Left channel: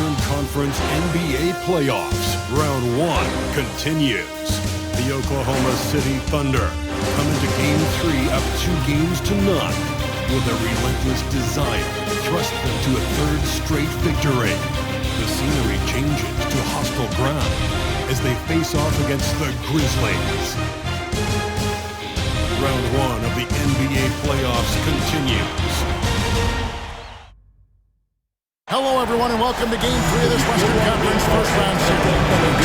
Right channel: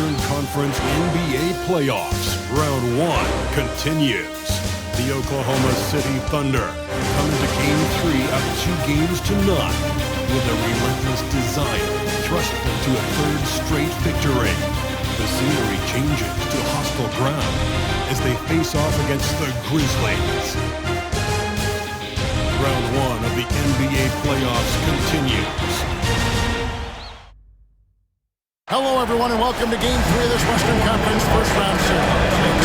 Western Conference NBA playoffs. Round 1 continues. The Oklahoma City Thunder come into Game 3 up 2-0 with a relentless desire thrust them to a third straight victory. The scenery changes to hostile ground as they face off against the Grizzlies. Round 1 of the NBA playoffs continues. Hello, everyone, and welcome to Game 3 of this Western Conference first round series.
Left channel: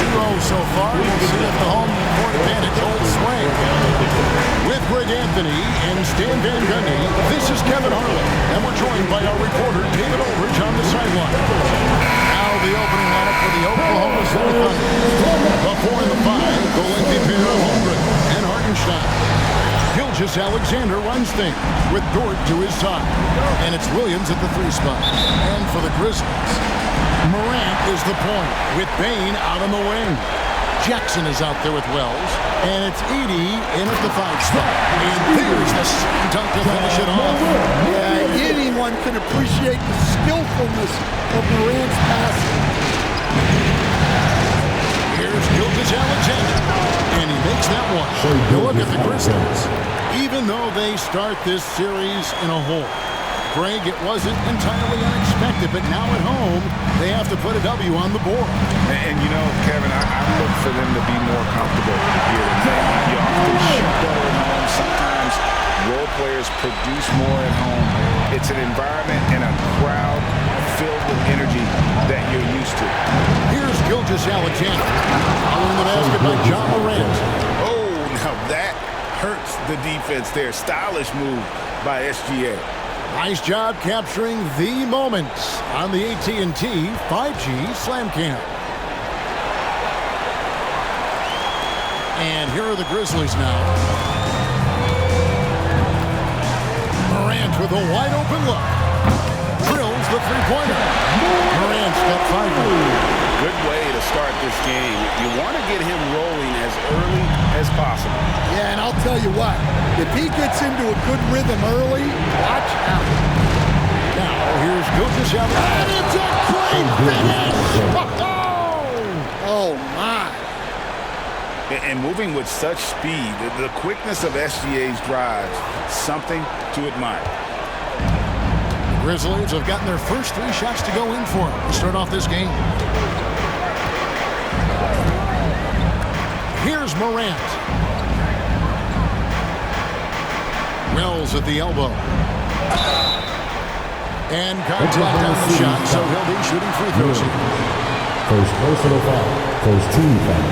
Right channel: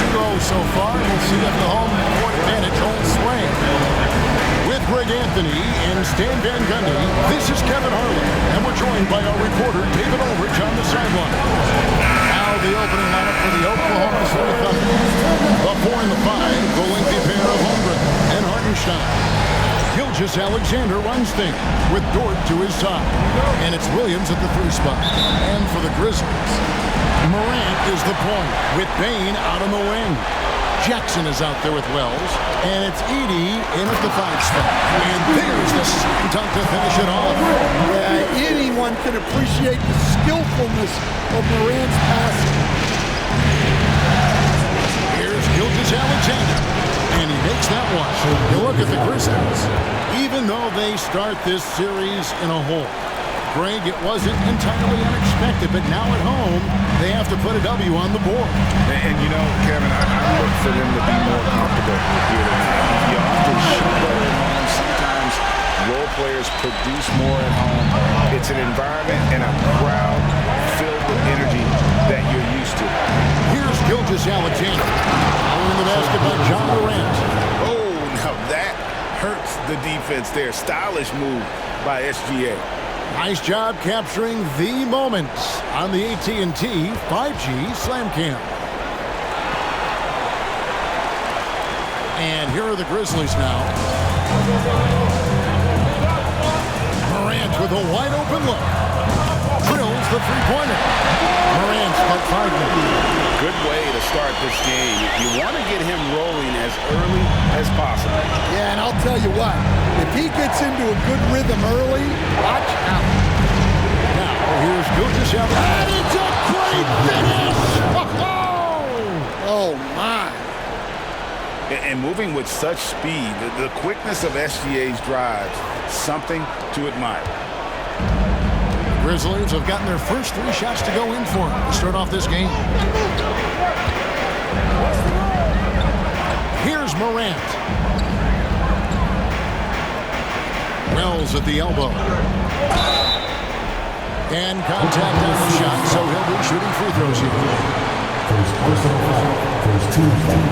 2-0 so far. We'll see if the home court advantage holds sway. With Greg Anthony and Stan Van Gundy, this is Kevin Harlan, and we're joined by our reporter David Aldridge on the sideline. Now the opening lineup for the Oklahoma City Thunder. The 4 and the 5, the lengthy pair of Holmgren and Hartenstein. Gilgeous-Alexander runs things with Dort to his side. And it's Williams at the 3 spot. And for the Grizzlies, Morant is the point with Bane out on the wing. Jackson is out there with Wells. And it's Edey in at the 5 spot. And there's the slam dunk to finish it off. Yeah, anyone can appreciate the skillfulness of Morant's passing. Here's Gilgeous-Alexander. And he makes that one. You look at the Grizzlies. Even though they start this series in a hole, Greg, it wasn't entirely unexpected, but now at home, they have to put a W on the board. And you know, Kevin, I look for them to be more comfortable here tonight. You often shoot better at home. Sometimes role players produce more at home. It's an environment and a crowd filled with energy that you're used to. Here's Gilgeous-Alexander following the basket by John Morant. Oh, now that hurts the defense there. Stylish move by SGA. Nice job capturing the moments on the AT&T 5G Slam Cam. And here are the Grizzlies now. Morant with a wide open look. Drills the three-pointer. Morant's got 5 minutes. Good way to start this game. You want to get him rolling as early as possible. Yeah, and I'll tell you what, if he gets into a good rhythm early, watch out. Now, here's Gilgeous-Alexander. And it's a great finish! Oh, my. And moving with such speed, the quickness of SGA's drives, something to admire. The Grizzlies have gotten their first 3 shots to go in for them to start off this game. Here's Morant. Wells at the elbow. And contact on the shot, so he'll be shooting free throws here. First personal foul. First team foul.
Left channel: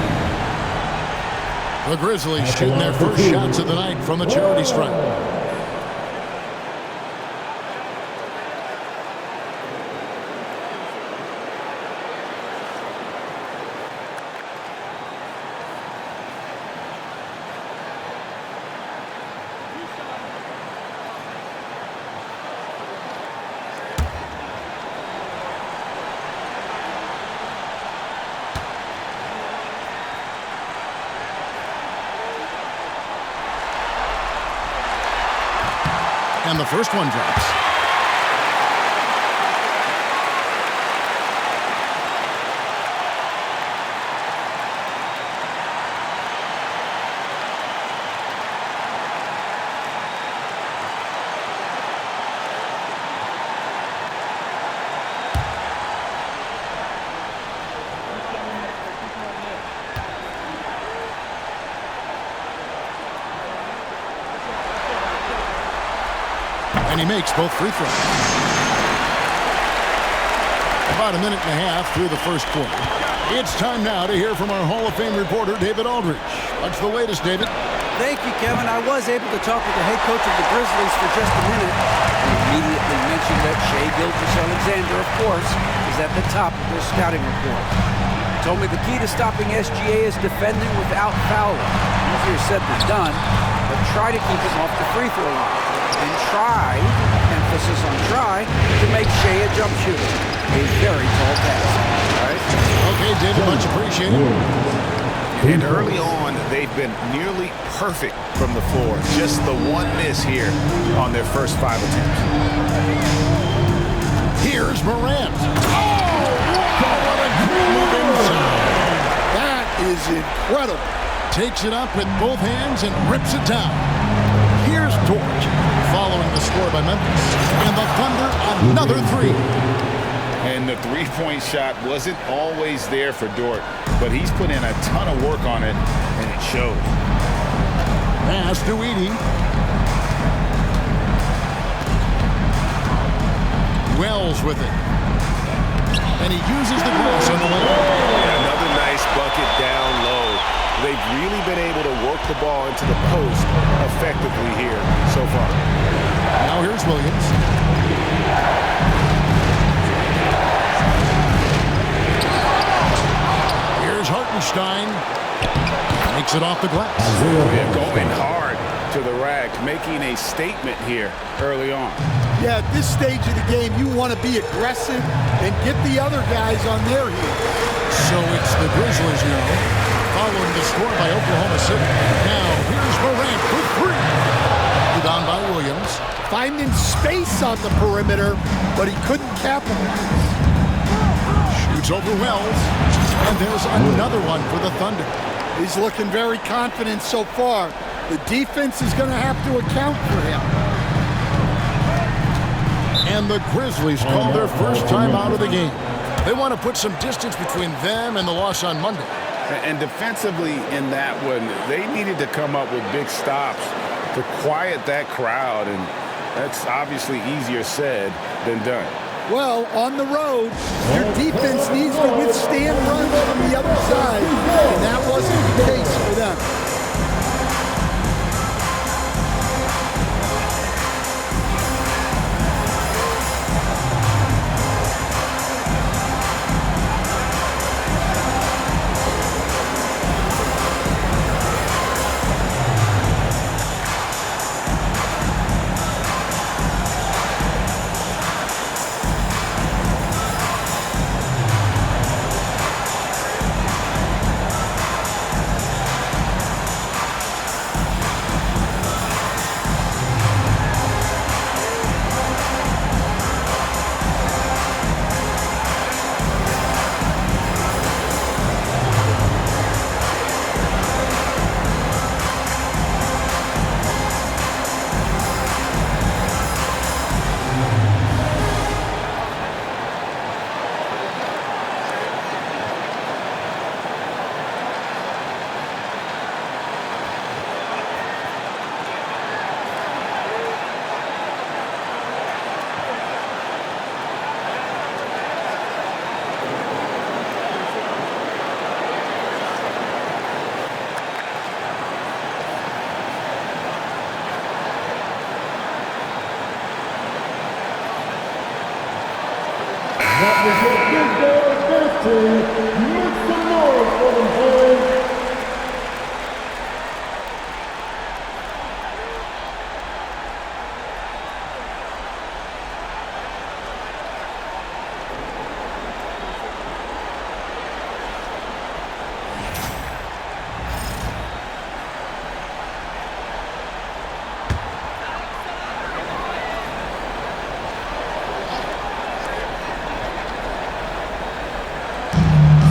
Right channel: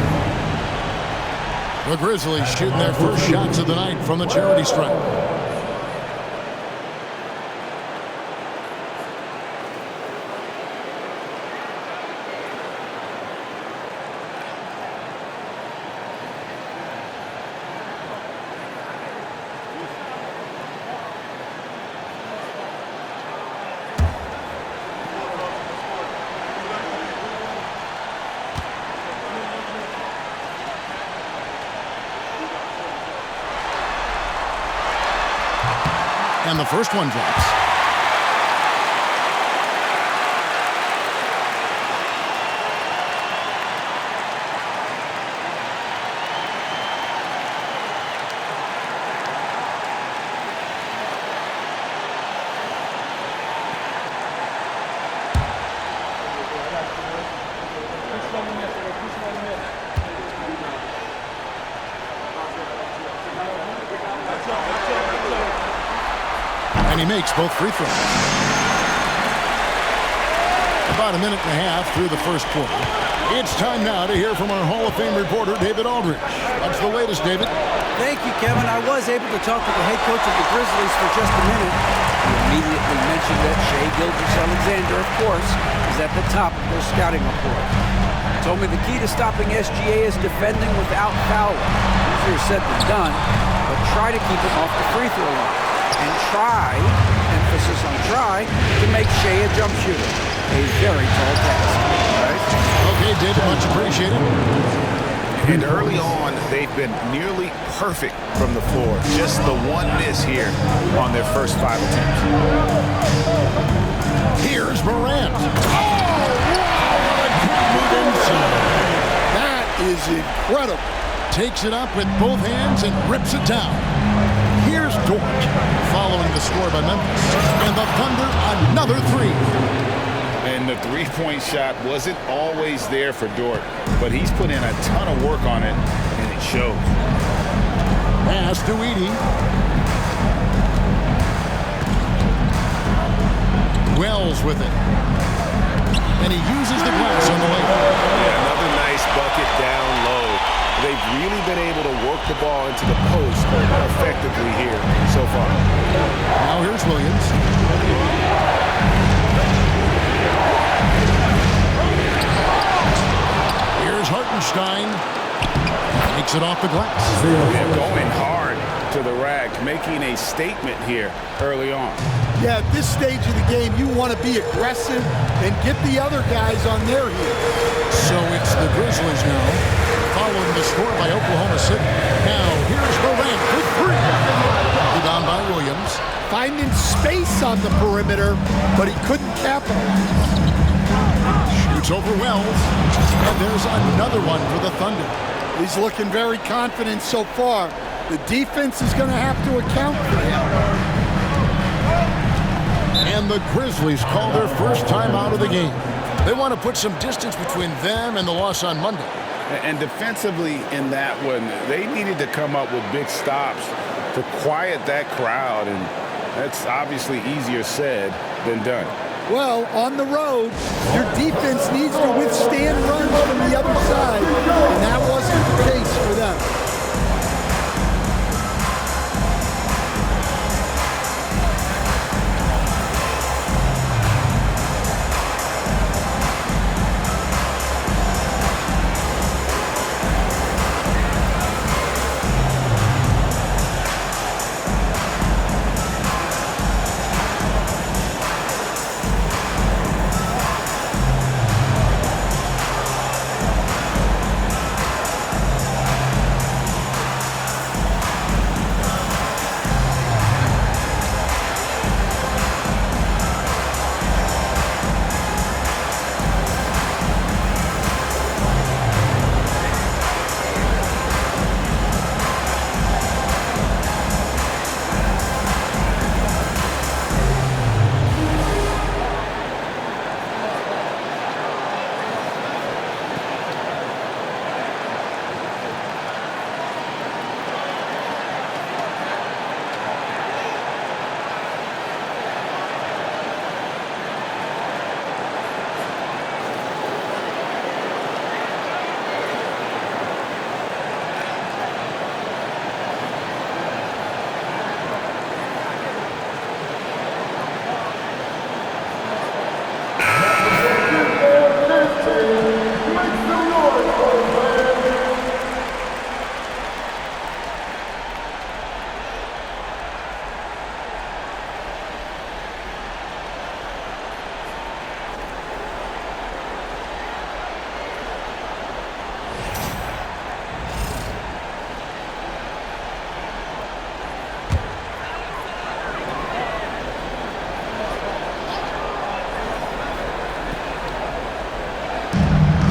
The Grizzlies shooting their first shots of the night from the charity stripe. And the first one drops. And he makes both free throws. About a minute and a half through the first quarter. It's time now to hear from our Hall of Fame reporter, David Aldridge. What's the latest, David? Thank you, Kevin. I was able to talk with the head coach of the Grizzlies for just a minute. He immediately mentioned that Shai Gilgeous-Alexander, of course, is at the top of their scouting report. He told me the key to stopping SGA is defending without fouling. Easier said than done, but try to keep him off the free throw line. And try, emphasis on try, to make Shai a jump shooter. A very tall task. All right? Okay, David, much appreciated. And early on, they've been nearly perfect from the floor. Just the one miss here on their first 5 attempts. Here's Morant. Oh, wow, what a great move inside. That is incredible. Takes it up with both hands and rips it down. Here's Dort, following the score by Memphis. And the Thunder, another three. And the three-point shot wasn't always there for Dort, but he's put in a ton of work on it, and it shows. Pass to Edey. Wells with it. And he uses the glass on the lane. Yeah, another nice bucket down low. They've really been able to work the ball into the post effectively here so far. Now here's Williams. Here's Hartenstein. Takes it off the glass. Yeah, going hard to the rack, making a statement here early on. Yeah, at this stage of the game, you want to be aggressive and get the other guys on their heels. So it's the Grizzlies now, following the score by Oklahoma City. Now here's Morant for three. Rebound by Williams. Finding space on the perimeter, but he couldn't capitalize. Shoots over Wells. And there's another one for the Thunder. He's looking very confident so far. The defense is going to have to account for him. And the Grizzlies call their first time out of the game. They want to put some distance between them and the loss on Monday. And defensively in that one, they needed to come up with big stops to quiet that crowd, and that's obviously easier said than done. Well, on the road, your defense needs to withstand runs from the other side, and that wasn't the case for them.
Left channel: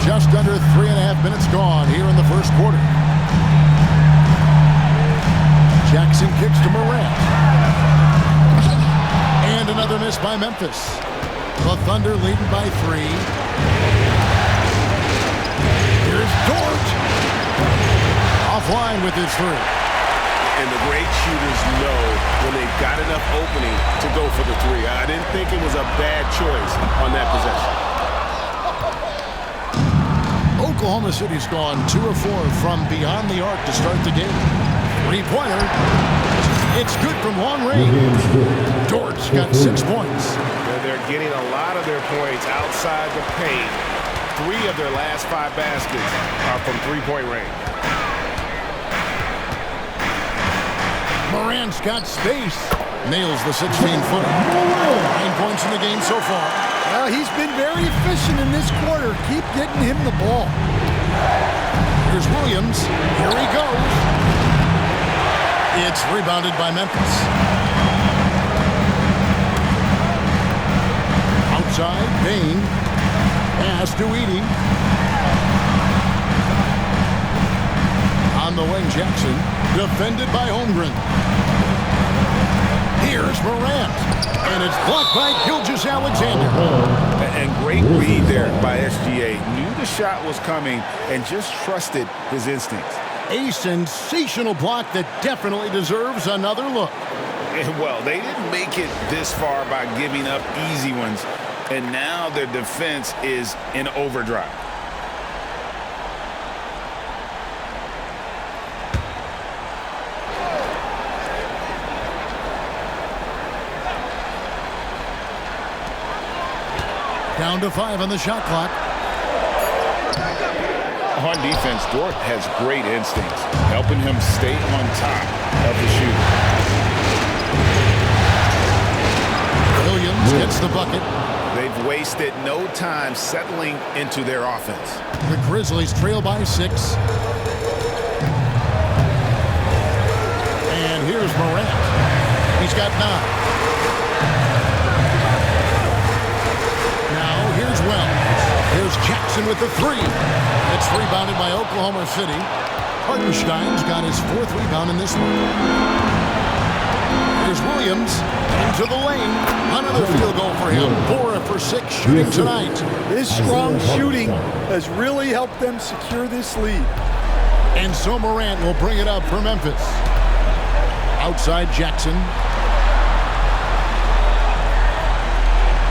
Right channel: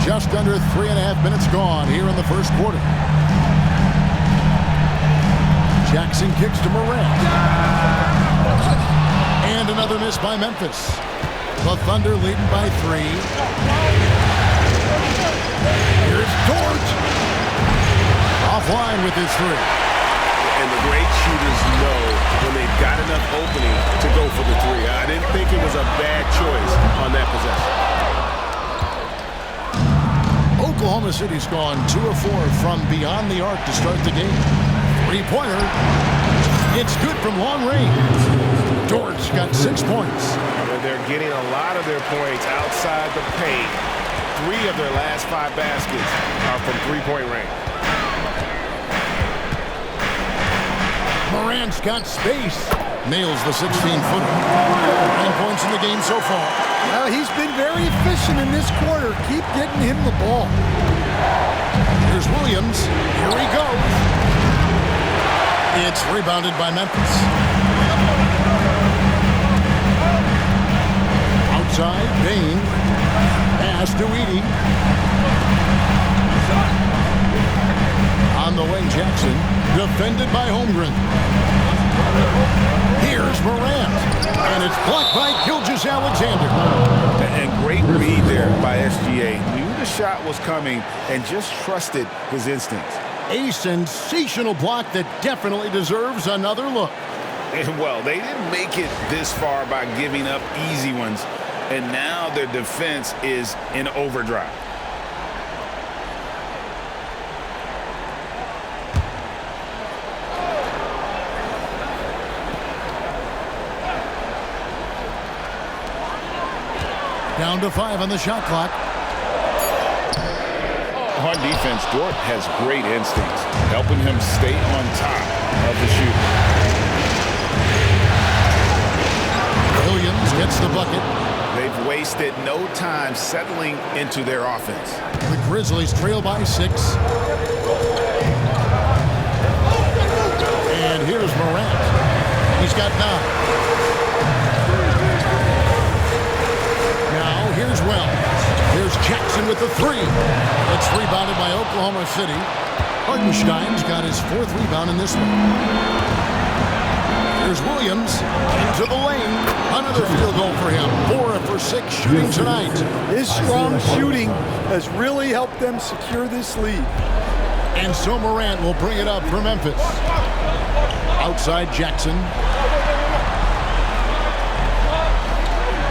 Just under 3.5 minutes gone here in the first quarter. Jackson kicks to Morant. And another miss by Memphis. The Thunder leading by 3. Here's Dort. Offline with his 3. And the great shooters know when they've got enough opening to go for the 3. I didn't think it was a bad choice on that possession. Oklahoma City's gone 2 of 4 from beyond the arc to start the game. Three-pointer. It's good from long range. Dort's got 6 points. They're getting a lot of their points outside the paint. 3 of their last 5 baskets are from three-point range. Morant's got space. Nails the 16-footer. 9 points in the game so far. Well, he's been very efficient in this quarter. Keep getting him the ball. Here's Williams. Here he goes. It's rebounded by Memphis. Outside, Bane. Pass to Edie. On the wing, Jackson. Defended by Holmgren. Here's Morant. And it's blocked by Gilgeous-Alexander. And great read there by SGA. Knew the shot was coming and just trusted his instincts. A sensational block that definitely deserves another look. And well, they didn't make it this far by giving up easy ones. And now their defense is in overdrive. Down to 5 on the shot clock. On defense, Dort has great instincts, helping him stay on top of the shooter. Williams gets the bucket. They've wasted no time settling into their offense. The Grizzlies trail by 6. And here's Morant. He's got 9. Now here's Wells. Here's Jackson with the 3. It's rebounded by Oklahoma City. Hartenstein's got his 4th rebound in this one. Here's Williams into the lane. Another field goal for him. 4 for 6 shooting tonight. His strong shooting has really helped them secure this lead. And so Morant will bring it up for Memphis. Outside Jackson.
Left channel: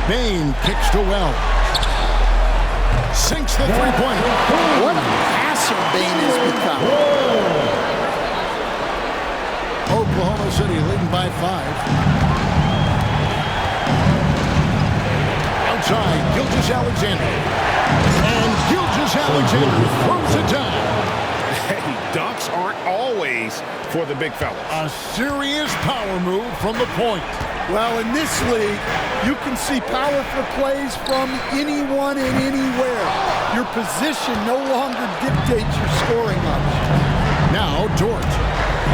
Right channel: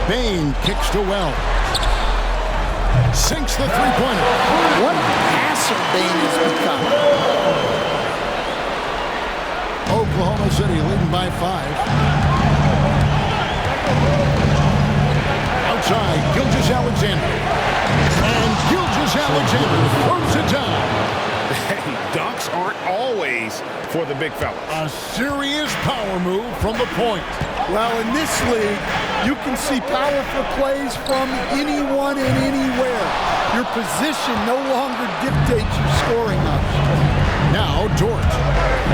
Bane kicks to Wells. Sinks the three-pointer. What a passer Bane has become. Oklahoma City leading by 5. Outside, Gilgeous-Alexander. And Gilgeous-Alexander throws it down. Hey, dunks aren't always for the big fellas. A serious power move from the point. Well, in this league, you can see powerful plays from anyone and anywhere. Your position no longer dictates your scoring options. Now Dort,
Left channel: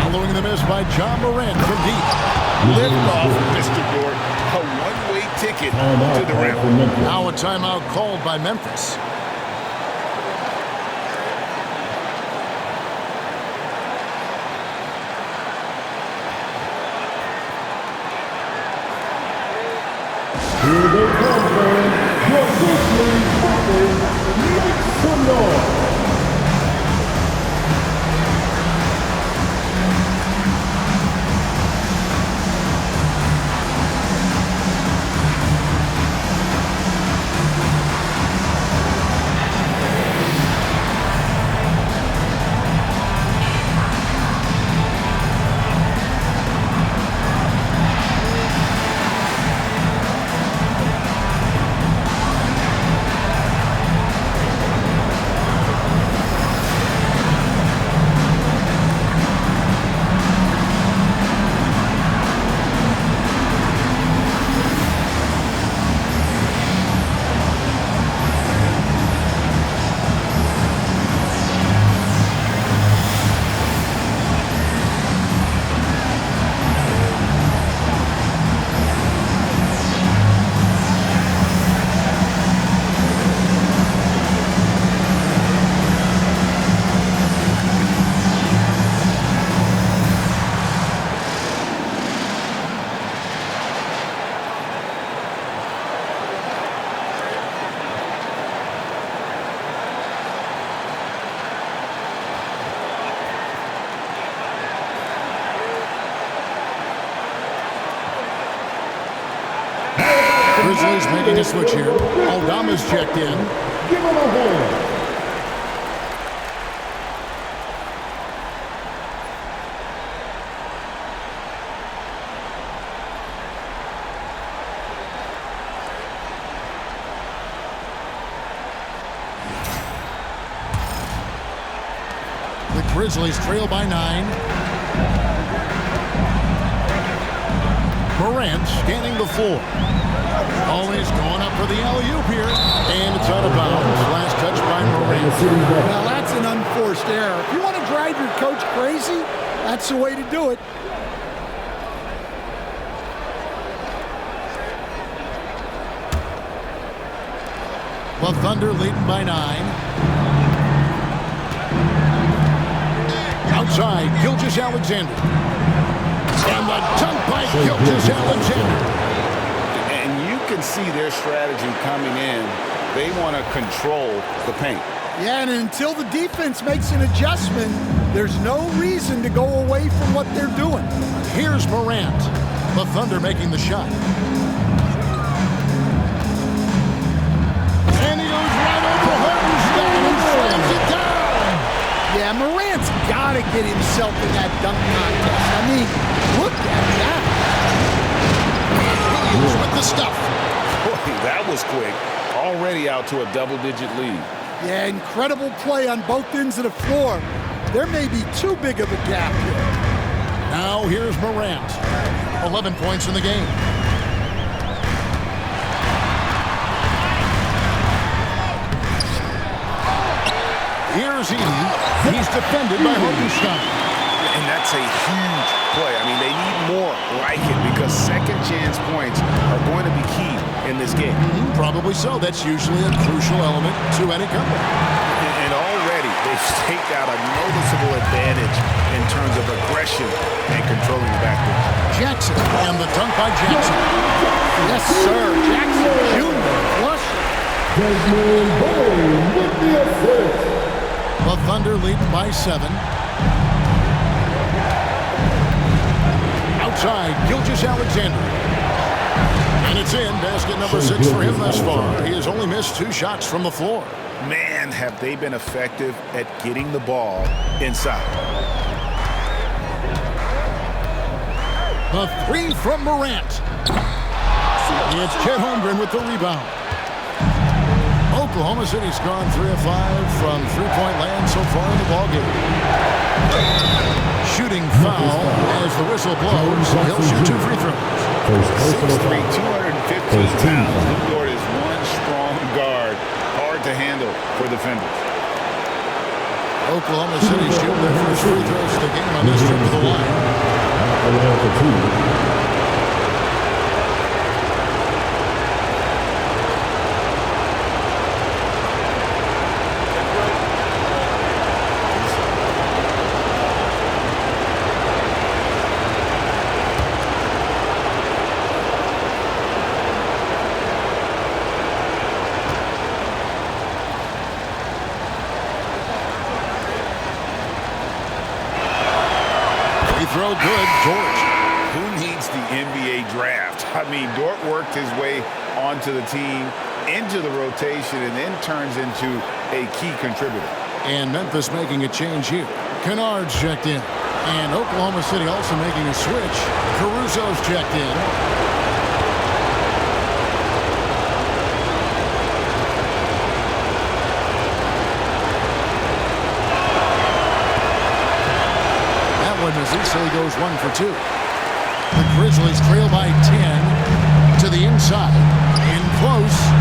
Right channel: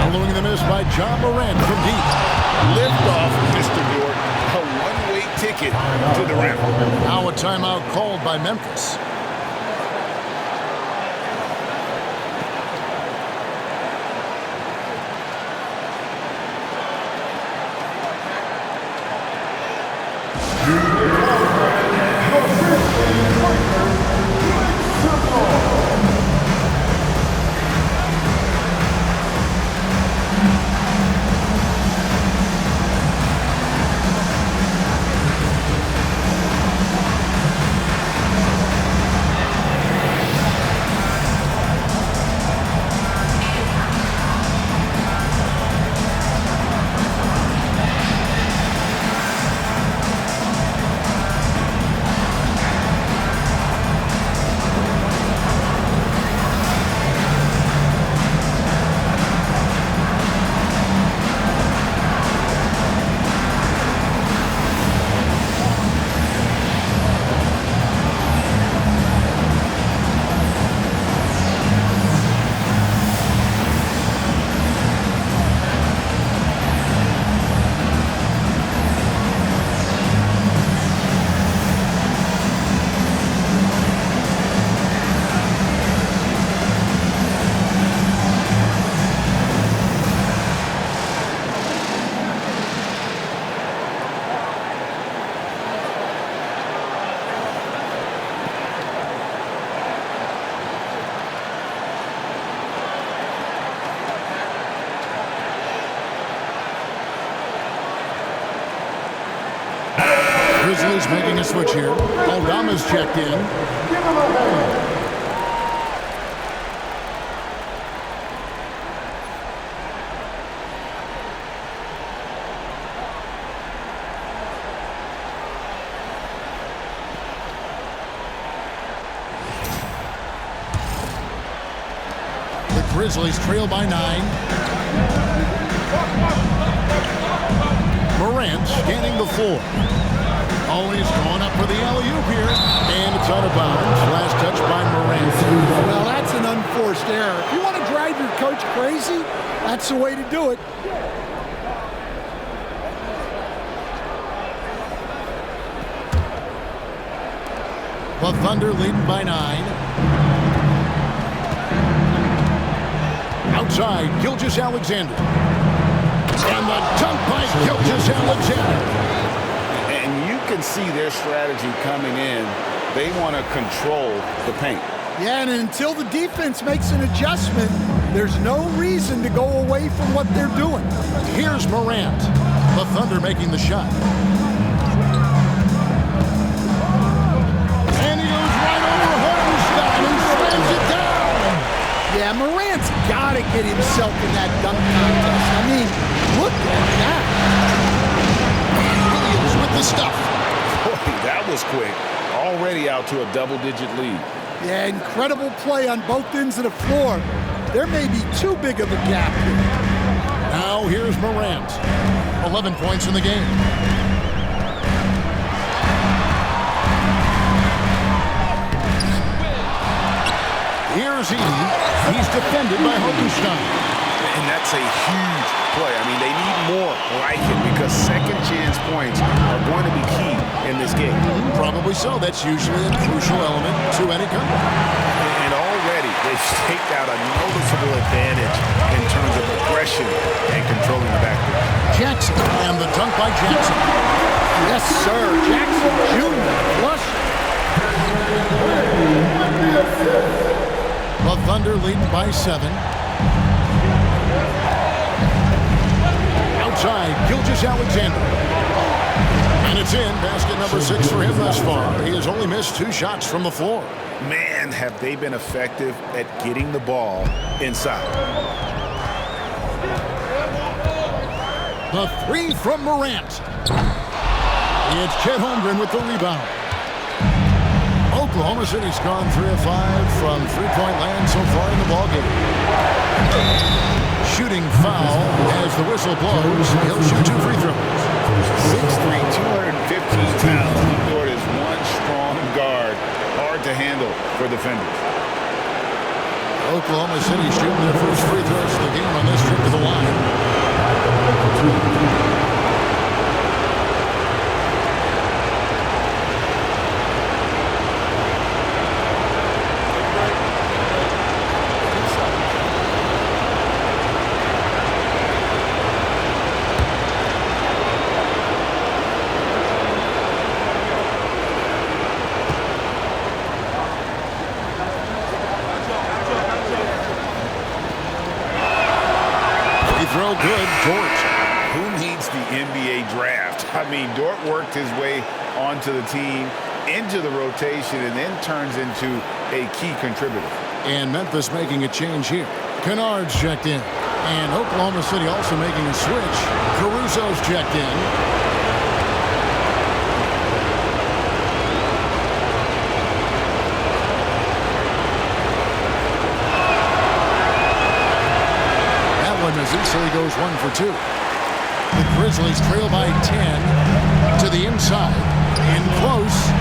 following the miss by John Morant from deep. Lift off, Mr. Dort. A one-way ticket to the rim. Now a timeout called by Memphis. Here they come, man. Your Grizzlies breakers, make some noise. Grizzlies making a switch here. Aldama's checked in. Give him a hand. The Grizzlies trail by 9. Morant scanning the floor. Oh, he's going up for the alley-oop here. And it's out of bounds. Last touch by Morant. Well, that's an unforced error. If you want to drive your coach crazy, that's the way to do it. The Thunder leading by 9. Outside, Gilgeous-Alexander. And the dunk by Gilgeous-Alexander. And you can see their strategy coming in. They want to control the paint. Yeah, and until the defense makes an adjustment, there's no reason to go away from what they're doing. Here's Morant. The Thunder making the shot. And he goes right over Hartenstein and slams it down. Yeah, Morant's got to get himself in that dunk contest. I mean, look at that. Williams with the stuff. Boy, that was quick. Already out to a double-digit lead. Yeah, incredible play on both ends of the floor. There may be too big of a gap here. Now here's Morant. 11 points in the game. Here's Edey. He's defended by Hartenstein. And that's a huge play. I mean, they need more like it because second chance points are going to be key in this game. Probably so. That's usually a crucial element to any comeback. And already they've staked out a noticeable advantage in terms of aggression and controlling the backcourt. Jackson, and the dunk by Jackson. Yes, sir. Jackson Jr. flushing. Desmond Bane with the assist. The Thunder leading by 7. Outside, Gilgeous-Alexander. And it's in. Basket number 6 for him thus far. He has only missed 2 shots from the floor. Man, have they been effective at getting the ball inside. The 3 from Morant. It's Chet Holmgren with the rebound. Oklahoma City's gone 3 of 5 from three-point land so far in the ballgame. Shooting foul as the whistle blows. He'll shoot 2 free throws. 6'3", 215 pounds. Luguentz Dort is one strong guard. Hard to handle for defenders. Oklahoma City shooting their first free throws of the game on this trip to the line. Throw good, Dort. Who needs the NBA draft? I mean, Dort worked his way onto the team, into the rotation, and then turns into a key contributor. And Memphis making a change here. Kennard's checked in. And Oklahoma City also making a switch. Caruso's checked in. Misses, so he goes 1 for 2. The Grizzlies trail by 10 to the inside. In close.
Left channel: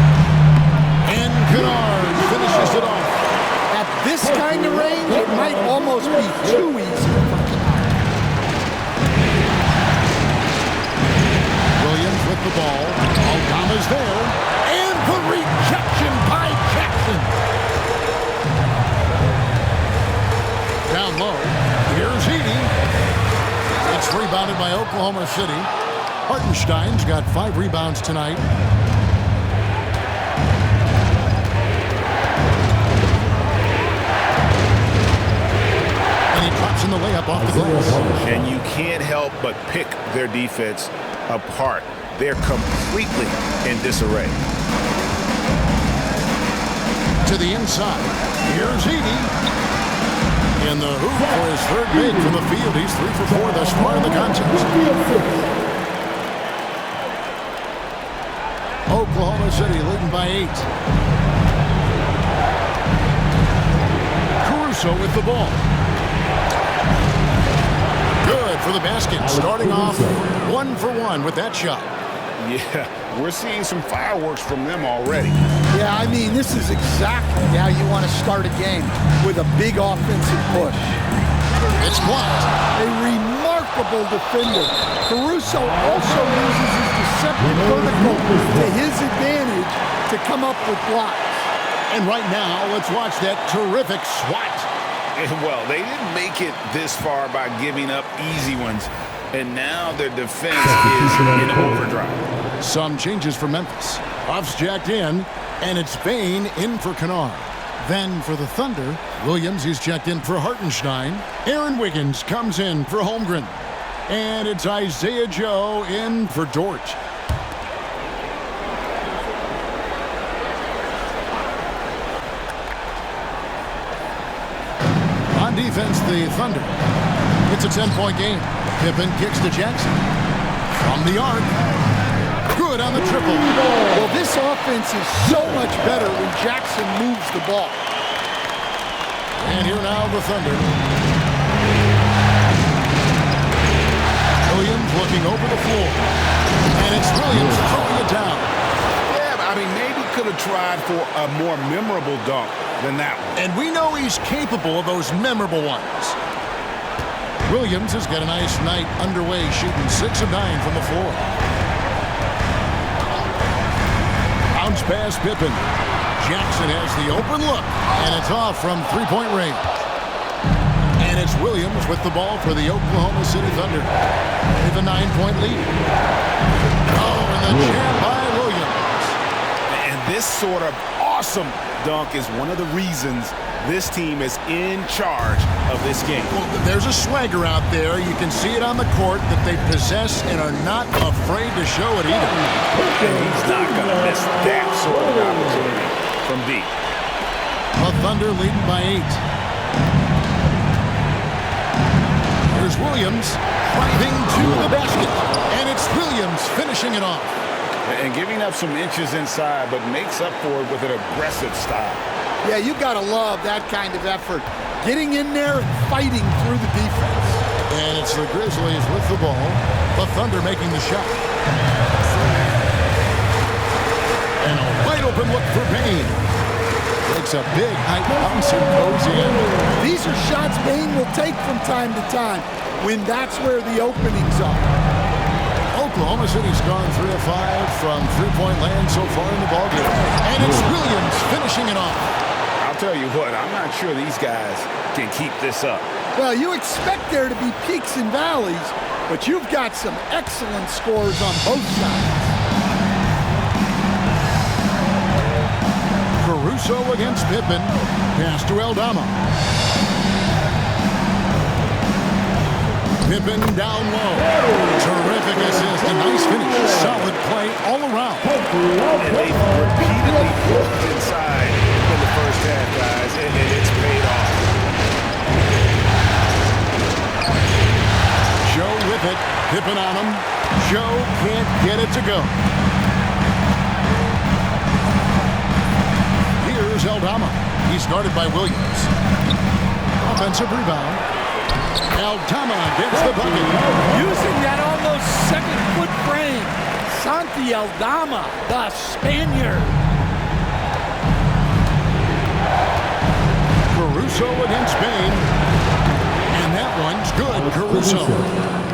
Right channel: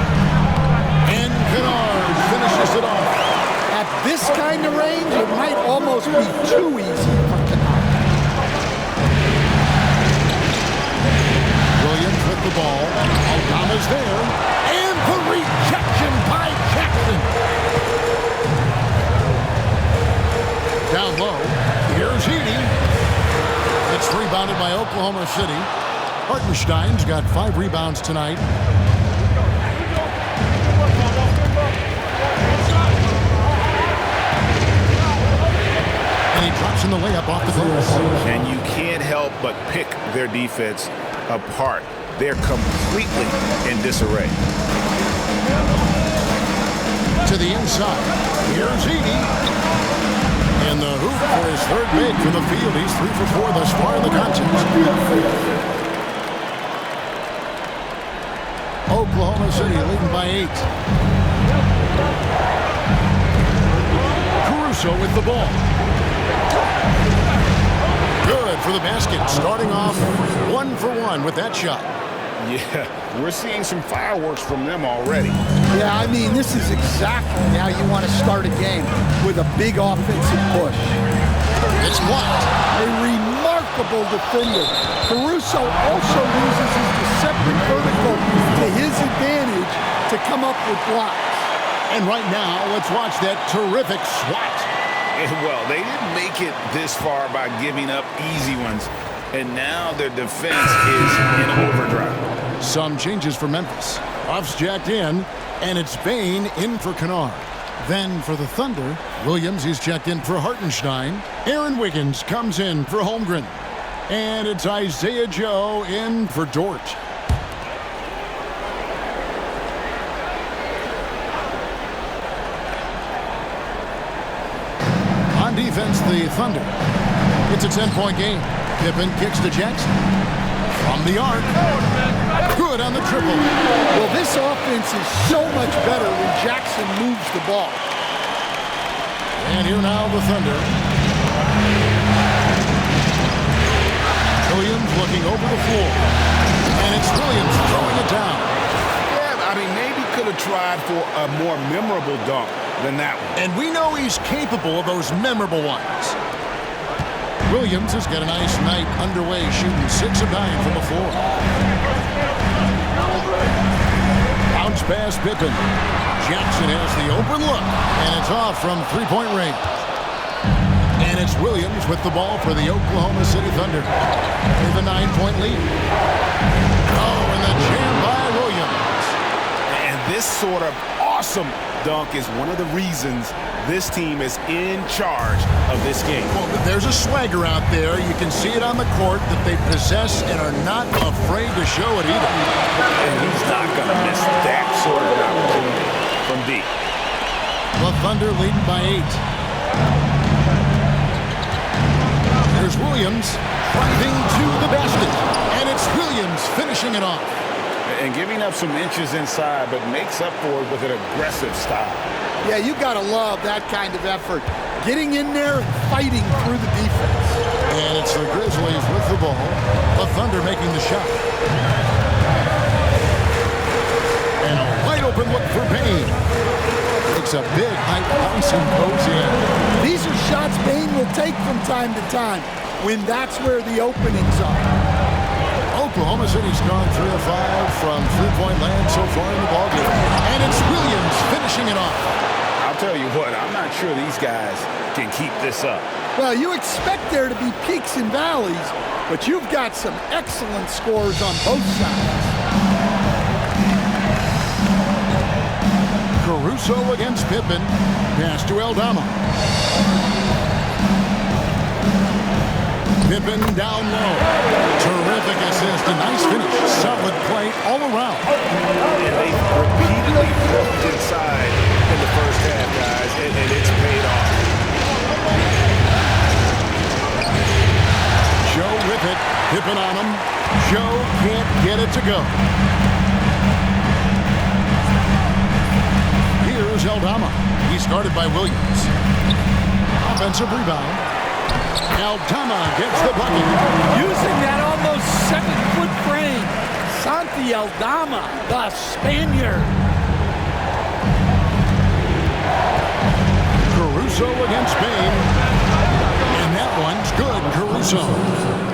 And Kennard finishes it off. At this kind of range, it might almost be too easy for Kennard. Williams with the ball. Aldama's there. And the rejection by Jackson. Down low. Here's Edey. It's rebounded by Oklahoma City. Hartenstein's got 5 rebounds tonight. And he drops in the layup off the glass. And you can't help but pick their defense apart. They're completely in disarray. To the inside. Here's Edey. And the hoop for his 3rd make from the field. He's 3 for 4 thus far in the contest. Oklahoma City leading by 8. Caruso with the ball. Good for the basket. Starting off 1 for 1 with that shot. Yeah, we're seeing some fireworks from them already. Yeah, I mean, this is exactly how you want to start a game, with a big offensive push. It's blocked. A remarkable defender. Caruso also uses his deceptive vertical to his advantage to come up with blocks. And right now, let's watch that terrific swat. Well, they didn't make it this far by giving up easy ones, and now their defense is in overdrive. Some changes for Memphis. Off's jacked in, and it's Bane in for Kennard. Then for the Thunder, Williams is checked in for Hartenstein. Aaron Wiggins comes in for Holmgren. And it's Isaiah Joe in for Dort. On defense, the Thunder. It's a 10-point game. Pippen kicks to Jackson. From the arc. Good on the triple. Well, this offense is so much better when Jackson moves the ball. And here now the Thunder. Williams looking over the floor. And it's Williams throwing it down. Yeah, I mean, maybe could have tried for a more memorable dunk than that one. And we know he's capable of those memorable ones. Williams has got a nice night underway, shooting 6 of 9 from the floor. Bounce pass Pippen. Jackson has the open look, and it's off from three-point range. And it's Williams with the ball for the Oklahoma City Thunder. They have a 9-point lead. Oh, and the jam by Williams. And this sort of awesome dunk is one of the reasons this team is in charge of this game. Well, there's a swagger out there. You can see it on the court that they possess and are not afraid to show it either. And he's not going to miss that sort of an opportunity from deep. The Thunder leading by 8. Here's Williams driving to the basket. And it's Williams finishing it off. And giving up some inches inside, but makes up for it with an aggressive style. Yeah, you got to love that kind of effort. Getting in there and fighting through the defense. And it's the Grizzlies with the ball. The Thunder making the shot. And a wide open look for Bane. Takes a big height bounce and goes in. These are shots Bane will take from time to time when that's where the openings are. Oklahoma City's gone 3 of 5 from three-point land so far in the ballgame. And it's Williams finishing it off. I'll tell you what, I'm not sure these guys can keep this up. Well, you expect there to be peaks and valleys, but you've got some excellent scores on both sides. Caruso against Pippen. Pass to Aldama. Pippen down low. Terrific assist. A nice finish. Solid play all around. And they repeatedly broke inside in the first half, guys, and it's paid off. Joe with it. Pippen on him. Joe can't get it to go. Here's Aldama. He's guarded by Williams. Offensive rebound. Aldama gets the bucket. Using that almost 7-foot frame. Santi Aldama, the Spaniard. Caruso against Bane. And that one's good.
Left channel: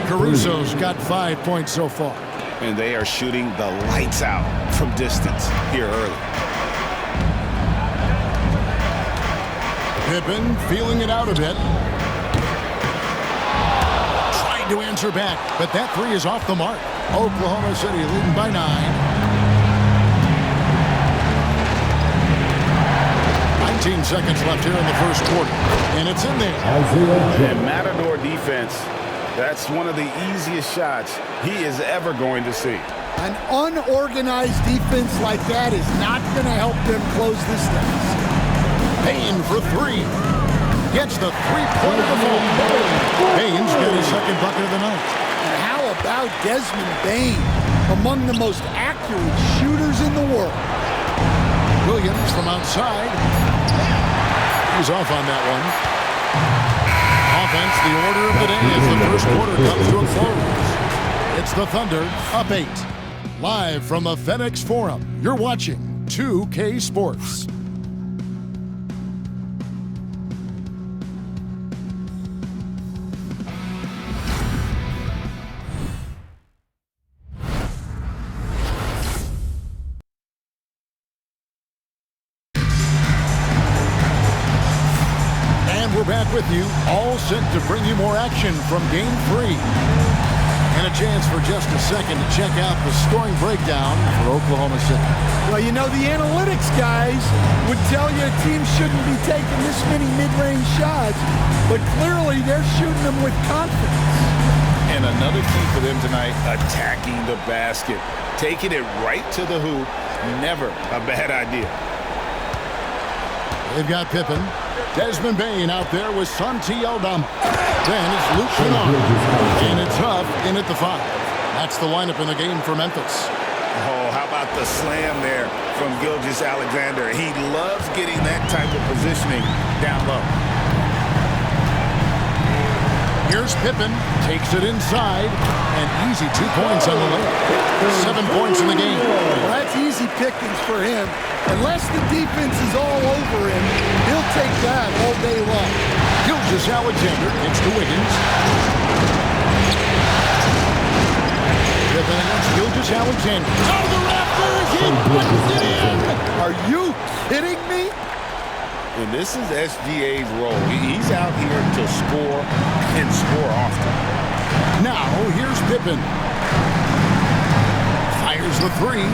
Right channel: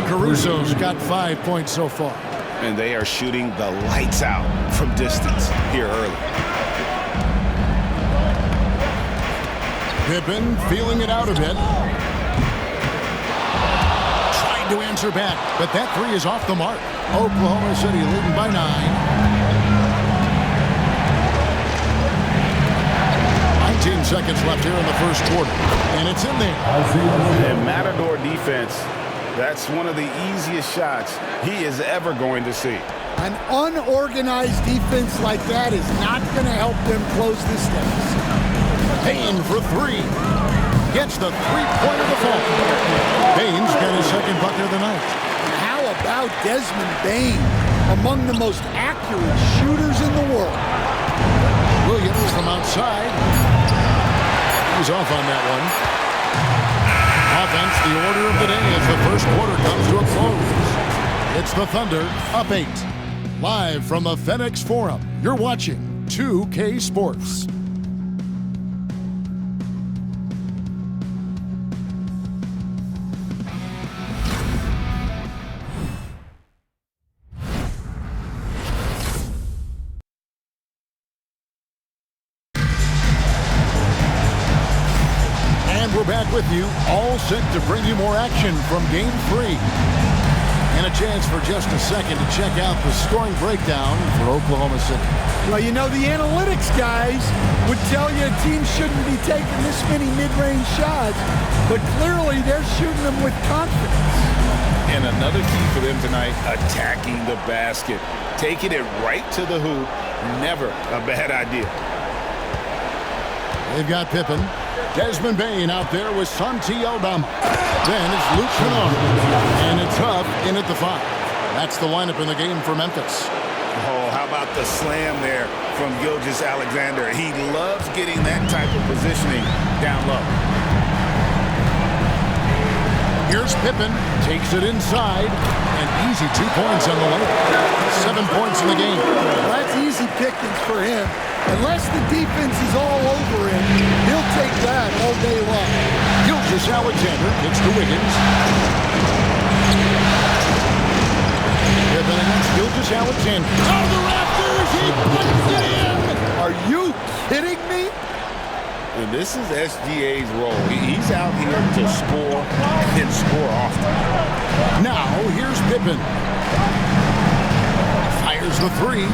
Caruso's got 5 points so far. And they are shooting the lights out from distance here early. Pippen feeling it out a bit. Tried to answer back, but that three is off the mark. Oklahoma City leading by 9. 19 seconds left here in the first quarter, and it's in there. And Matador defense, that's one of the easiest shots he is ever going to see. An unorganized defense like that is not going to help them close this deficit. Bane for 3. Gets the three-pointer to fall. Bane's got his second bucket of the night. And how about Desmond Bane, among the most accurate shooters in the world? Williams from outside. He's off on that one. Offense, the order of the day as the first quarter comes to a close. It's the Thunder, up 8. Live from the FedExForum, you're watching 2K Sports. And we're back with you, all set to bring you more action from Game 3. And a chance for just a second to check out the scoring breakdown for Oklahoma City. Well, you know, the analytics guys would tell you a team shouldn't be taking this many mid-range shots, but clearly they're shooting them with confidence. And another key for them tonight, attacking the basket. Taking it right to the hoop, never a bad idea. They've got Pippen. Desmond Bane out there with Santi Aldama. Then it's Luke Kennard. And it's Huff in at the 5. That's the lineup in the game for Memphis. Oh, how about the slam there from Gilgeous-Alexander? He loves getting that type of positioning down low. Here's Pippen. Takes it inside. And easy 2 points on the layup. 7 points in the game. Well, that's easy pickings for him. Unless the defense is all over him, he'll take that all day long. Gilgeous-Alexander kicks to Wiggins. Pippen against Gilgeous-Alexander. Out of the rafters, he puts it in! Are you kidding me? And this is SGA's role. He's out here to score and score often. Now, here's Pippen. Fires the 3.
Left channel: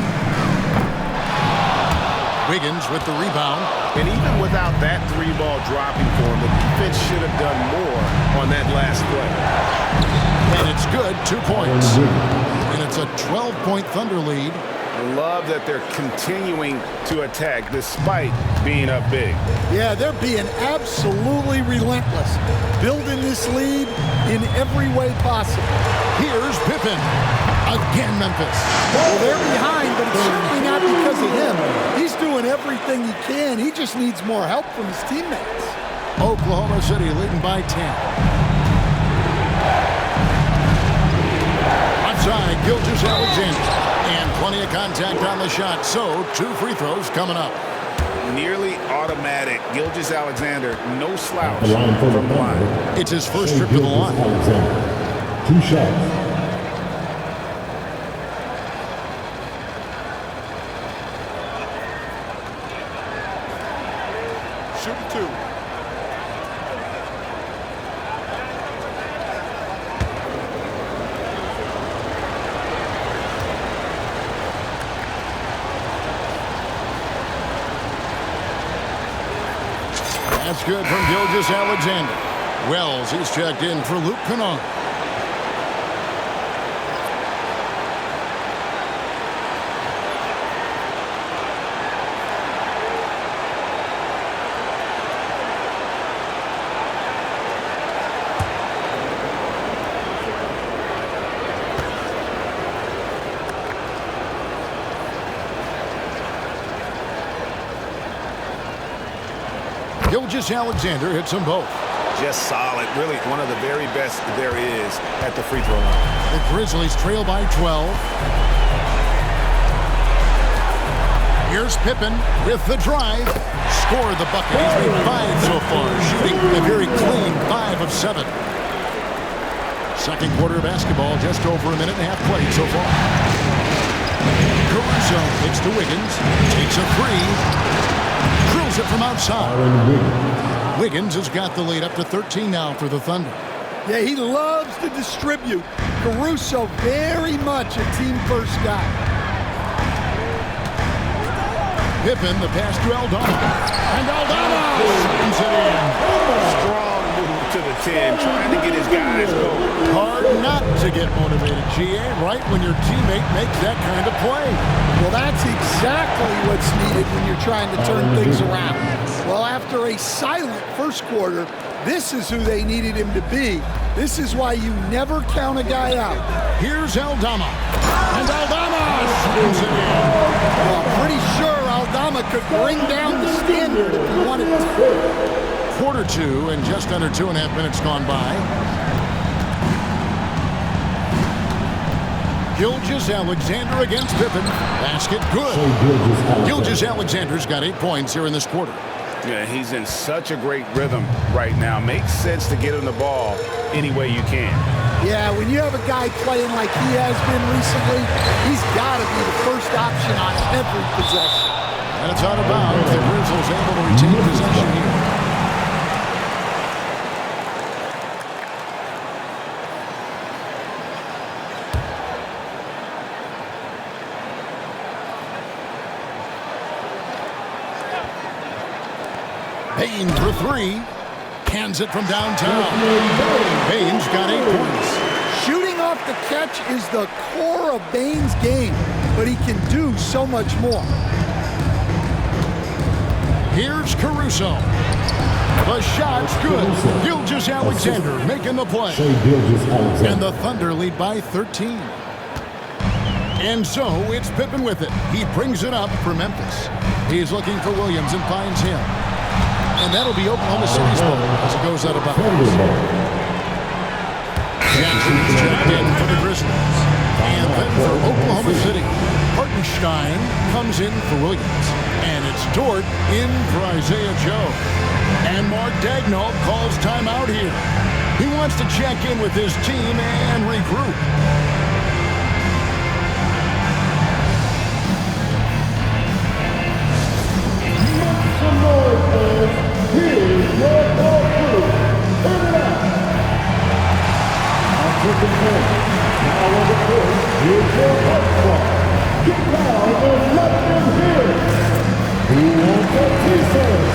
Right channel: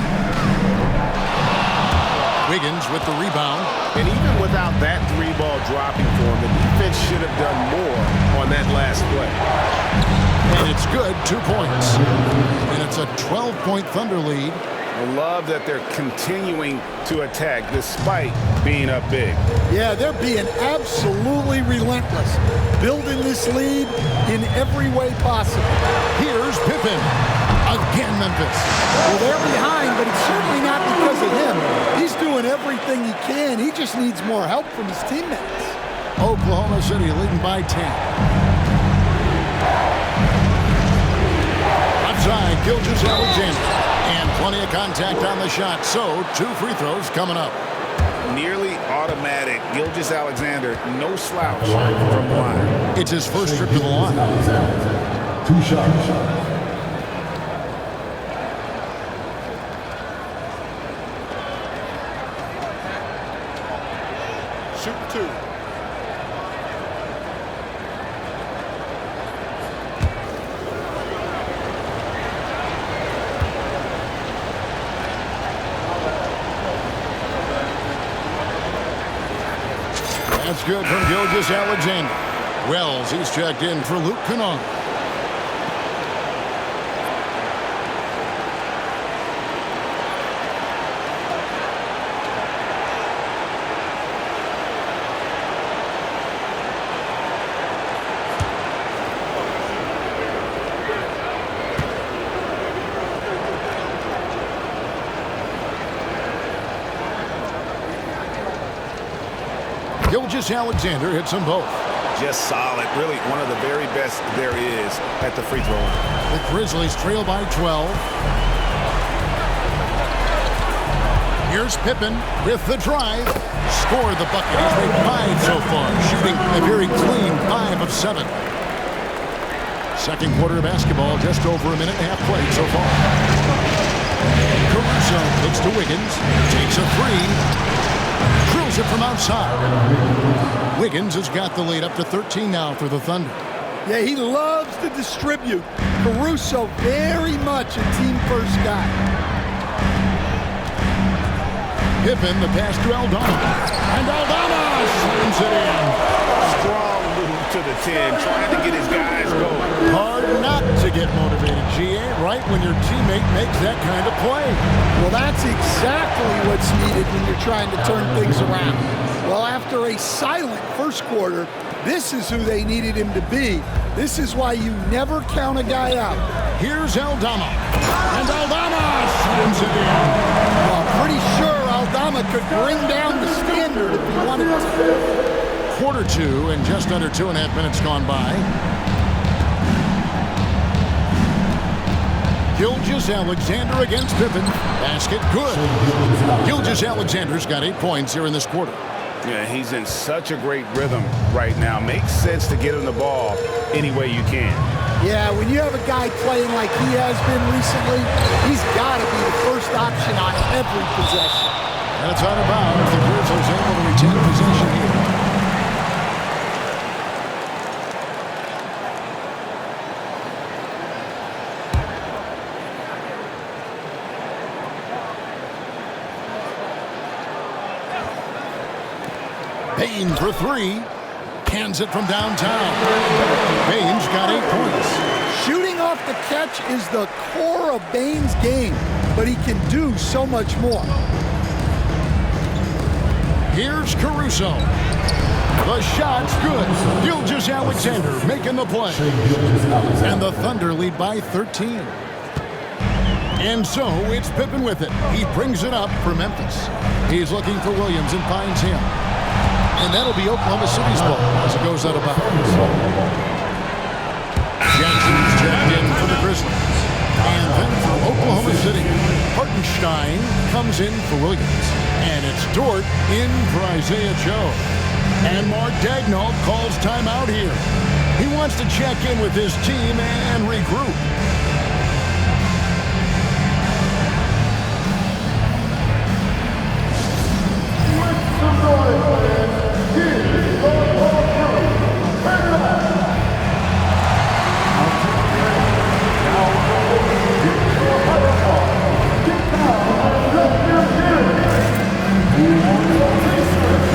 Wiggins with the rebound. And even without that 3-ball dropping for him, the defense should have done more on that last play. And it's good, 2 points. And it's a 12-point Thunder lead. I love that they're continuing to attack despite being up big. Yeah, they're being absolutely relentless, building this lead in every way possible. Here's Pippen. Again, Memphis. Well, they're behind, but it's certainly not because of him. He's doing everything he can. He just needs more help from his teammates. Oklahoma City leading by 10. Outside, Gilgeous-Alexander. And plenty of contact on the shot, so 2 free throws coming up. Nearly automatic. Gilgeous-Alexander, no slouch from the line. It's his first trip to the line. 2 shots. Shooting 2. That's good from Gilgeous-Alexander. Wells, he's checked in for Luke Kennard. Gilgeous-Alexander hits them both. Just solid. Really one of the very best there is at the free throw line. The Grizzlies trail by 12. Here's Pippen with the drive. Scored the bucket. He's made 5 so far, shooting a very clean 5 of 7. Second quarter of basketball, just over a minute and a half played so far. Caruso kicks to Wiggins. Takes a 3. Drills it from outside. Wiggins has got the lead up to 13 now for the Thunder. Yeah, he loves to distribute. Caruso very much a team-first guy. Pippen, the pass to Aldama. And Aldama slams it in. Strong move to the 10, trying to get his guys going. Hard not to get motivated, GA, right when your teammate makes that kind of play. Well, that's exactly what's needed when you're trying to turn things around. Well, after a silent first quarter, this is who they needed him to be. This is why you never count a guy out. Here's Aldama. And Aldama slams it in. Well, pretty sure Aldama could bring down the standard if he wanted to. Quarter 2 and just under 2.5 minutes gone by. Gilgeous-Alexander against Pippen. Basket good. Gilgeous-Alexander's got 8 points here in this quarter. Yeah, he's in such a great rhythm right now. Makes sense to get him the ball any way you can. Yeah, when you have a guy playing like he has been recently, he's got to be the first option on every possession. And it's out of bounds. The Grizzlies able to retain possession here. Bane for three. Hands it from downtown. Bane's got 8 points. Shooting off the catch is the core of Bane's game, but he can do so much more. Here's Caruso. The shot's good. Gilgeous-Alexander making the play. And the Thunder lead by 13. And so it's Pippen with it. He brings it up for Memphis. He's looking for Williams and finds him. And that'll be Oklahoma City's ball as it goes out of bounds. Jackson's checked in for the Grizzlies. And then for Oklahoma City, Hartenstein comes in for Williams. And it's Dort in for Isaiah Joe. And Mark Daigneault calls timeout here. He wants to check in with his team and regroup. Make some noise, please. Here's your ball crew. Turn it up. On taking the now on the court. Here's your right ball. Get down and let them hear it. Who wants a piece of it?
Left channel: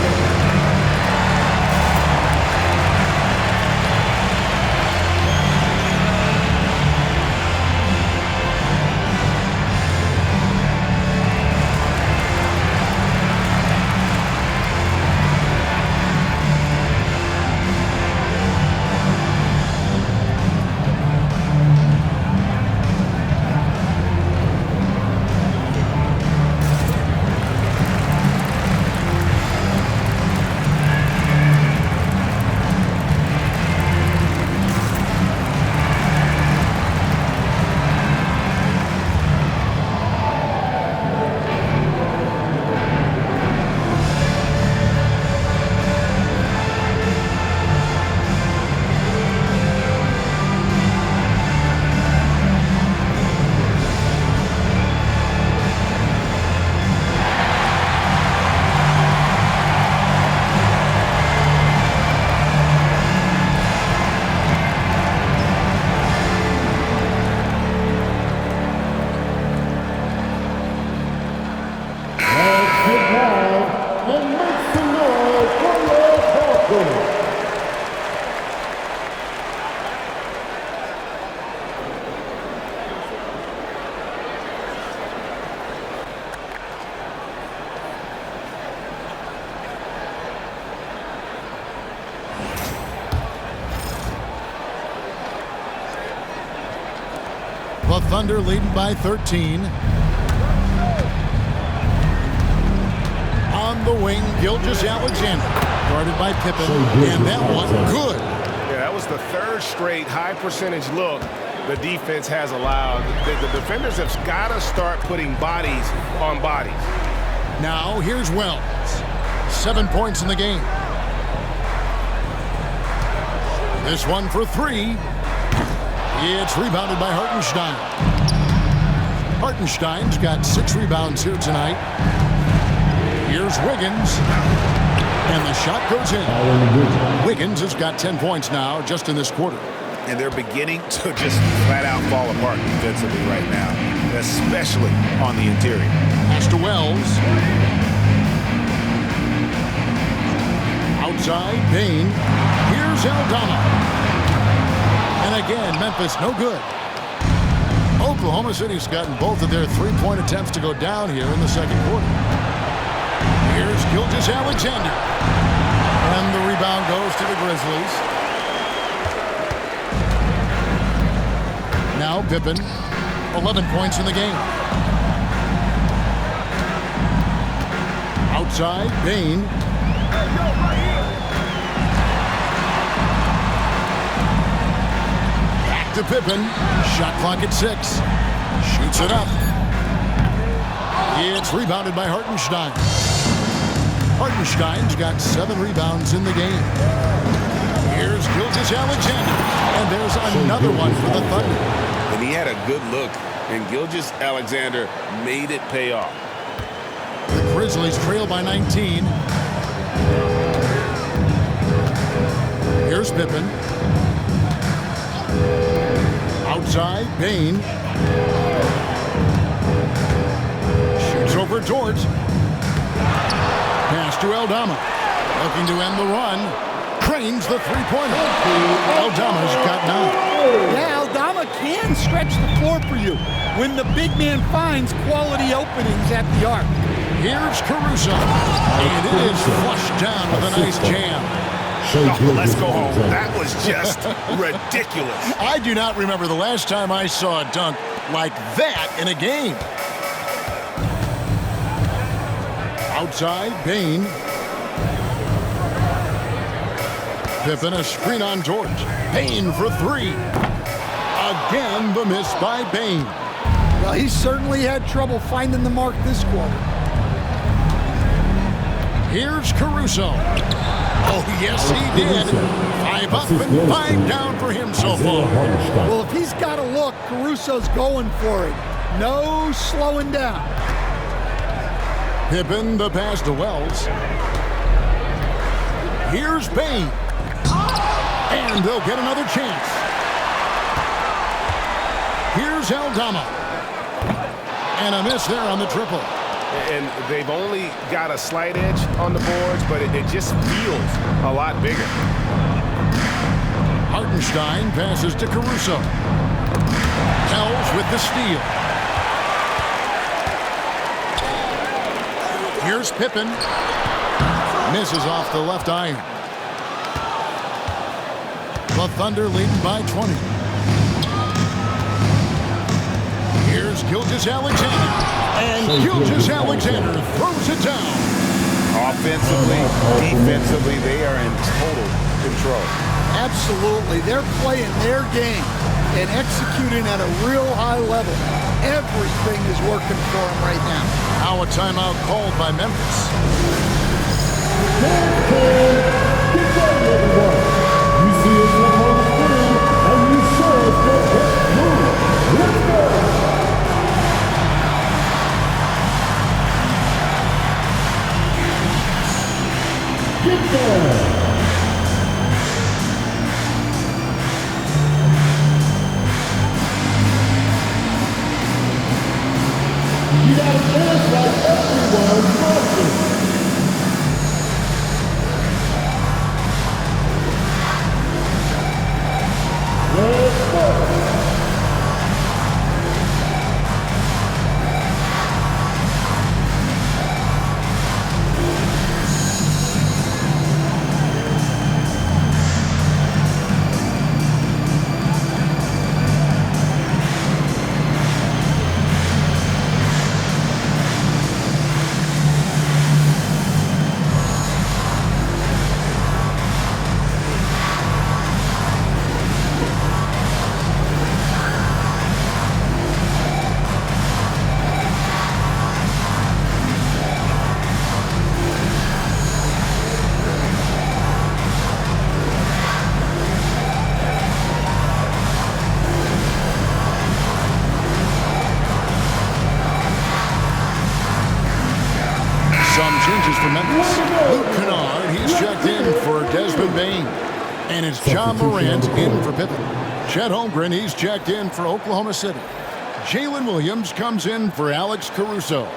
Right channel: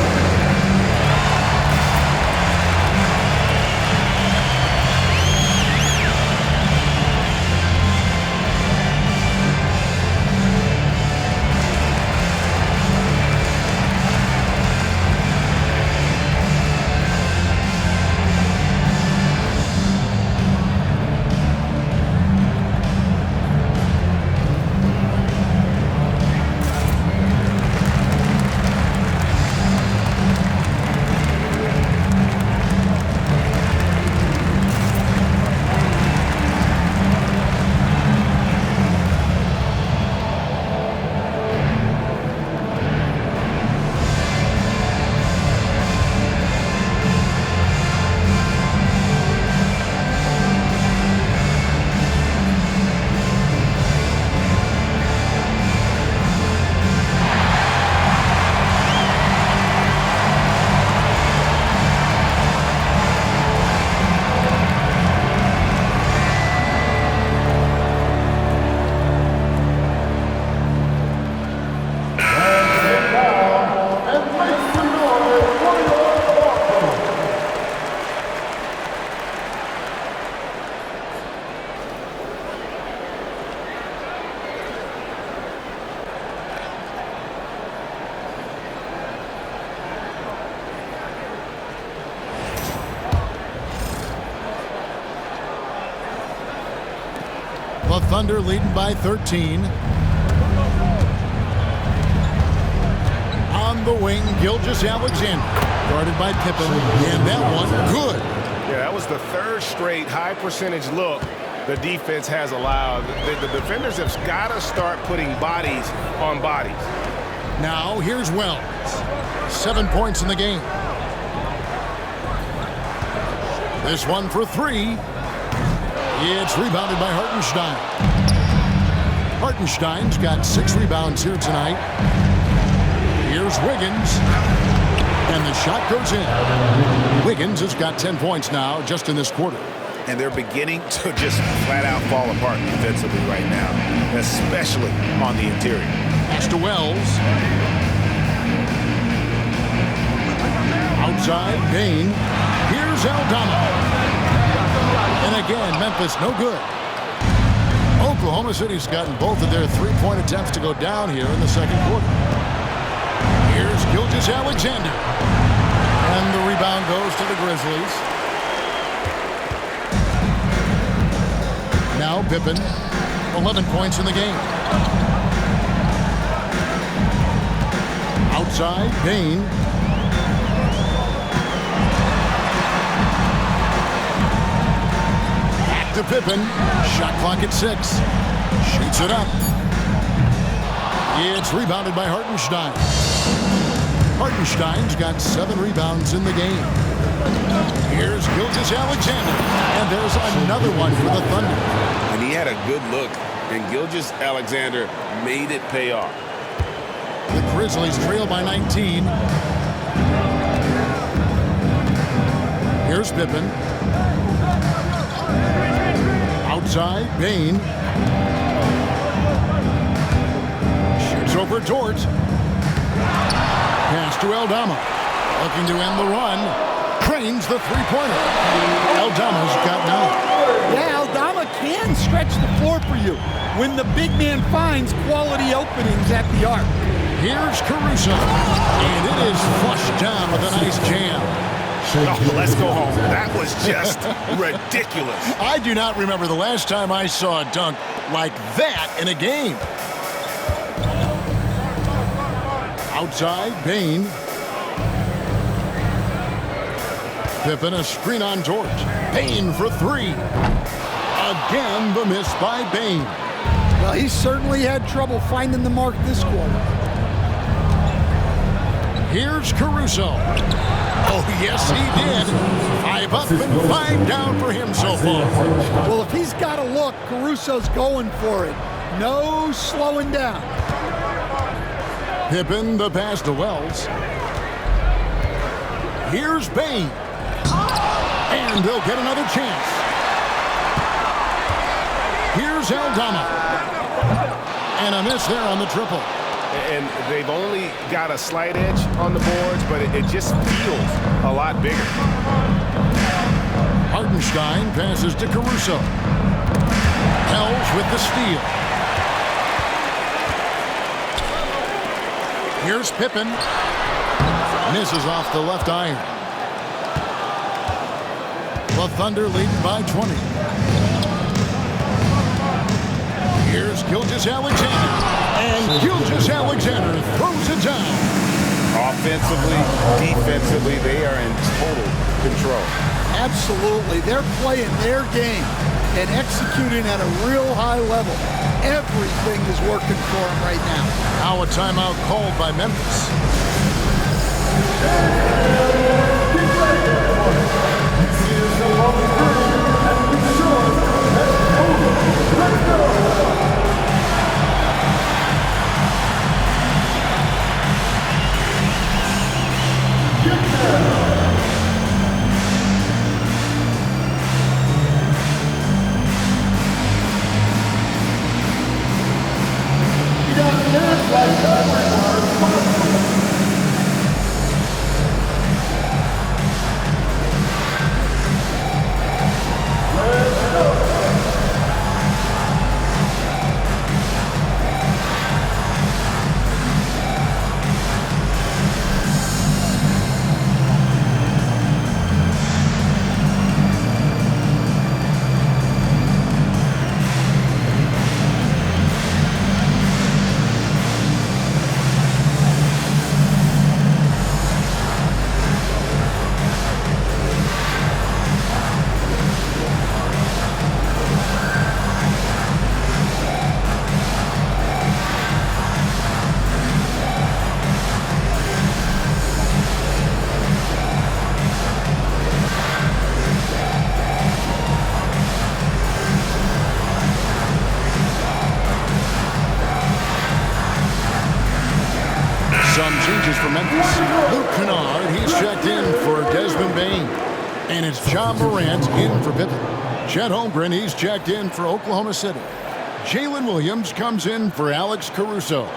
The Thunder leading by 13. On the wing, Gilgeous-Alexander, guarded by Pippen, and that one, good. Yeah, that was the third straight high-percentage look the defense has allowed. The defenders have got to start putting bodies on bodies. Now, here's Wells. 7 points in the game. This one for three. It's rebounded by Hartenstein. Hartenstein's got 6 rebounds here tonight. Here's Wiggins. And the shot goes in. Wiggins has got 10 points now just in this quarter. And they're beginning to just flat out fall apart defensively right now, especially on the interior. Pass to Wells. Outside, Bane. Here's Aldama. And again, Memphis no good. Oklahoma City's gotten both of their three-point attempts to go down here in the second quarter. Here's Gilgeous-Alexander. And the rebound goes to the Grizzlies. Now Pippen, 11 points in the game. Outside, Bane. Back to Pippen. Shot clock at 6. Shoots it up. It's rebounded by Hartenstein. Hartenstein's got 7 rebounds in the game. Here's Gilgeous-Alexander. And there's another one for the Thunder. And he had a good look, and Gilgeous-Alexander made it pay off. The Grizzlies trail by 19. Here's Pippen. Outside, Bane. Shoots over Dort. Pass to Aldama. Looking to end the run. Cranes the three-pointer. Aldama's got 9. Yeah, Aldama can stretch the floor for you when the big man finds quality openings at the arc. Here's Caruso. And it is flushed down with a nice jam. Oh, let's go home. That was just ridiculous. I do not remember the last time I saw a dunk like that in a game. Outside, Bane. Pippen, a screen on Dort. Bane for 3. Again, the miss by Bane. Well, he certainly had trouble finding the mark this quarter. Here's Caruso. Oh, yes, he did. 5 up and 5 down for him so far. Well, if he's got a look, Caruso's going for it. No slowing down. Pippen, the pass to Wells. Here's Bane. And they'll get another chance. Here's Aldama. And a miss there on the triple. And they've only got a slight edge on the boards, but it just feels a lot bigger. Hartenstein passes to Caruso. Hells with the steal. Here's Pippen. Misses off the left iron. The Thunder leading by 20. Here's Gilgeous-Alexander. And Gilgeous-Alexander throws it down. Offensively, defensively, they are in total control. Absolutely. They're playing their game and executing at a real high level. Everything is working for them right now. Now a timeout called by Memphis. You see us up on the screen, and you show us the best move. Let's go! Get down! You got to dance like everyone watching. Let's go. Some changes for Memphis. Luke Kennard, he's checked in for Desmond Bane. And it's John Morant in for Pippen. Chet Holmgren, he's checked in for Oklahoma City. Jalen Williams comes in for Alex Caruso.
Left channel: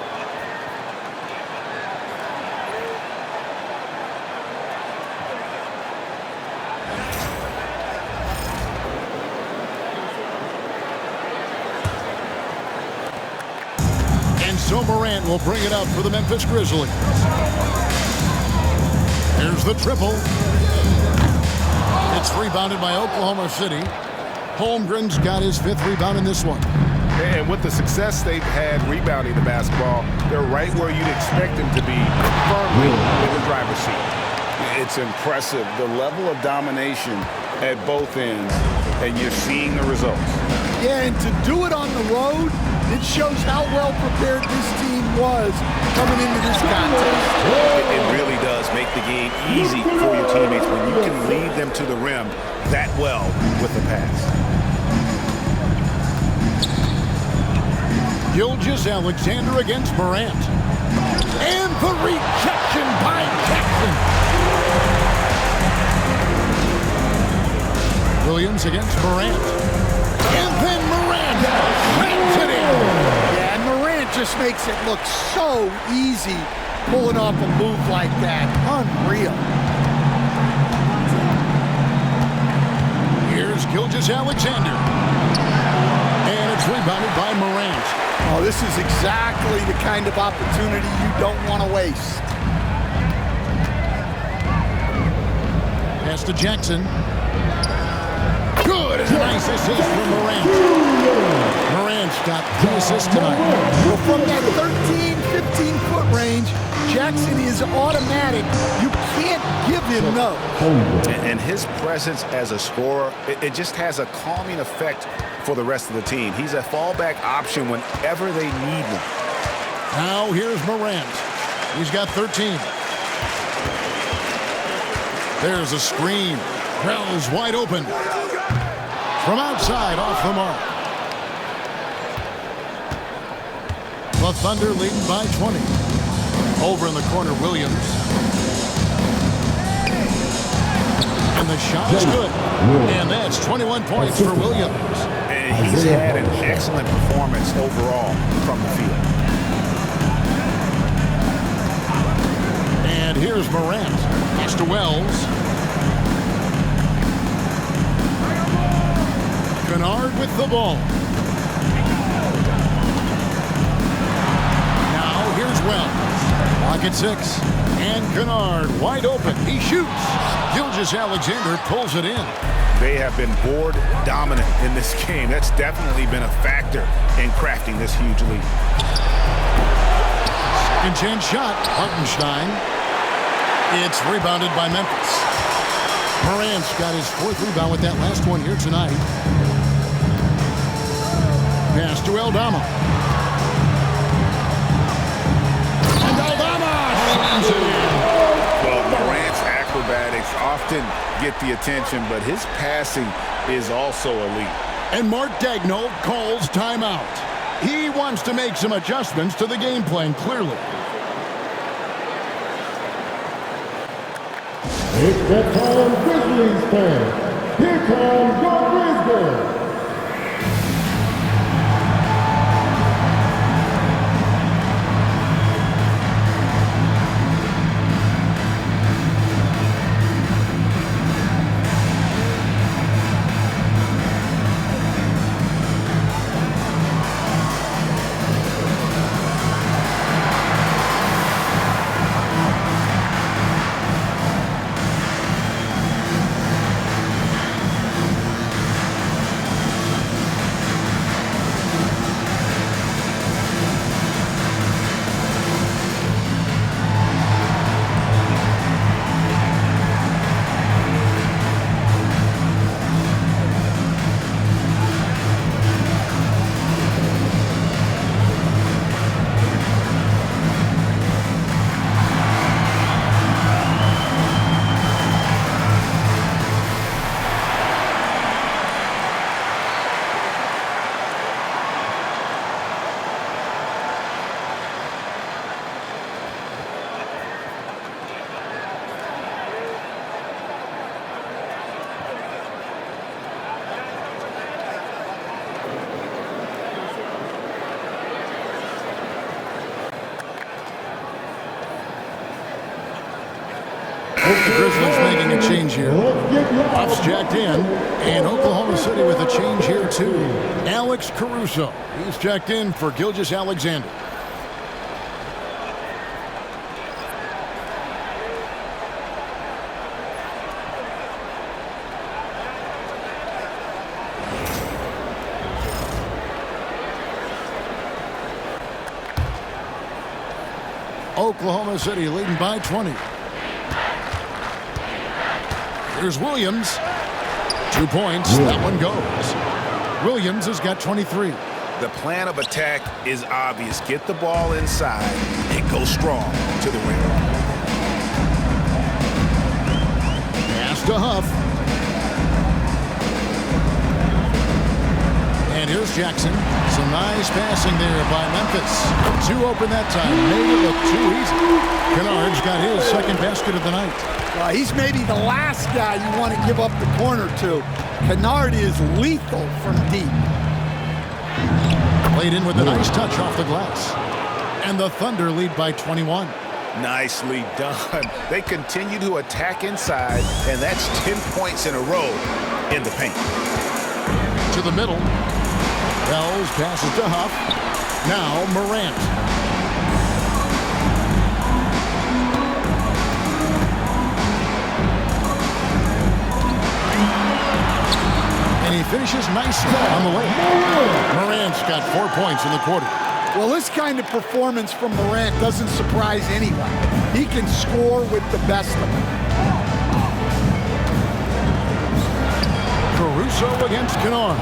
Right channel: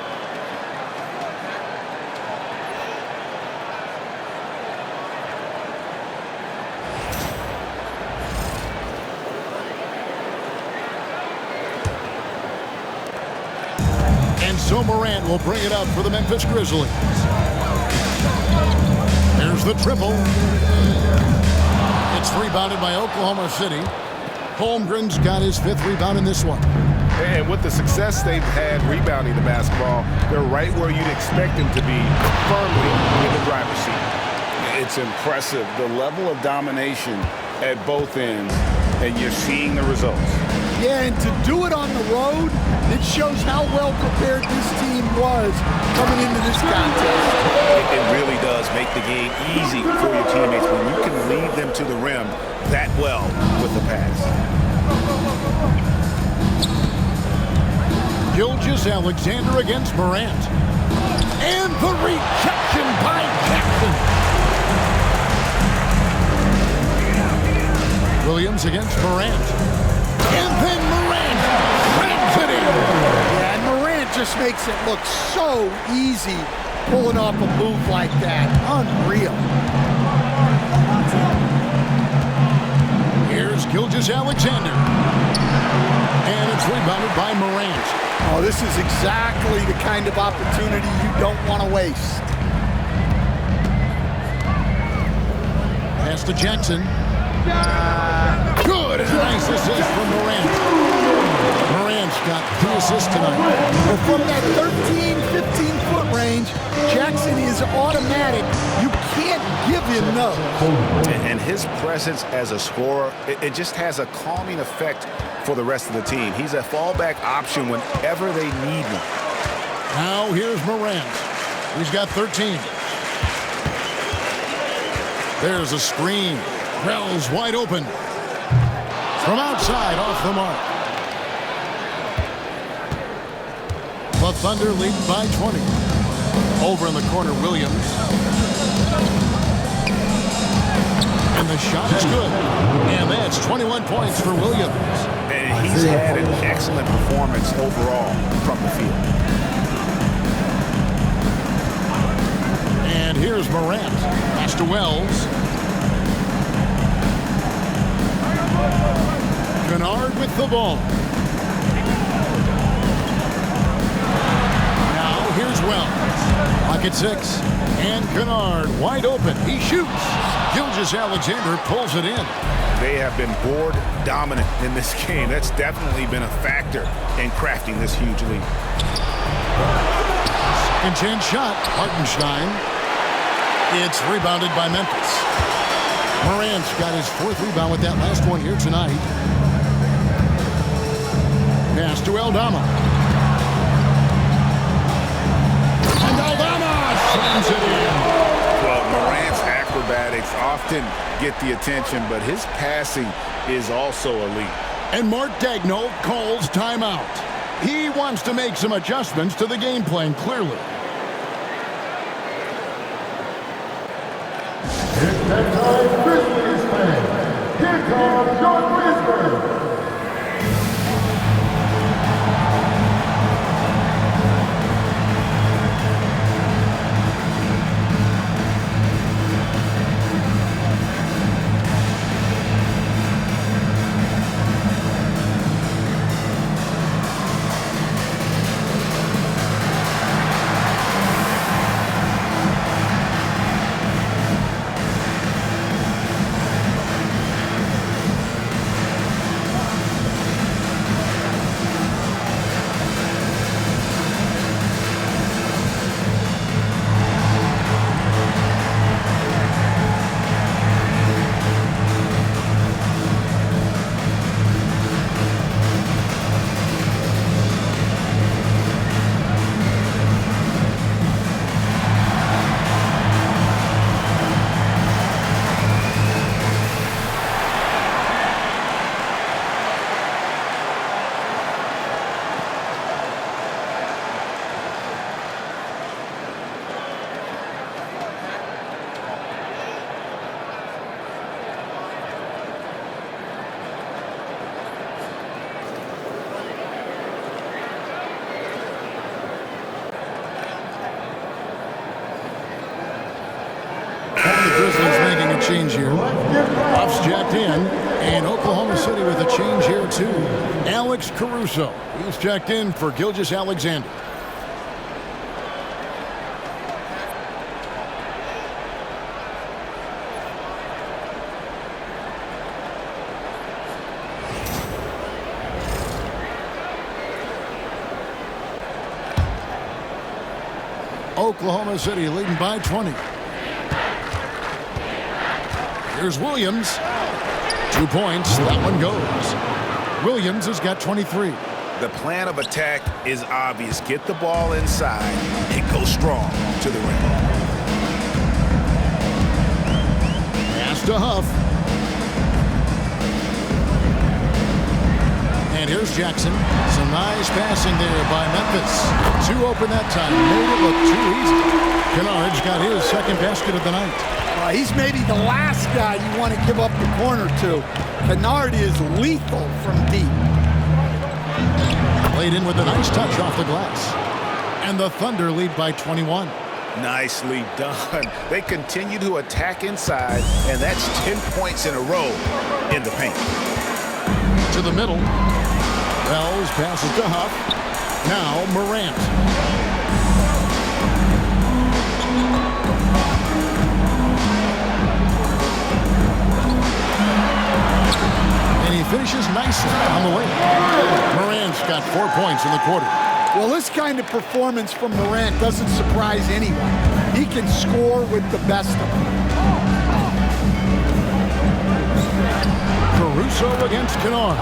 And so Morant will bring it up for the Memphis Grizzlies. There's the triple. It's rebounded by Oklahoma City. Holmgren's got his 5th rebound in this one. And with the success they've had rebounding the basketball, they're right where you'd expect them to be, firmly in the driver's seat. It's impressive, the level of domination at both ends, and you're seeing the results. Yeah, and to do it on the road, it shows how well prepared this team was coming into this contest. It really does make the game easy for your teammates when you can lead them to the rim that well with the pass. Gilgeous-Alexander against Morant. And the rejection by Jackson. Williams against Morant. And then Morant slams it in. Yeah, and Morant just makes it look so easy pulling off a move like that. Unreal. Here's Gilgeous-Alexander. And it's rebounded by Morant. Oh, this is exactly the kind of opportunity you don't want to waste. Pass to Jackson. Good. And a nice assist from Morant. Morant's got 3 assists tonight. Well, from that 13, 15-foot range, Jackson is automatic. You can't give him those. And his presence as a scorer, it just has a calming effect for the rest of the team. He's a fallback option whenever they need one. Now here's Morant. He's got 13. There's a screen. Wells wide open. From outside, off the mark. The Thunder leading by 20. Over in the corner, Williams. And the shot is good. And that's 21 points for Williams. And he's had an excellent performance overall from the field. And here's Morant. Pass to Wells. Kennard with the ball. Now here's Wells. Lock at 6. And Kennard wide open. He shoots. Gilgeous-Alexander pulls it in. They have been board dominant in this game. That's definitely been a factor in crafting this huge lead. Second chance shot. Hartenstein. It's rebounded by Memphis. Morant's got his 4th rebound with that last one here tonight. Pass to Aldama. And Aldama slams it in. Well, Morant's acrobatics often get the attention, but his passing is also elite. And Mark Daigneault calls timeout. He wants to make some adjustments to the game plan, clearly. It's that time, Grizzlies fans. Here comes your Grizzlies. The Grizzlies making a change here. Buffs jacked in, and Oklahoma City with a change here too. Alex Caruso, he's jacked in for Gilgeous-Alexander. Oklahoma City leading by 20. Here's Williams. 2 points. That one goes. Williams has got 23. The plan of attack is obvious. Get the ball inside and go strong to the rim. Pass to Huff. And here's Jackson. Some nice passing there by Memphis. 2 open that time. Made it look too easy. Kennard's got his 2nd basket of the night. Well, he's maybe the last guy you want to give up the corner to. Kennard is lethal from deep. Played in with a nice touch off the glass. And the Thunder lead by 21. Nicely done. They continue to attack inside, and that's 10 points in a row in the paint. To the middle. Wells passes to Huff. Now Morant. And he finishes nicely on the layup. Morant's got 4 points in the quarter. Well, this kind of performance from Morant doesn't surprise anyone. He can score with the best of them. Caruso against Kennard.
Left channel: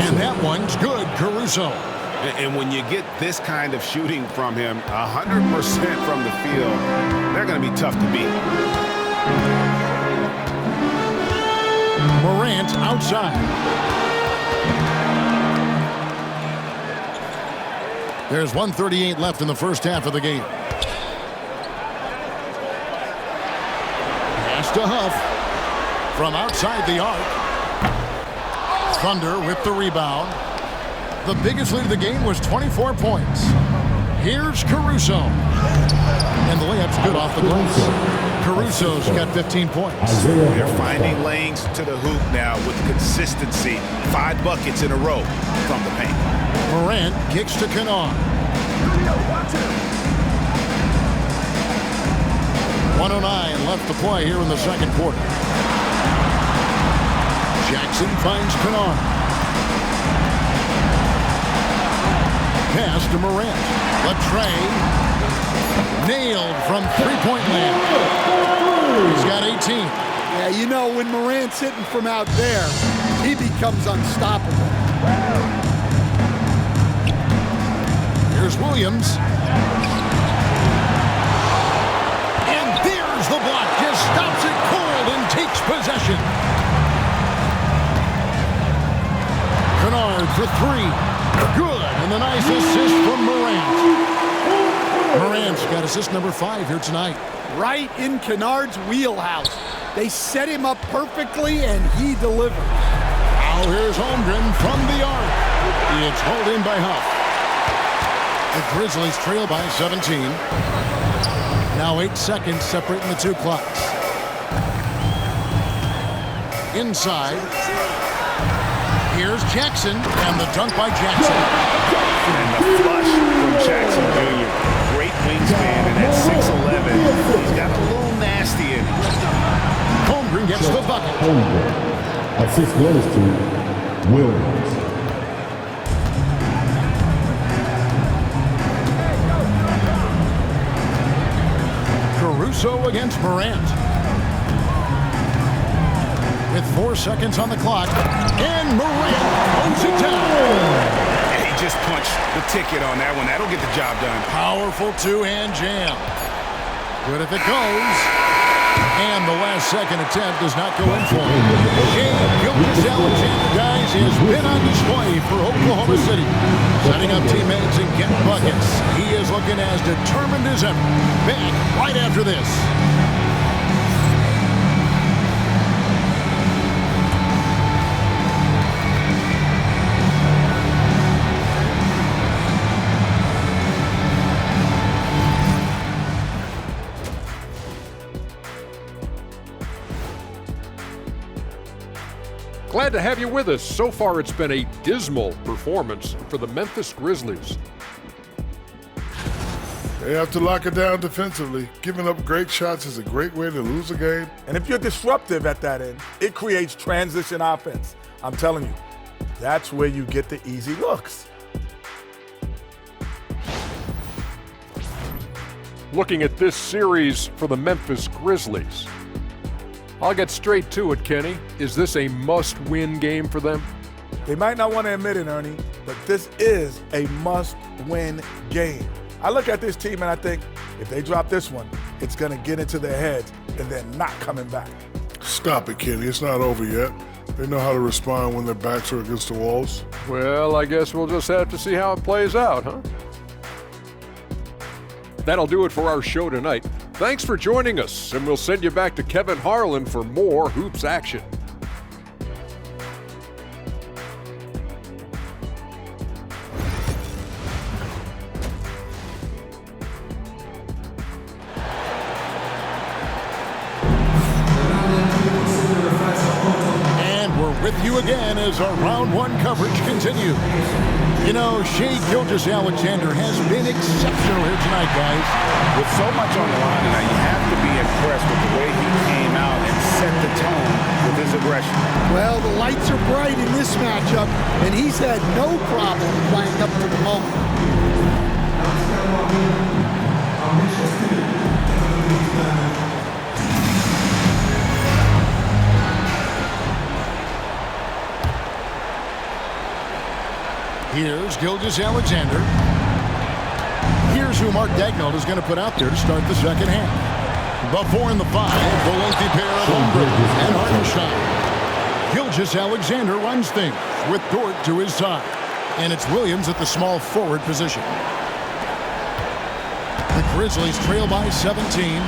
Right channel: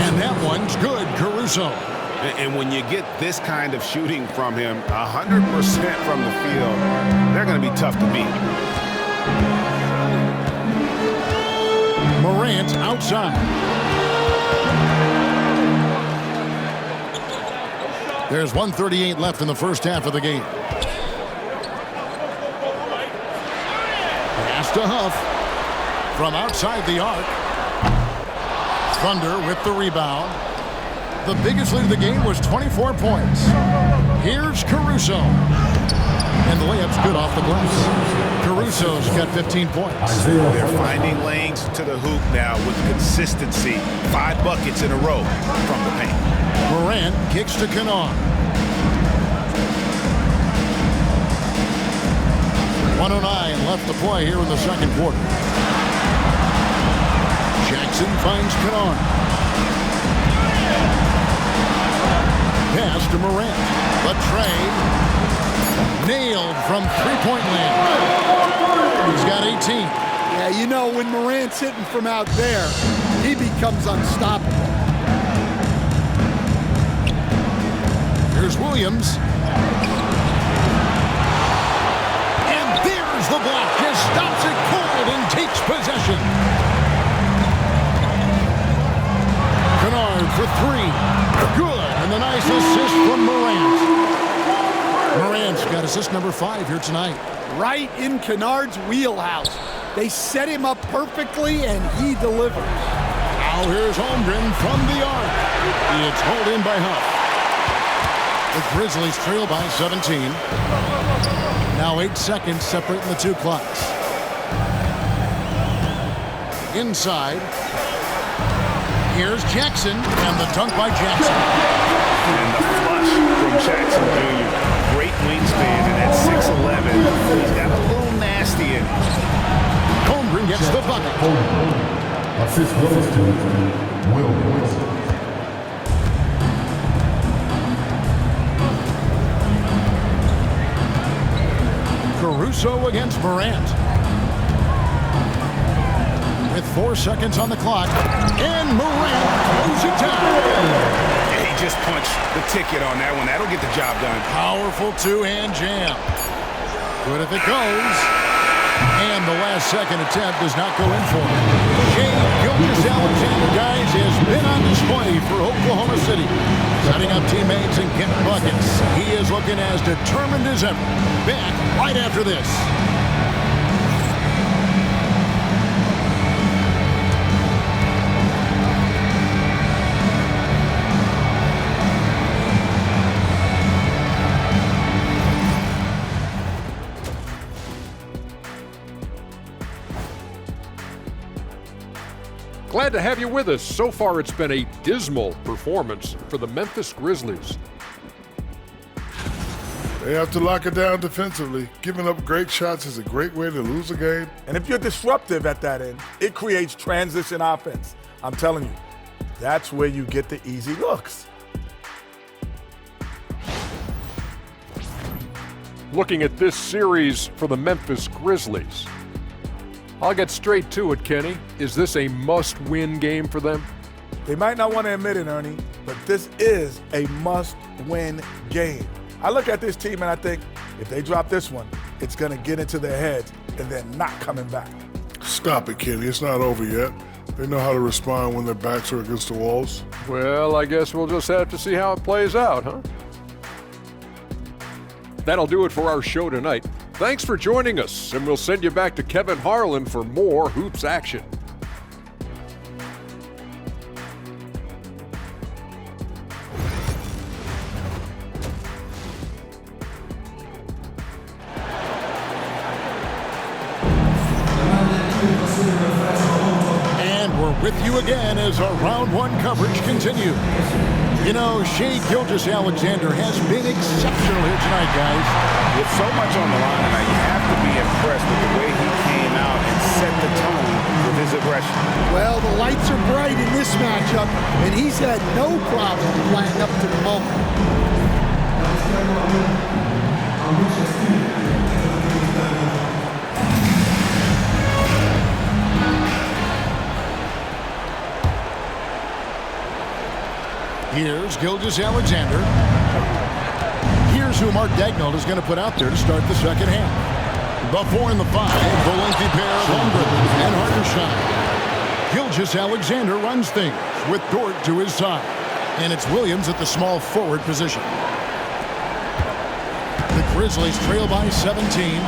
And that one's good, Caruso. And when you get this kind of shooting from him, 100% from the field, they're going to be tough to beat. Morant outside. There's 1:38 left in the first half of the game. Pass to Huff from outside the arc. Thunder with the rebound. The biggest lead of the game was 24 points. Here's Caruso. And the layup's good off the glass. Caruso's got 15 points. They're finding lanes to the hoop now with consistency. 5 buckets in a row from the paint. Morant kicks to Kennard. 1:09 left to play here in the second quarter. Jackson finds Kennard. Pass to Morant. The tray. Nailed from three-point land. He's got 18. Yeah, you know, when Morant's hitting from out there, he becomes unstoppable. Here's Williams. And there's the block. Just stops it cold and takes possession. Kennard for 3. Good. And the nice assist from Morant. Morant's got assist number 5 here tonight. Right in Kennard's wheelhouse. They set him up perfectly, and he delivers. Now here's Holmgren from the arc. It's hauled in by Huff. The Grizzlies trail by 17. Now 8 seconds separating the two clocks. Inside. Here's Jackson, and the dunk by Jackson. And the flush from Jackson Jr. Great wingspan, and at 6'11", he's got a little nasty in him. Holmgren gets the bucket. Assist goes to Williams. Caruso against Morant. With 4 seconds on the clock, and Morant throws it down. He just punched the ticket on that one. That'll get the job done. Powerful two-hand jam. Good if it goes. And the last second attempt does not go in for him. Shai Gilgeous-Alexander, guys, has been on display for Oklahoma City. Setting up teammates and getting buckets. He is looking as determined as ever. Back right after this. Glad to have you with us. So far, it's been a dismal performance for the Memphis Grizzlies. They have to lock it down defensively. Giving up great shots is a great way to lose a game. And if you're disruptive at that end, it creates transition offense. I'm telling you, that's where you get the easy looks. Looking at this series for the Memphis Grizzlies, I'll get straight to it, Kenny. Is this a must-win game for them? They might not want to admit it, Ernie, but this is a must-win game. I look at this team and I think if they drop this one, it's going to get into their heads and they're not coming back. Stop it, Kenny. It's not over yet. They know how to respond when their backs are against the walls. Well, I guess we'll just have to see how it plays out, huh? That'll do it for our show tonight. Thanks for joining us, and we'll send you back to Kevin Harlan for more hoops action. with you again as our round one coverage continues. You know, Shai Gilgeous-Alexander has been exceptional here tonight, guys. With so much on the line tonight, you have to be impressed with the way he came out and set the tone with his aggression. Well, the lights are bright in this matchup, and he's had no problem playing up to the moment. Here's Gilgeous-Alexander. Here's who Mark Daigneault is going to put out there to start the second half. The 4 and the 5, the lengthy pair of Holmgren and Hartenstein. Gilgeous-Alexander runs things with Dort to his side. And it's Williams at the small forward position. The Grizzlies trail by 17.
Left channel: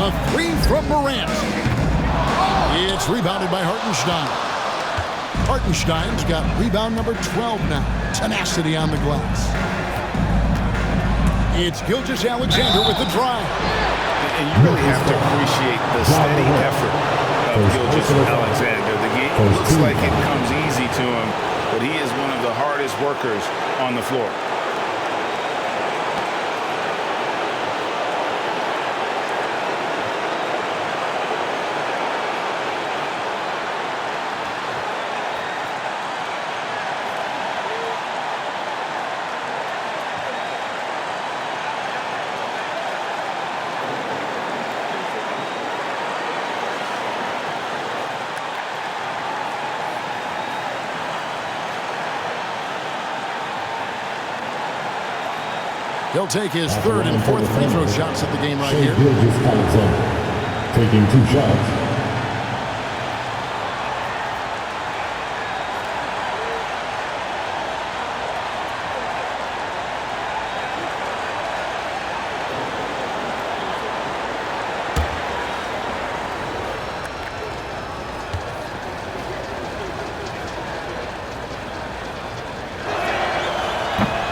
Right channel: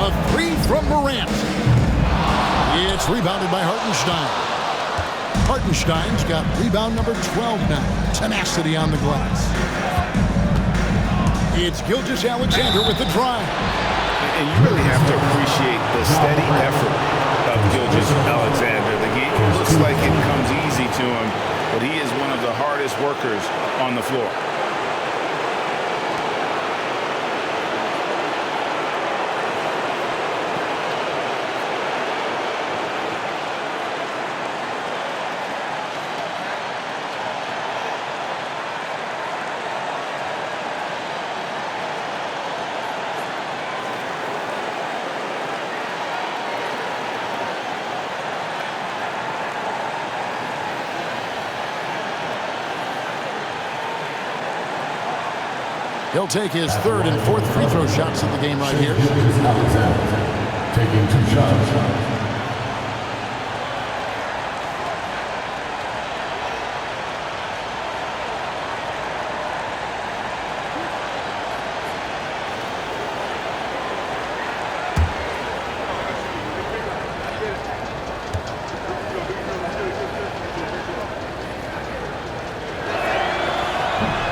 A 3 from Morant. It's rebounded by Hartenstein. Hartenstein's got rebound number 12 now. Tenacity on the glass. It's Gilgeous-Alexander with the drive. And you really have to appreciate the steady effort of Gilgeous-Alexander. The game looks like it comes easy to him, but he is one of the hardest workers on the floor. He'll take his third and fourth free throw shots at the game right here. Gilgeous-Alexander taking 2 shots.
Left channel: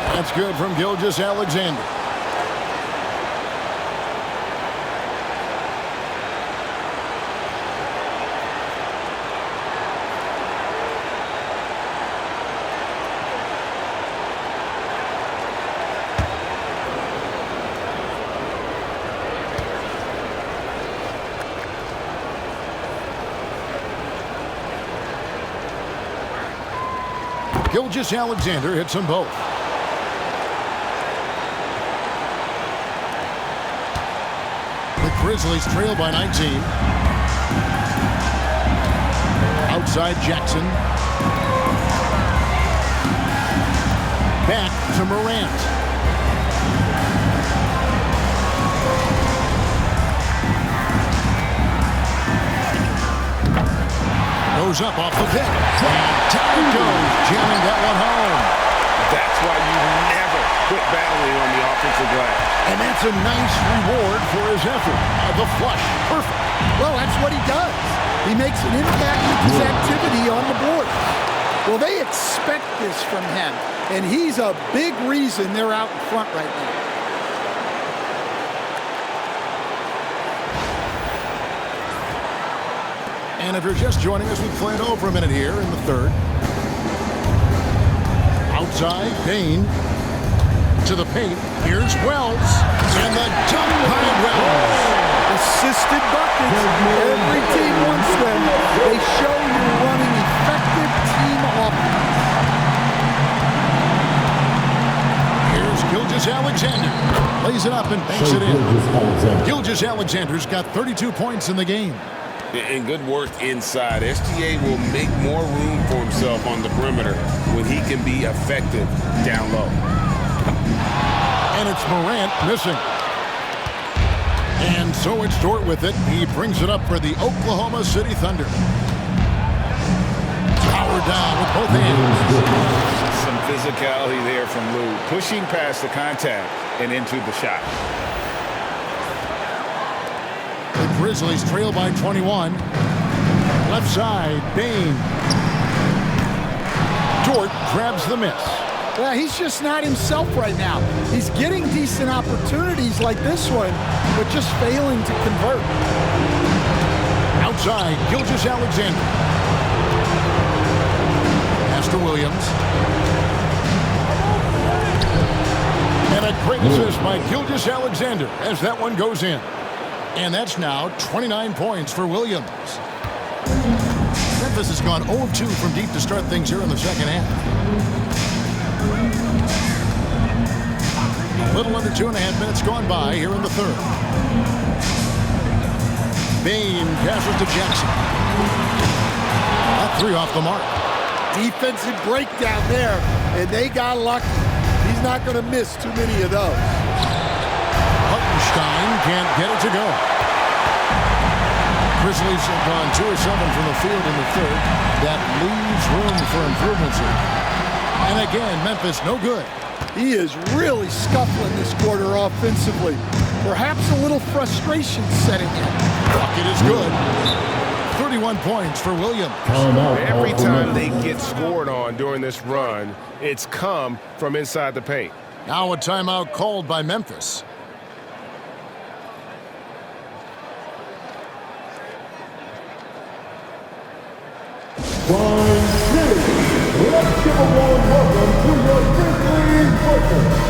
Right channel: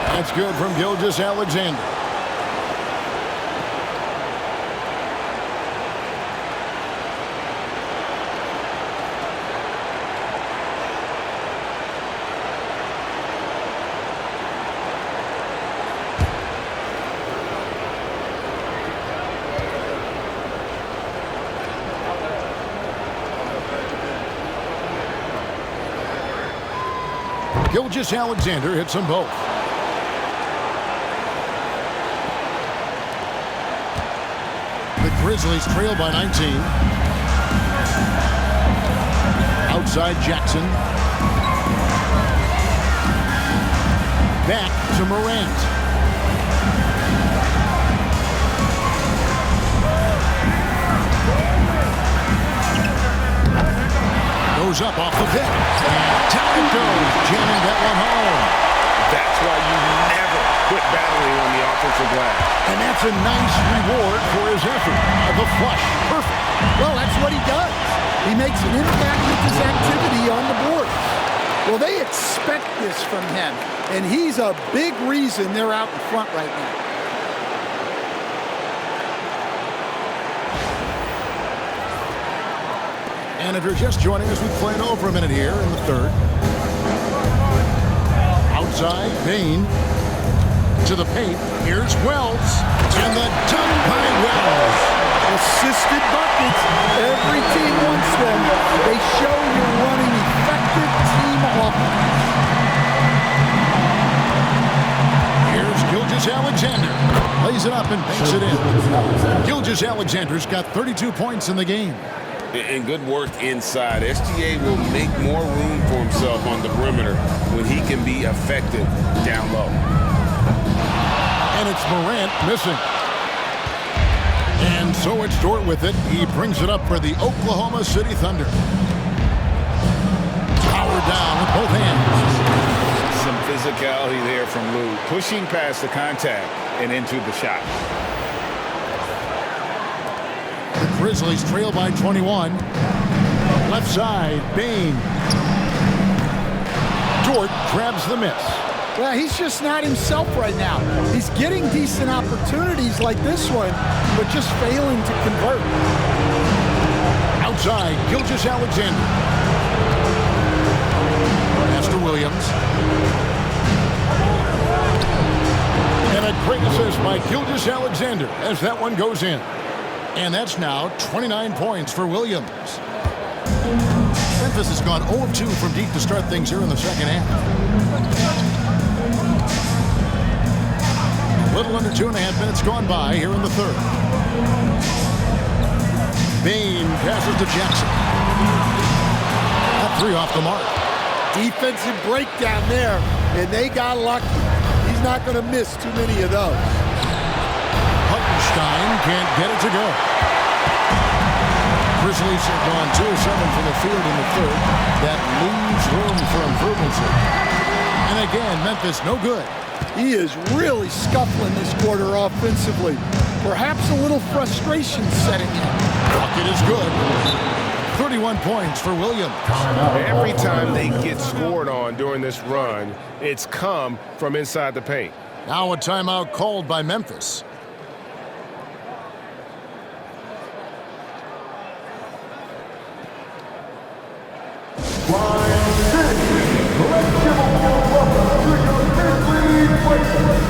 That's good from Gilgeous-Alexander. Gilgeous-Alexander hits them both. The Grizzlies trail by 19. Outside Jackson. Back to Morant. Goes up off the pick. And down it goes, jamming that one home. That's why you never quit battling on the offensive glass. And that's a nice reward for his effort. The flush, perfect. Well, that's what he does. He makes an impact with his activity on the board. Well, they expect this from him, and he's a big reason they're out in front right now. And if you're just joining us, we've played over a minute here in the third. Outside, Bane to the paint. Here's Wells, and the dunk by Wells. Assisted buckets. Every team wants them. They show you're running effective team offense. Here's Gilgeous-Alexander. Lays it up and banks it in. Gilgeous-Alexander's got 32 points in the game. And good work inside. SGA will make more room for himself on the perimeter when he can be effective down low. And it's Morant missing. And so it's Dort with it. He brings it up for the Oklahoma City Thunder. Power down with both hands. Some physicality there from Lou, pushing past the contact and into the shot. The Grizzlies trail by 21. Left side, Bane. Dort grabs the miss. Well, he's just not himself right now. He's getting decent opportunities like this one, but just failing to convert. side, Gilgeous-Alexander. Pass to Williams. And a great assist by Gilgeous-Alexander as that one goes in. And that's now 29 points for Williams. Memphis has gone 0 of 2 from deep to start things here in the second half. A little under 2.5 minutes gone by here in the third. Bane passes to Jackson. That 3 off the mark. Defensive breakdown there, and they got lucky. He's not going to miss too many of those. Hartenstein can't get it to go. Grizzlies have gone 2 of 7 from the field in the third. That leaves room for improvements here. And again, Memphis no good. He is really scuffling this quarter offensively. Perhaps a little frustration setting in. Bucket is good. 31 points for Williams. Every time they get scored on during this run, it's come from inside the paint. Now a timeout called by Memphis. Wine City, let's give a warm welcome to your Grizzlies players.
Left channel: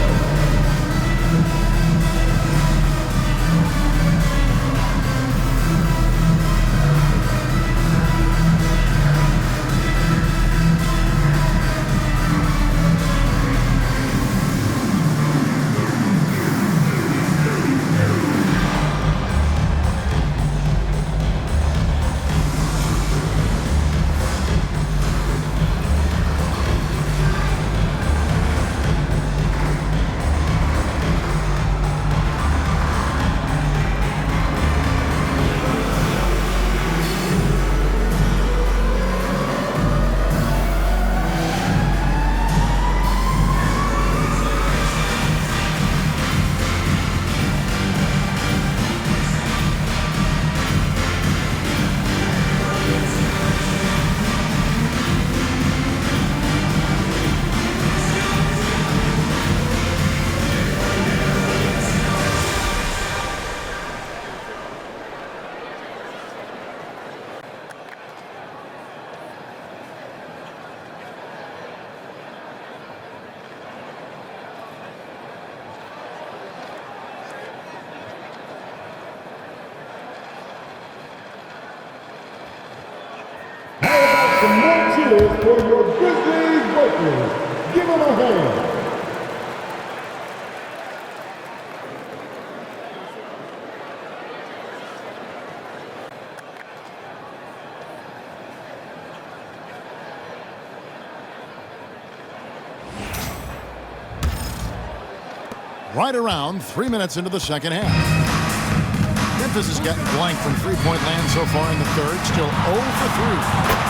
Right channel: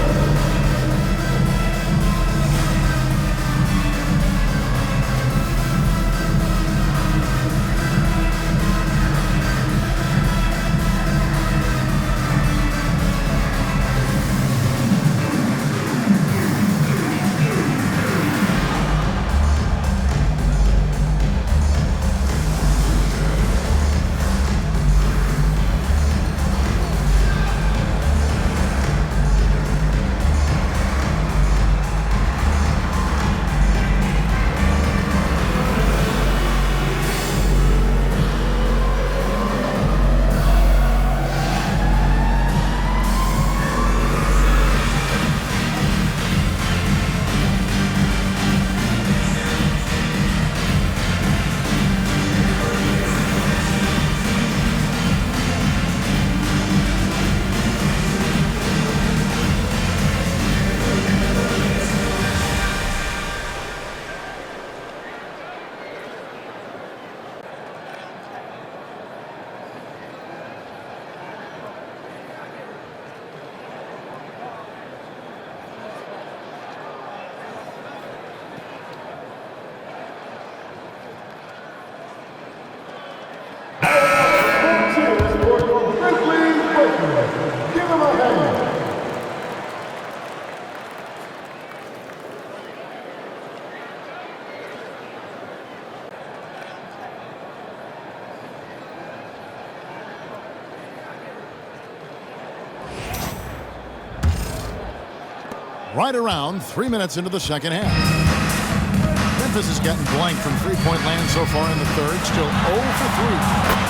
Cheers for your Grizzlies Lakers. Give them a hand. Right around 3 minutes into the second half. Memphis has gotten blank from three-point land so far in the third. Still 0 for 3.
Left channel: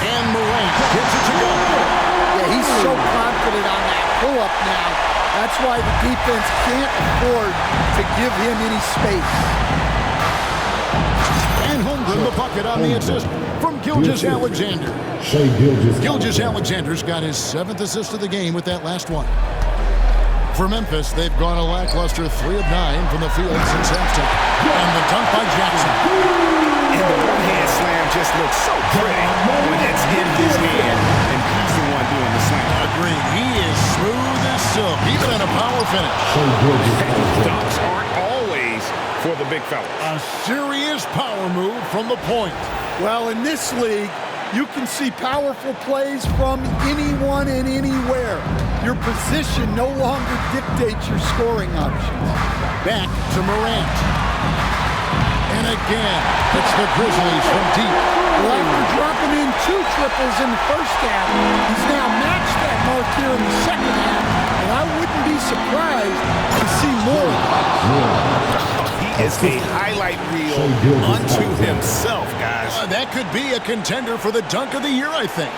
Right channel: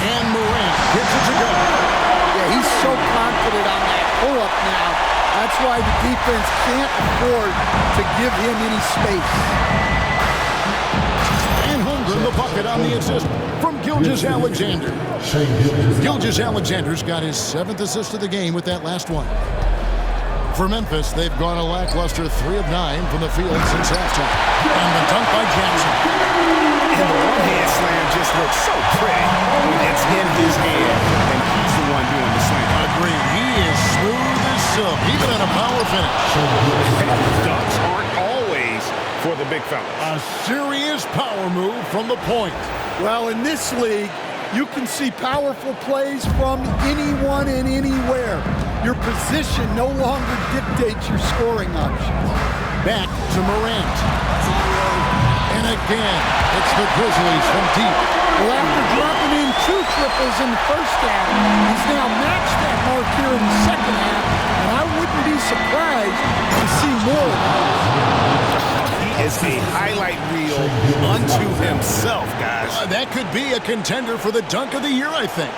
And Morant gets it to go. Yeah, he's so confident on that pull-up now. That's why the defense can't afford to give him any space. And Holmgren the bucket on the assist from Gilgeous-Alexander. Gilgeous-Alexander's got his 7th assist of the game with that last one. For Memphis, they've gone a lackluster 3 of 9 from the field since halftime. And the dunk by Jackson. And the one-hand slam just looks so pretty when it's in his hand and he's the one doing the slam. Agreed. He is smooth as silk, even in a power finish. Dunks aren't always for the big fellas. A serious power move from the point. Well, in this league, you can see powerful plays from anyone and anywhere. Your position no longer dictates your scoring options. Back to Morant. And again, it's the Grizzlies from deep. Well, after dropping in 2 triples in the first half, he's now matched that mark here in the second half, and I wouldn't be surprised to see more of that. He is a highlight reel unto himself, guys. That could be a contender for the dunk of the year, I think.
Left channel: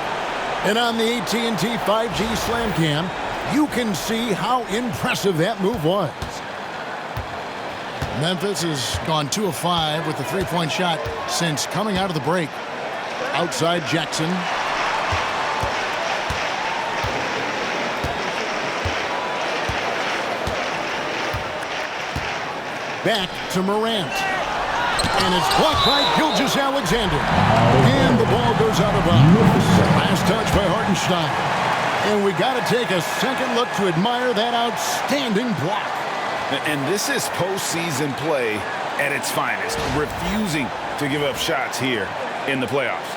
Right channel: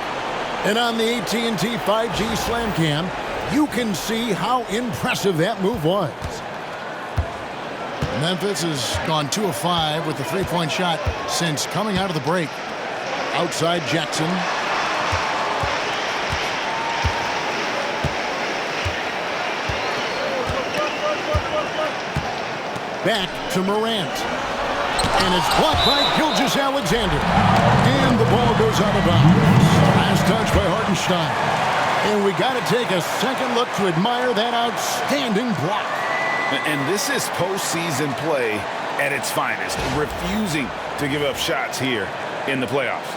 And on the AT&T 5G Slam Cam, you can see how impressive that move was. Memphis has gone 2 of 5 with the three-point shot since coming out of the break. Outside Jackson. Back to Morant. And it's blocked by Gilgeous-Alexander. And the ball goes out of bounds. Last touch by Hartenstein. And we got to take a second look to admire that outstanding block. And this is postseason play at its finest, refusing to give up shots here in the playoffs.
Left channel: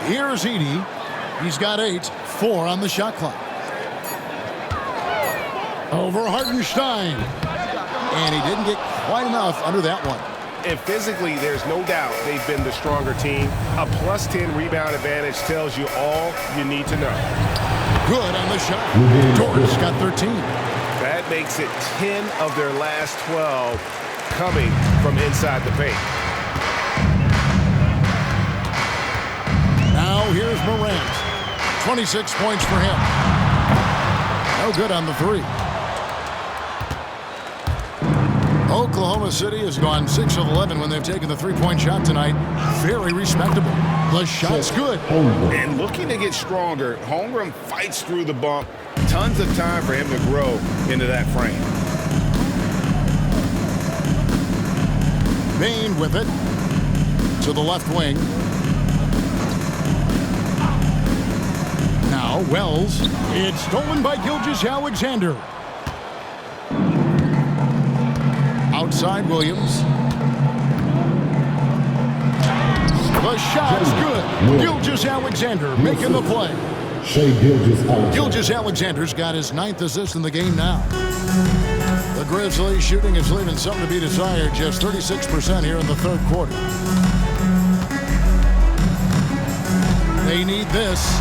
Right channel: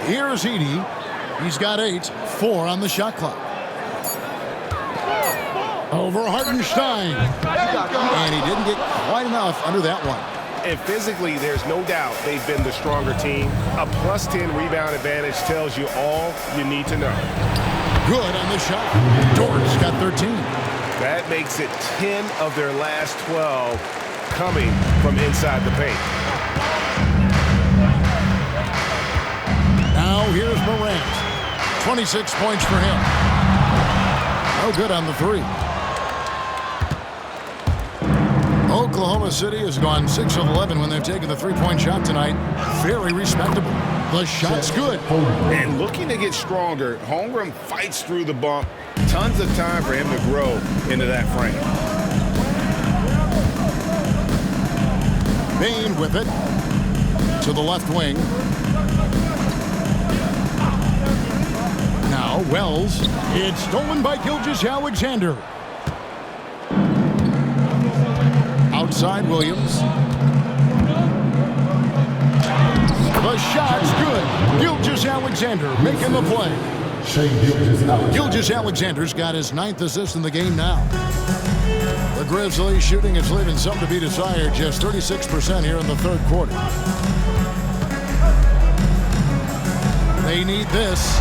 Here's Edey. He's got 8, 4 on the shot clock. Over Hartenstein. And he didn't get quite enough under that one. And physically, there's no doubt they've been the stronger team. A plus 10 rebound advantage tells you all you need to know. Good on the shot. Dort's got 13. That makes it 10 of their last 12 coming from inside the paint. Now here's Morant. 26 points for him. No good on the 3. Oklahoma City has gone 6 of 11 when they've taken the three-point shot tonight. Very respectable. The shot's good. And looking to get stronger, Holmgren fights through the bump. Tons of time for him to grow into that frame. Bane with it to the left wing. Now Wells. It's stolen by Gilgeous-Alexander. Outside Williams. The shot's good. Gilgeous-Alexander making the play. Gilgeous-Alexander's got his 9th assist in the game now. The Grizzlies shooting is leaving something to be desired. Just 36% here in the third quarter. They need this.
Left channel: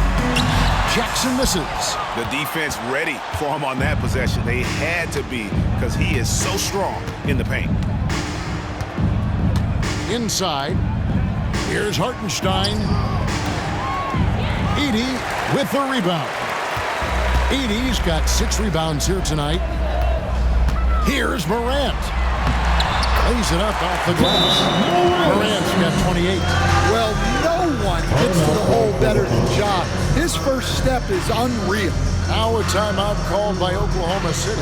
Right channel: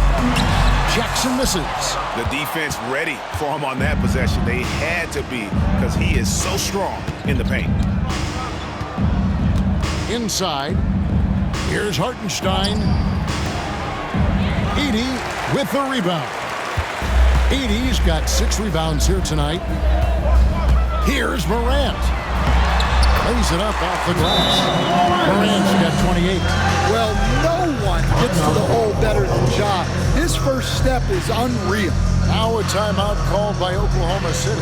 Jackson misses. The defense ready for him on that possession. They had to be because he is so strong in the paint. Inside. Here's Hartenstein. Edey with the rebound. Edey's got 6 rebounds here tonight. Here's Morant. Lays it up off the glass. Morant's got 28. Well, no one gets to the hole better than Ja. His first step is unreal. Now a timeout called by Oklahoma City.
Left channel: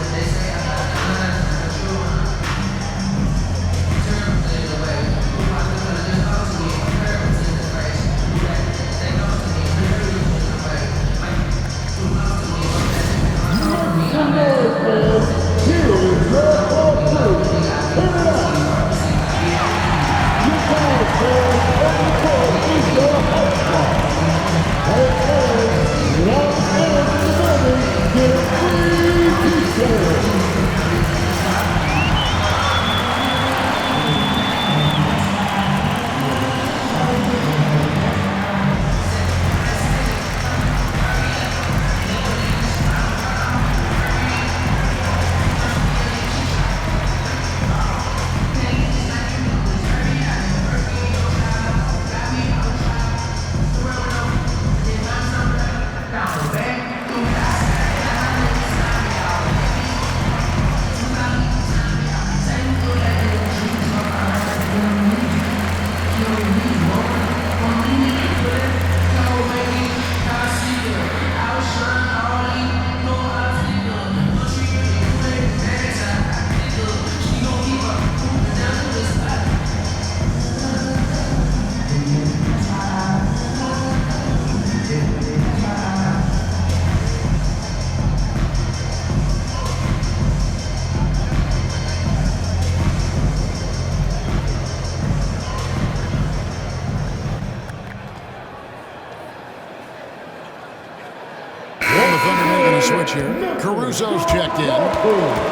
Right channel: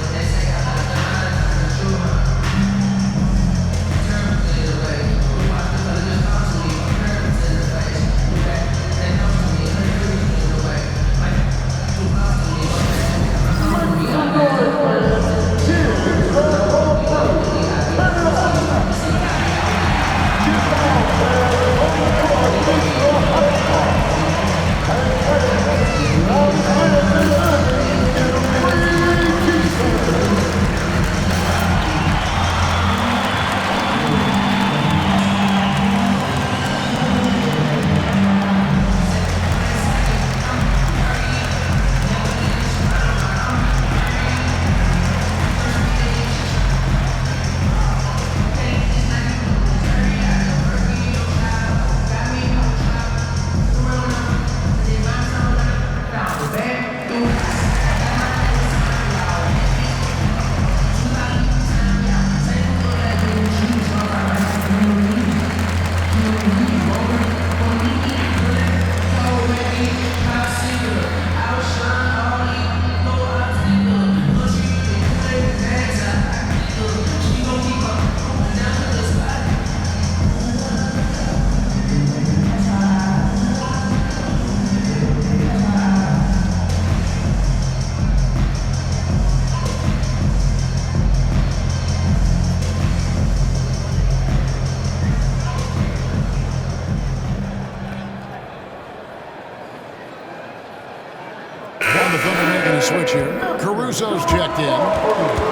The Thunder making a switch here. Caruso's checked in.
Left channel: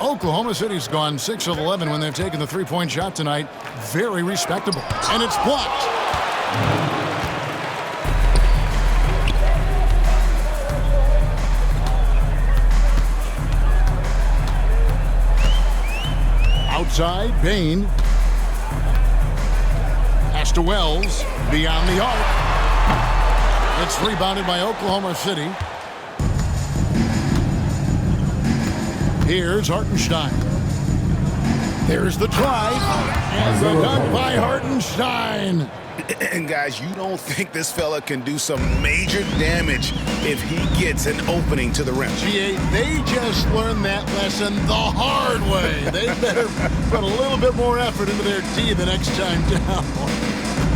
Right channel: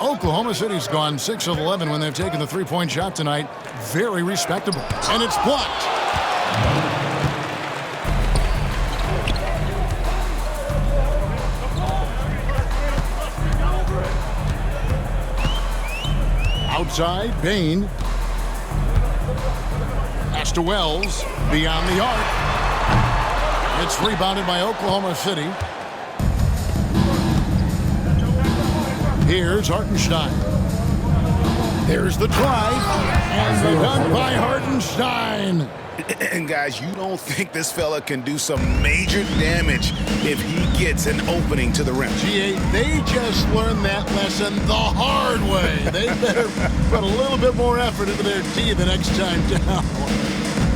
Oklahoma City's gone 6 of 11 when they've taken the three-point shot tonight. Very respectable. And it's blocked. Outside, Bane. Pass to Wells. Beyond the arc. It's rebounded by Oklahoma City. Here's Hartenstein. There's the drive. And the dunk by Hartenstein. And guys, you don't think this fella can do some major damage if he gets an opening to the rim. GA, they just learned that lesson the hard way. They better put a little bit more effort into their D the next time down.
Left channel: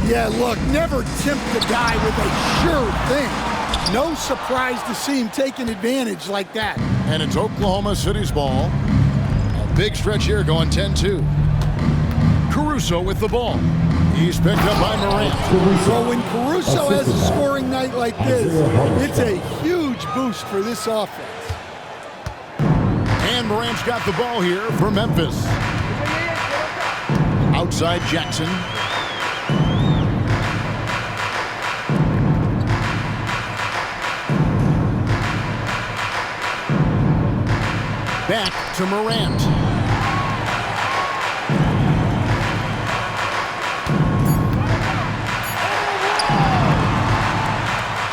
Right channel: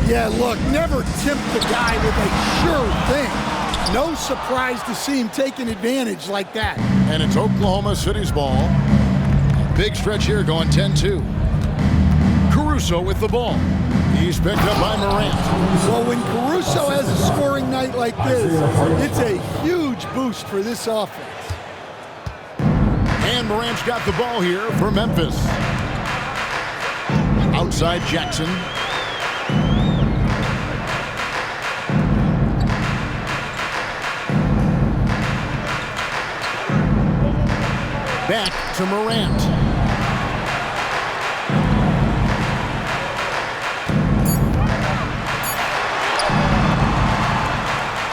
Yeah, look, never tempt the guy with a sure thing. No surprise to see him taking advantage like that. And it's Oklahoma City's ball. A big stretch here going 10-2. Caruso with the ball. He's picked up by Morant. Well, when Caruso has a scoring night like this, it's a huge boost for this offense. And Morant's got the ball here for Memphis. Outside Jackson. Back to Morant.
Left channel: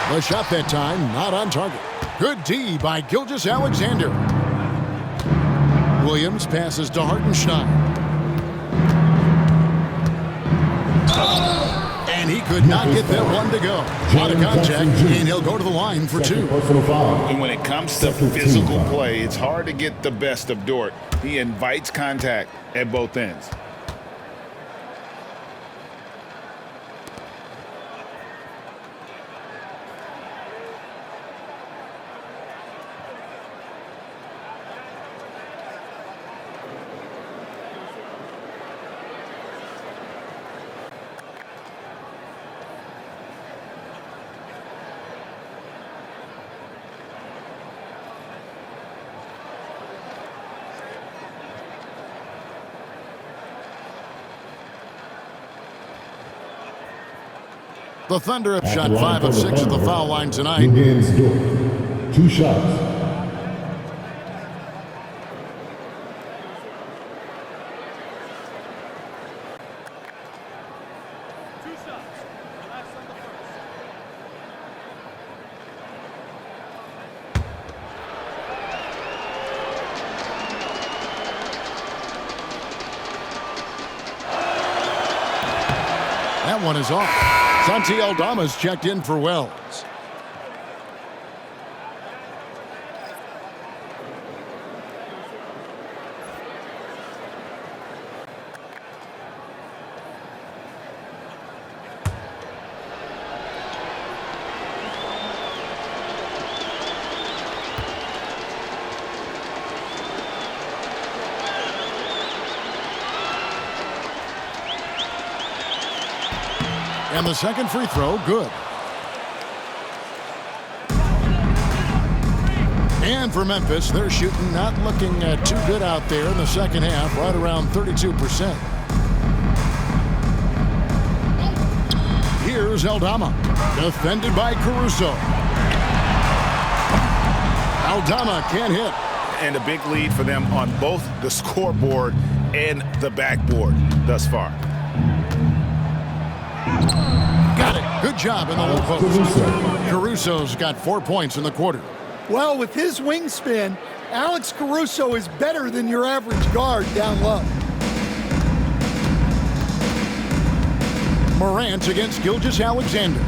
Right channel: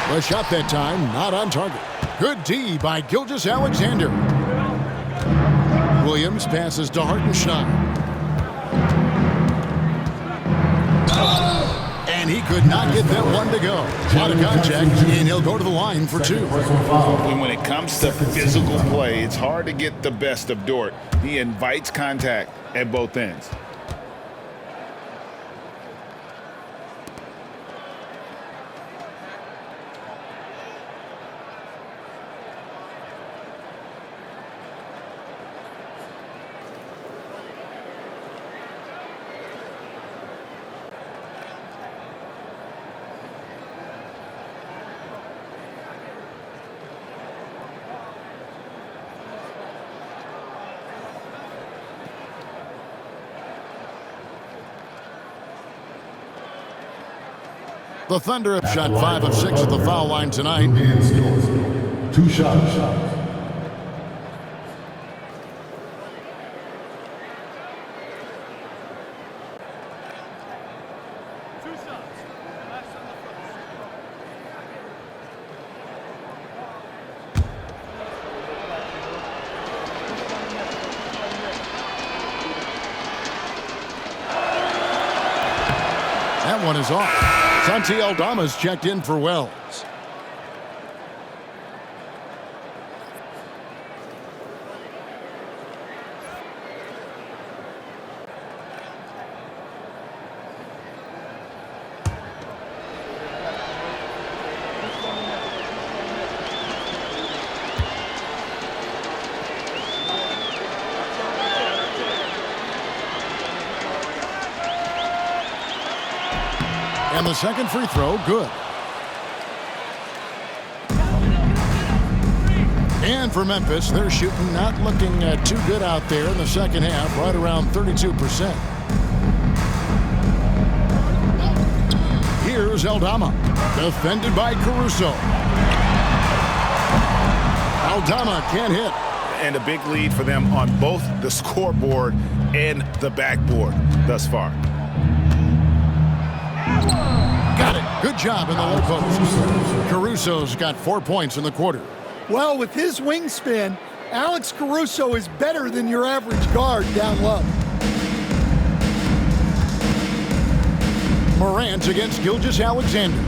The shot that time, not on target. Good D by Gilgeous-Alexander. Williams passes to Hartenstein. And he could not get that one to go. A lot of contact, and he'll go to the line for two. And when it comes to physical play, it's hard to get the best of Dort. He invites contact at both ends. The Thunder have shot 5 of 6 at the foul line tonight. Luguentz Dort. 2 shots. Relax on the first. That one is off. Santi Aldama's checked in for Wells. And the second free throw, good. And for Memphis, they're shooting, not looking too good out there in the second half, right around 32%. Here's Aldama, defended by Caruso. Aldama can't hit. And a big lead for them on both the scoreboard and the backboard thus far. Got it. Good job in the low post. Caruso's got 4 points in the quarter. Well, with his wingspan, Alex Caruso is better than your average guard down low. Morant against Gilgeous-Alexander.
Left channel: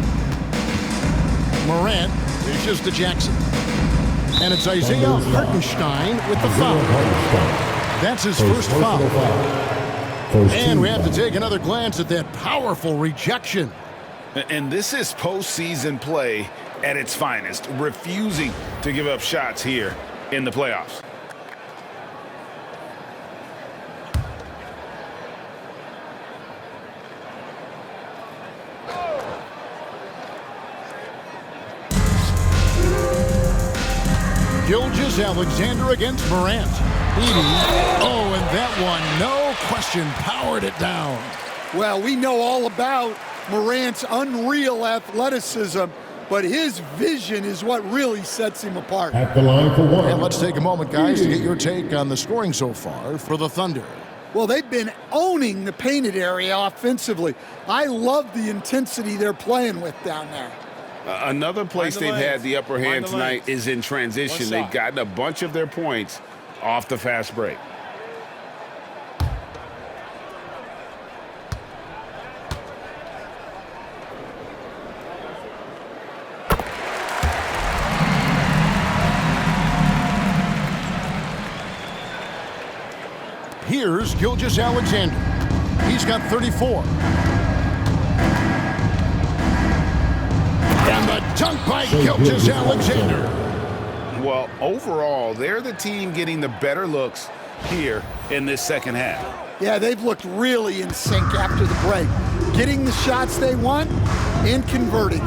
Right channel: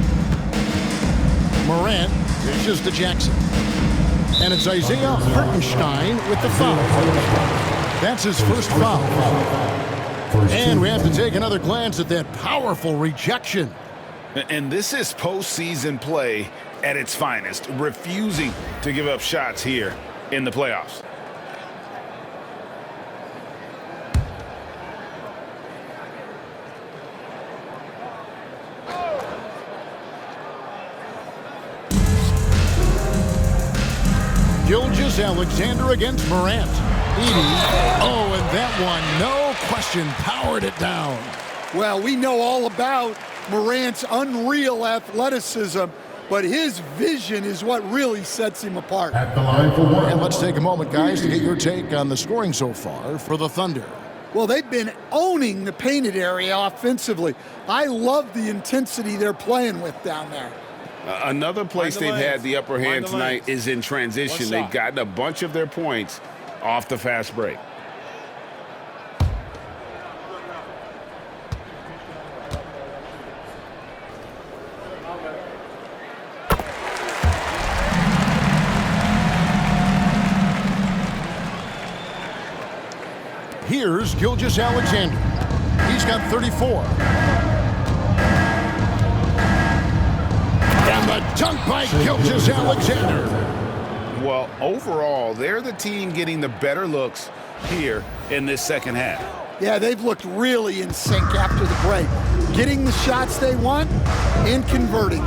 Morant dishes to Jackson. And it's Isaiah Hartenstein with the foul. That's his first foul. And we have to take another glance at that powerful rejection. And this is postseason play at its finest, refusing to give up shots here in the playoffs. Gilgeous-Alexander against Morant. Oh, and that one, no question, powered it down. Well, we know all about Morant's unreal athleticism, but his vision is what really sets him apart. At the line for one. And let's take a moment, guys, to get your take on the scoring so far for the Thunder. Well, they've been owning the painted area offensively. I love the intensity they're playing with down there. Another place they've had the upper hand tonight is in transition. They've gotten a bunch of their points off the fast break. Here's Gilgeous-Alexander. He's got 34. And the dunk by Gilgeous-Alexander. Well, overall, they're the team getting the better looks here in this second half. Yeah, they've looked really in sync after the break. Getting the shots they want and converting.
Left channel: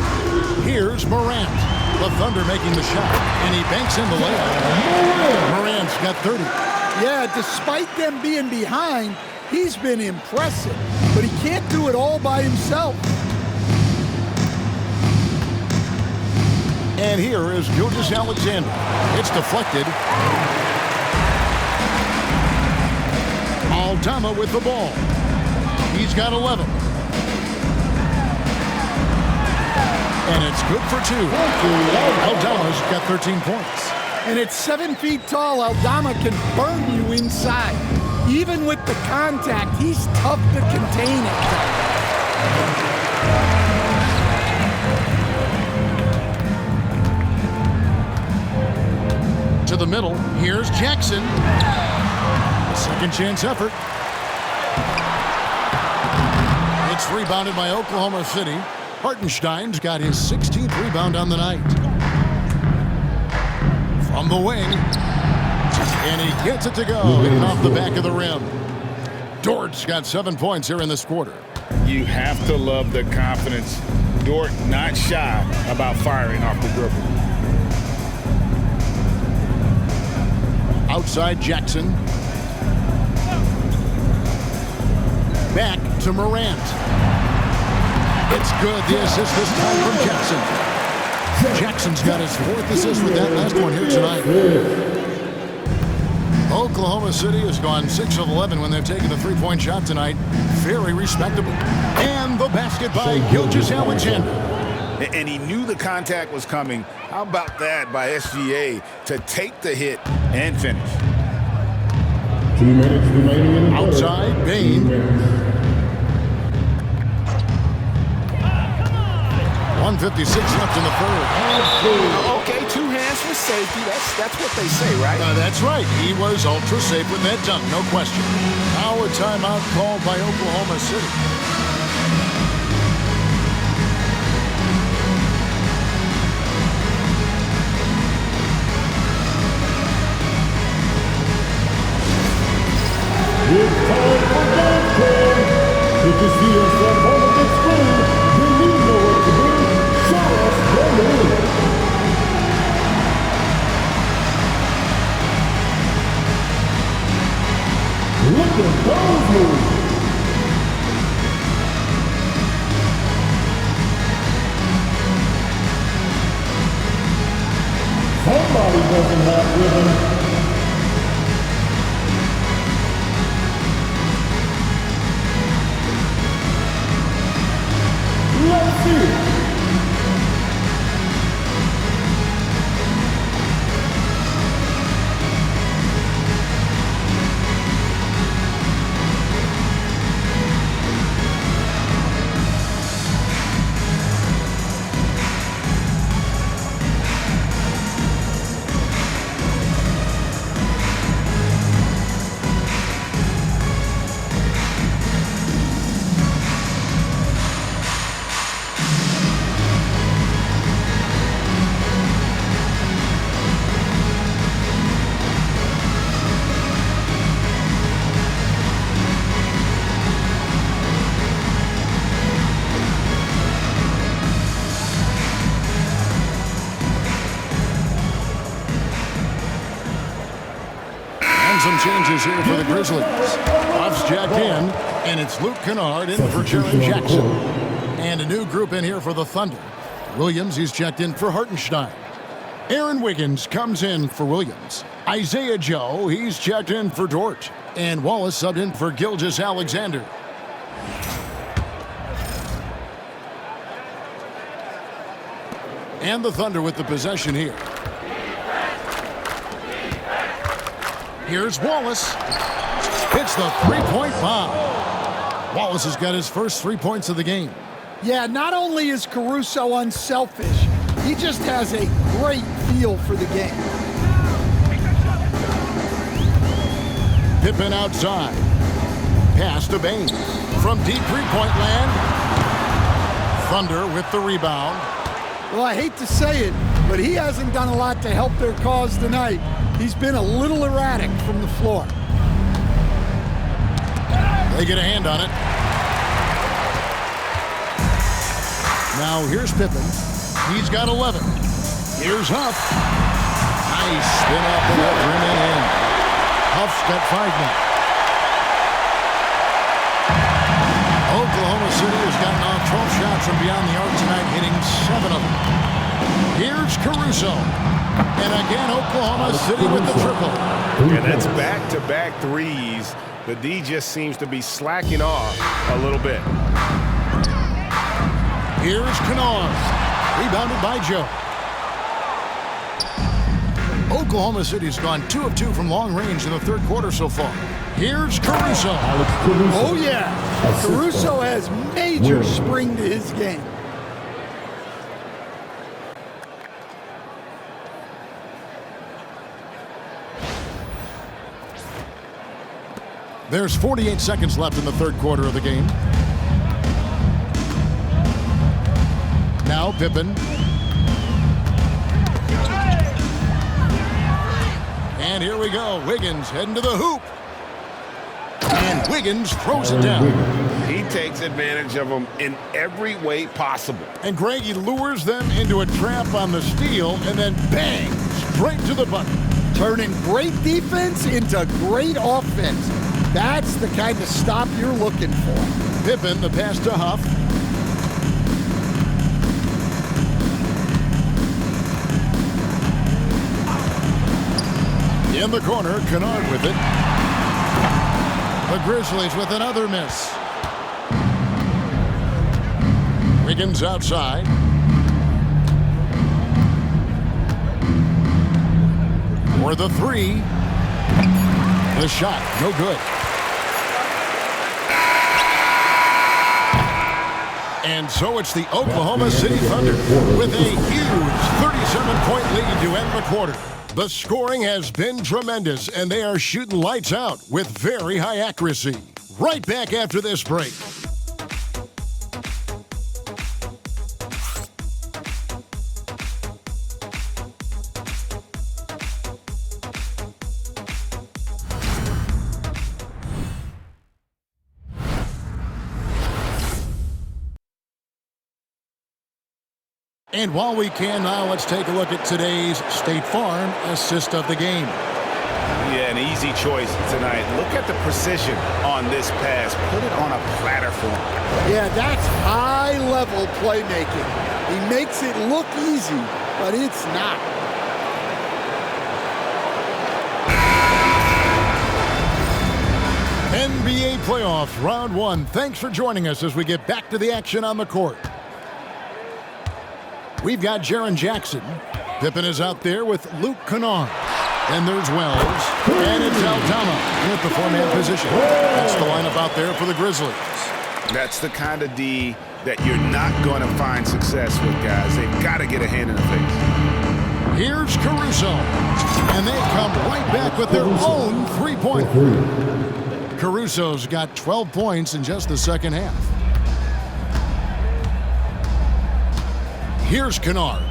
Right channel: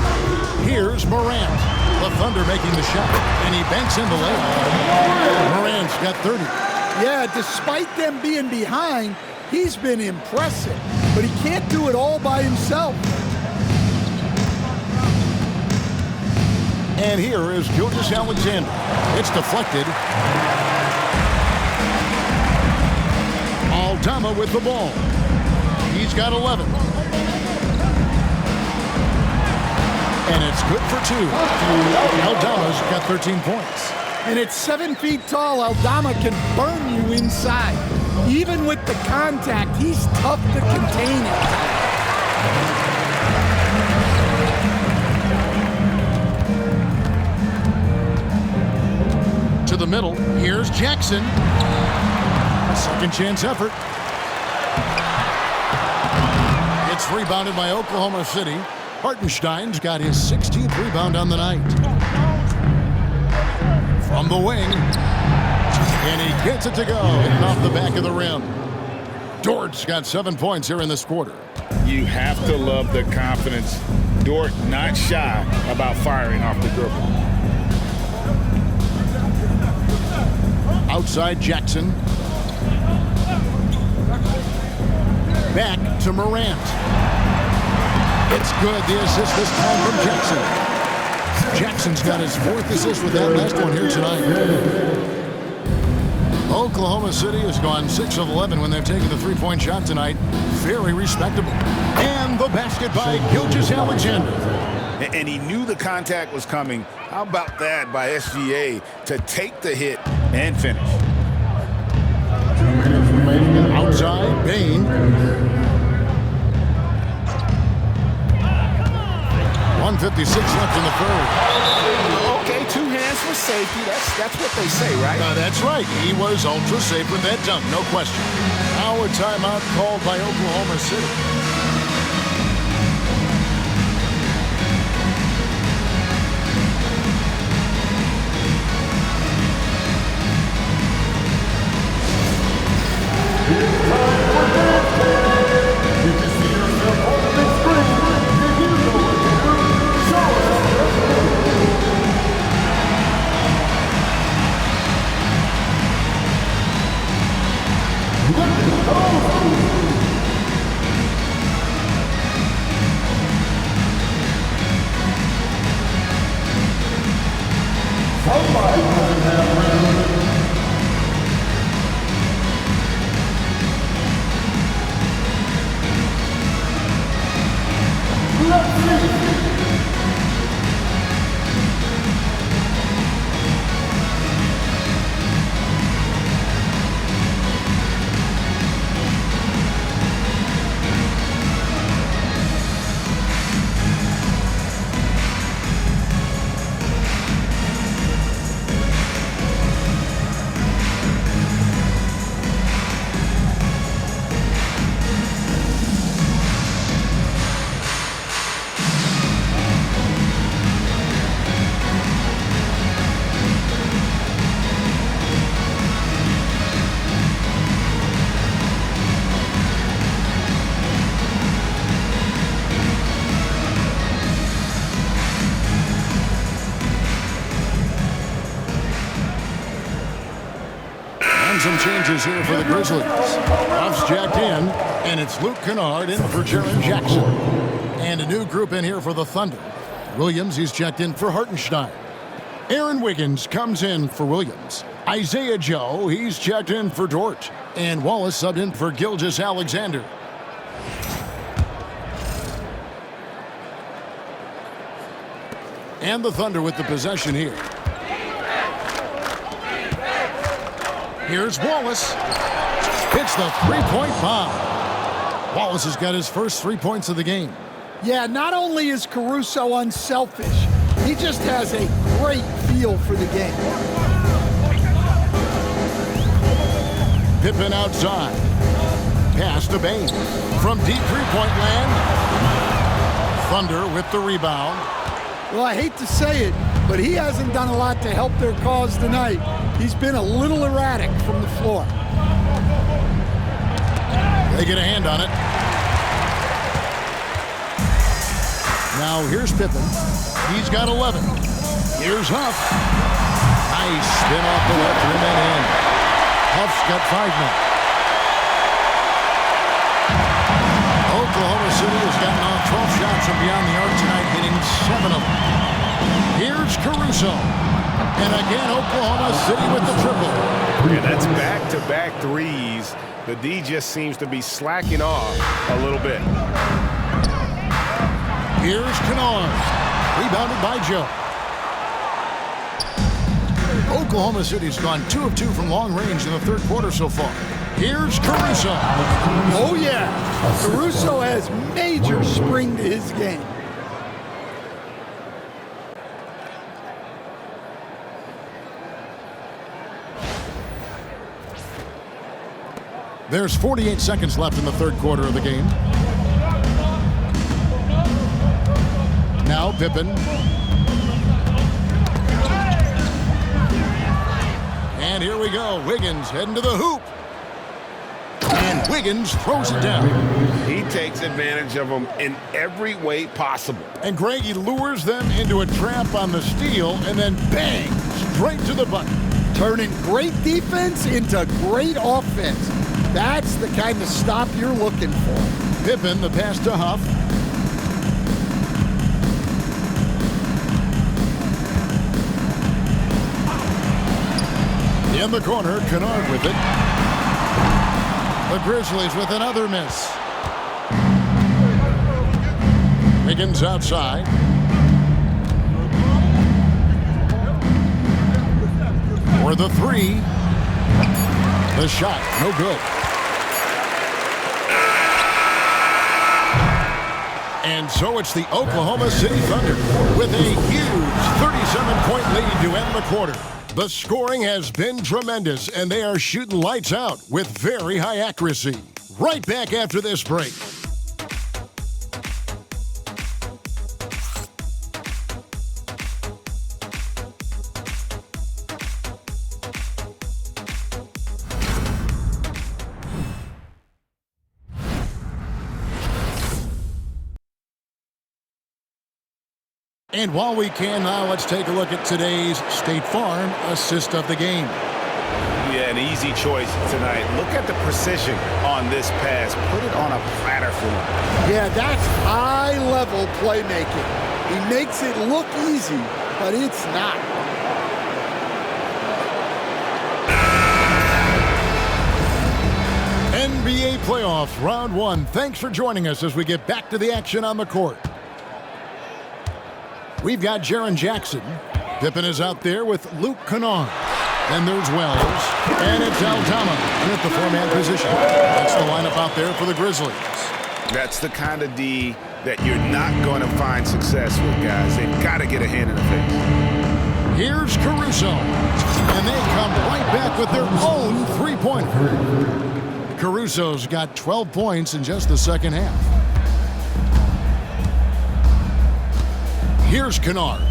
Here's Morant. The Thunder making the shot, and he banks in the layup. Morant's got 30. Yeah, despite them being behind, he's been impressive, but he can't do it all by himself. And here is Gilgeous-Alexander. It's deflected. Aldama with the ball. He's got 11. And it's good for 2. Aldama's got 13 points. And at 7 feet tall, Aldama can burn you inside. Even with the contact, he's tough to contain at times. To the middle, here's Jackson. A second chance effort. It's rebounded by Oklahoma City. Hartenstein's got his 16th rebound on the night. From the wing, and he gets it to go, hitting off the back of the rim. Dort's got 7 points here in this quarter. You have to love the confidence. Dort not shy about firing off the dribble. Outside Jackson. Back to Morant. It's good, the assist this time from Jackson. Jackson's got his 4th assist with that last one here tonight. Oklahoma City has gone 6 of 11 when they've taken the three-point shot tonight. Very respectable. And the basket by Gilgeous-Alexander. And he knew the contact was coming. How about that by SGA to take the hit and finish? 2 minutes remaining in the outside, Bane. 1:56 left in the third. Okay, 2 hands for safety. That's what they say, right? That's right. He was ultra safe with that dunk, no question. Now a timeout called by Oklahoma City. It's time for dance time. Did you see yourself on the big screen? Then you know what to do. Show us your move. Look at those moves. Somebody doesn't have rhythm. Let's see. Some changes here for the Grizzlies. Ruff's jacked in, and it's Luke Kennard in for Jaren Jackson. And a new group in here for the Thunder. Williams, he's checked in for Hartenstein. Aaron Wiggins comes in for Williams. Isaiah Joe, he's checked in for Dort. And Wallace subbed in for Gilgeous-Alexander. And the Thunder with the possession here. Here's Wallace. Hits the three-point bomb. Wallace has got his first 3 points of the game. Yeah, not only is Caruso unselfish, he just has a great feel for the game. Pippen outside. Pass to Bane. From deep three-point land. Thunder with the rebound. Well, I hate to say it, but he hasn't done a lot to help their cause tonight. He's been a little erratic from the floor. They get a hand on it. Now here's Pippen. He's got 11. Here's Huff. Nice spin off the left rim and in. Huff's got 5 now. Oklahoma City has gotten off 12 shots from beyond the arc tonight, hitting 7 of them. Here's Caruso. And again, Oklahoma City with the triple. Yeah, that's back-to-back threes. The D just seems to be slacking off a little bit. Here's Kennard. Rebounded by Joe. Oklahoma City's gone 2 of 2 from long range in the third quarter so far. Here's Caruso. Oh, yeah. Caruso has major spring to his game. There's 48 seconds left in the third quarter of the game. Now Pippen. And here we go. Wiggins heading to the hoop. And Wiggins throws it down. He takes advantage of them in every way possible. And Greg, he lures them into a trap on the steal and then bang, straight to the bucket. Turning great defense into great offense. That's the kind of stop you're looking for. Pippen, the pass to Huff. In the corner, Kennard with it. The Grizzlies with another miss. Wiggins outside. For the three. The shot, no good. And so it's the Oklahoma City Thunder with a huge 37-point lead to end the quarter. The scoring has been tremendous, and they are shooting lights out with very high accuracy. Right back after this break. And while we can now, let's take a look at today's State Farm assist of the game. Yeah, an easy choice tonight. Look at the precision on this pass. Put it on a platter for him. Yeah, that's high-level playmaking. He makes it look easy, but it's not. NBA playoffs, round one. Thanks for joining us as we get back to the action on the court. We've got Jaren Jackson. Pippen is out there with Luke Kennard. Then there's Wells. And it's Aldama in at the four-man position. That's the lineup out there for the Grizzlies. That's the kind of D that you're not going to find success with, guys. They've got to get a hand in the face. Here's Caruso. And they come right back with their own three-pointer. Caruso's got 12 points in just the second half. Here's Kennard.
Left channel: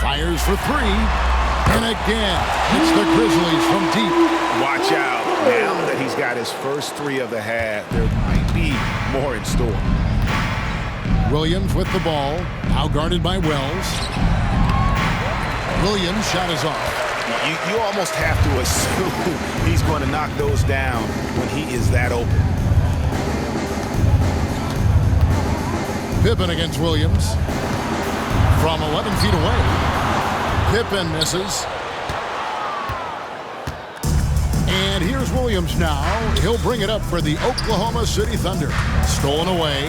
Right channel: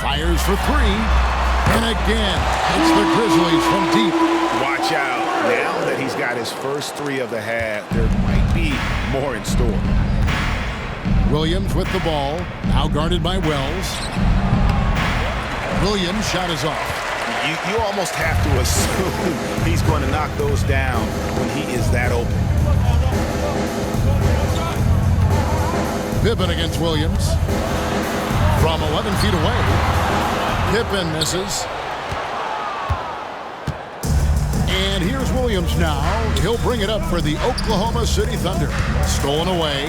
Fires for three. And again, it's the Grizzlies from deep. Watch out. Now that he's got his first three of the half, there might be more in store. Williams with the ball. Now guarded by Wells. Williams' shot is off. You almost have to assume he's going to knock those down when he is that open. Pippen against Williams. From 11 feet away, Pippen misses. And here's Williams now. He'll bring it up for the Oklahoma City Thunder. Stolen away.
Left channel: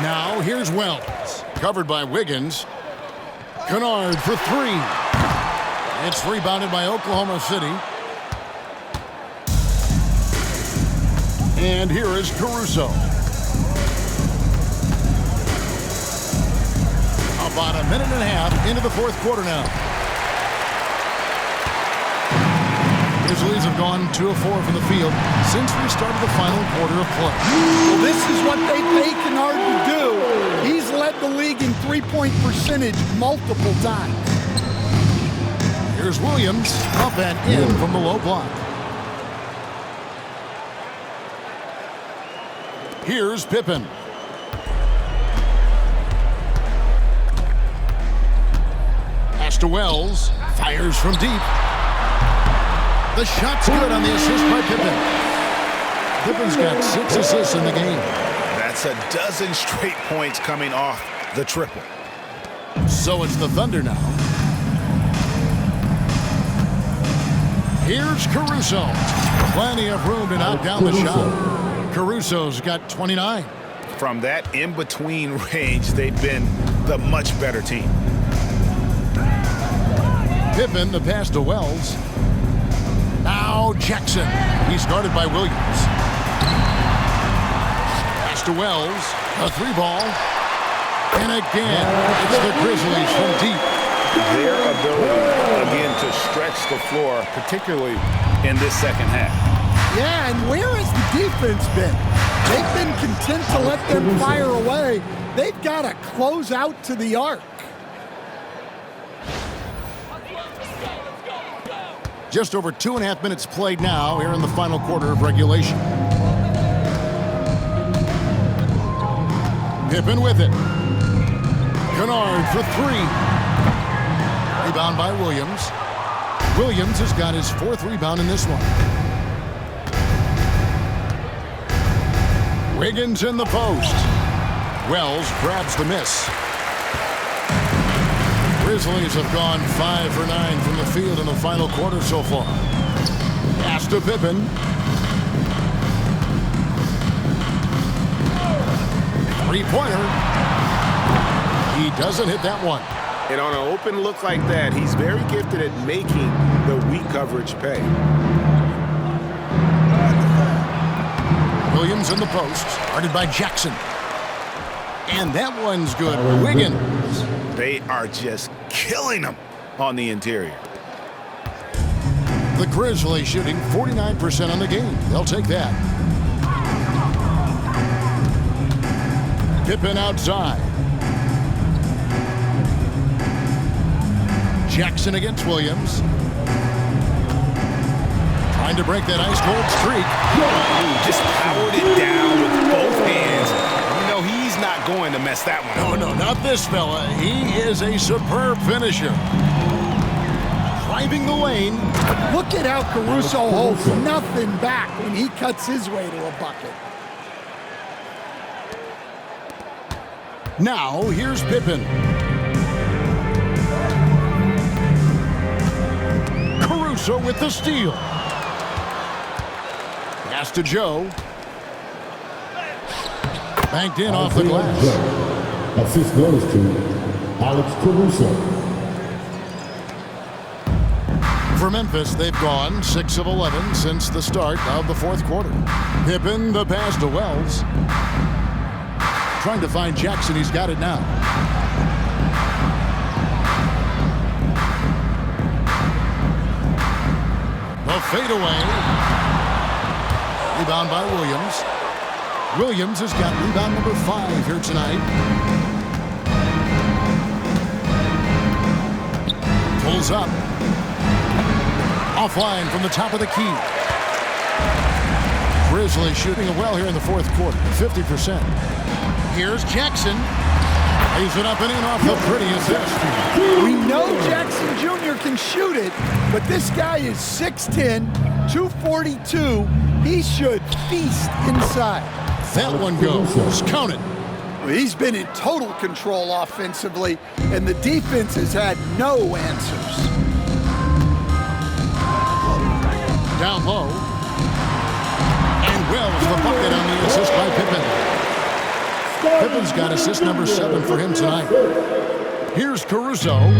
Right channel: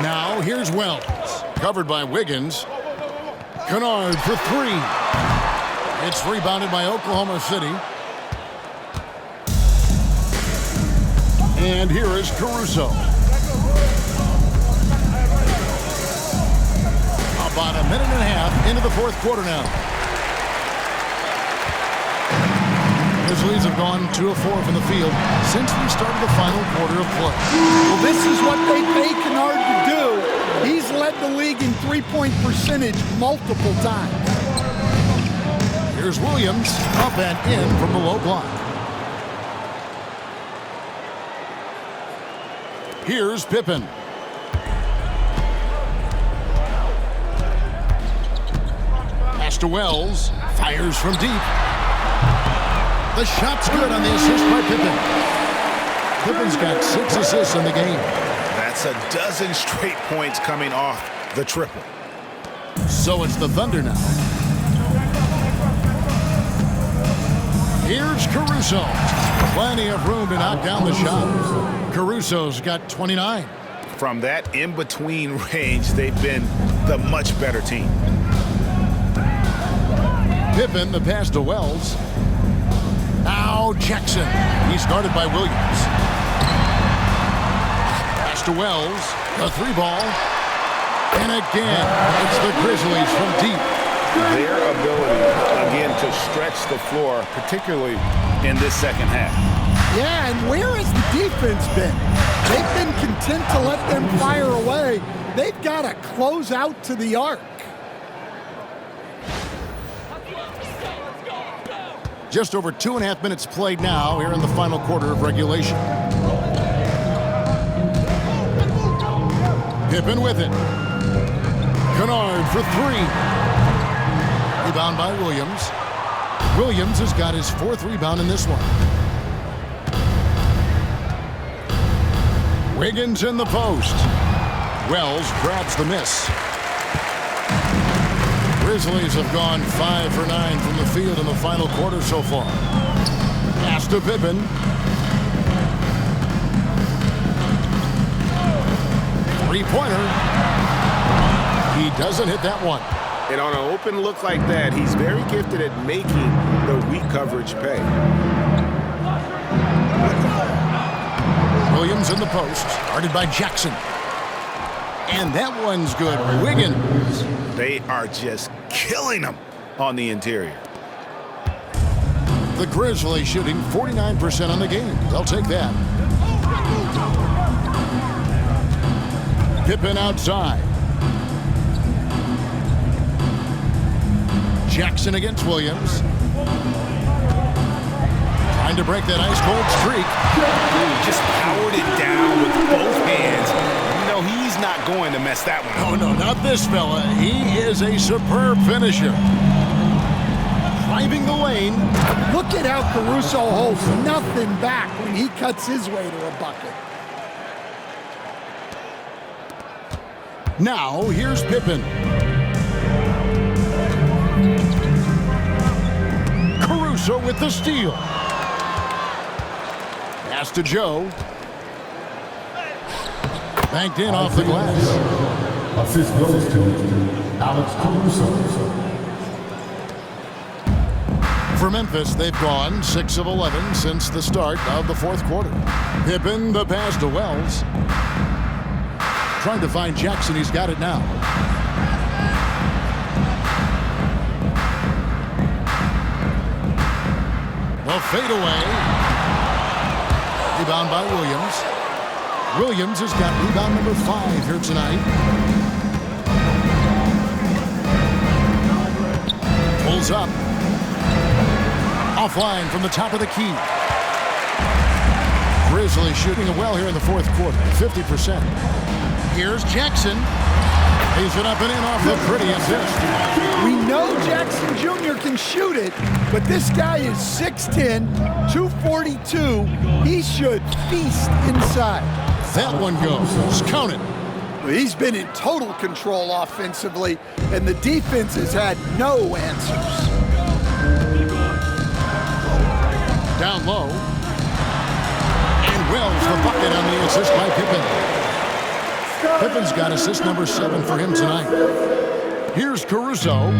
Now here's Wells. Covered by Wiggins. Kennard for three. It's rebounded by Oklahoma City. And here is Caruso. About a minute and a half into the fourth quarter now. Grizzlies have gone 2 of 4 from the field since we started the final quarter of play. Well, this is what they pay Kennard to do. He's led the league in three-point percentage multiple times. Here's Williams, up and in from the low block. Here's Pippen. Pass to Wells, fires from deep. The shot's good on the assist by Pippen. Pippen's got 6 assists in the game. That's a dozen straight points coming off the triple. So it's the Thunder now. Here's Caruso. Plenty of room to knock down the shot. Caruso's got 29. From that in-between range, they've been the much better team. Pippen, the pass to Wells. Now Jackson. He's guarded by Williams. Pass to Wells. A 3-ball. And again, it's the Grizzlies from deep. Their ability, again, to stretch the floor, particularly in this second half. Yeah, and where has the defense been? They've been content to let them fire away. They've got to close out to the arc. Just over 2.5 minutes played now here in the final quarter of regulation. Pippen with it. Kennard for 3. Rebound by Williams. Williams has got his 4th rebound in this one. Wiggins in the post. Wells grabs the miss. Grizzlies have gone 5 for 9 from the field in the final quarter so far. Pass to Pippen. 3-pointer. He doesn't hit that one. And on an open look like that, he's very gifted at making the weak coverage pay. Williams in the post, guarded by Jackson. And that one's good. Wiggins. They are just killing them on the interior. The Grizzlies shooting 49% on the game. They'll take that. Pippen outside. Jackson against Williams. Trying to break that ice-cold streak. Ooh, just powered it down with both hands. You know he's not going to mess that one up. No, not this fella. He is a superb finisher. Driving the lane. Look at how Caruso holds nothing back when he cuts his way to a bucket. Now, here's Pippen. Caruso with the steal. Pass to Joe. Banked in off the glass. Assist goes to Alex Caruso. For Memphis, they've gone 6 of 11 since the start of the fourth quarter. Pippen, the pass to Wells. Trying to find Jackson. He's got it now. The fadeaway. Rebound by Williams. Williams has got rebound number 5 here tonight. Pulls up. Offline from the top of the key. Grizzlies shooting it well here in the fourth quarter, 50%. Here's Jackson. Lays it up and in off the pretty assist. We know Jackson Jr. can shoot it, but this guy is 6'10", 242. He should feast inside. That one goes. Count it. Well, he's been in total control offensively, and the defense has had no answers. Down low. And Wells the bucket on the assist by Pippen. Pippen's got assist number 7 for him tonight. Here's Caruso.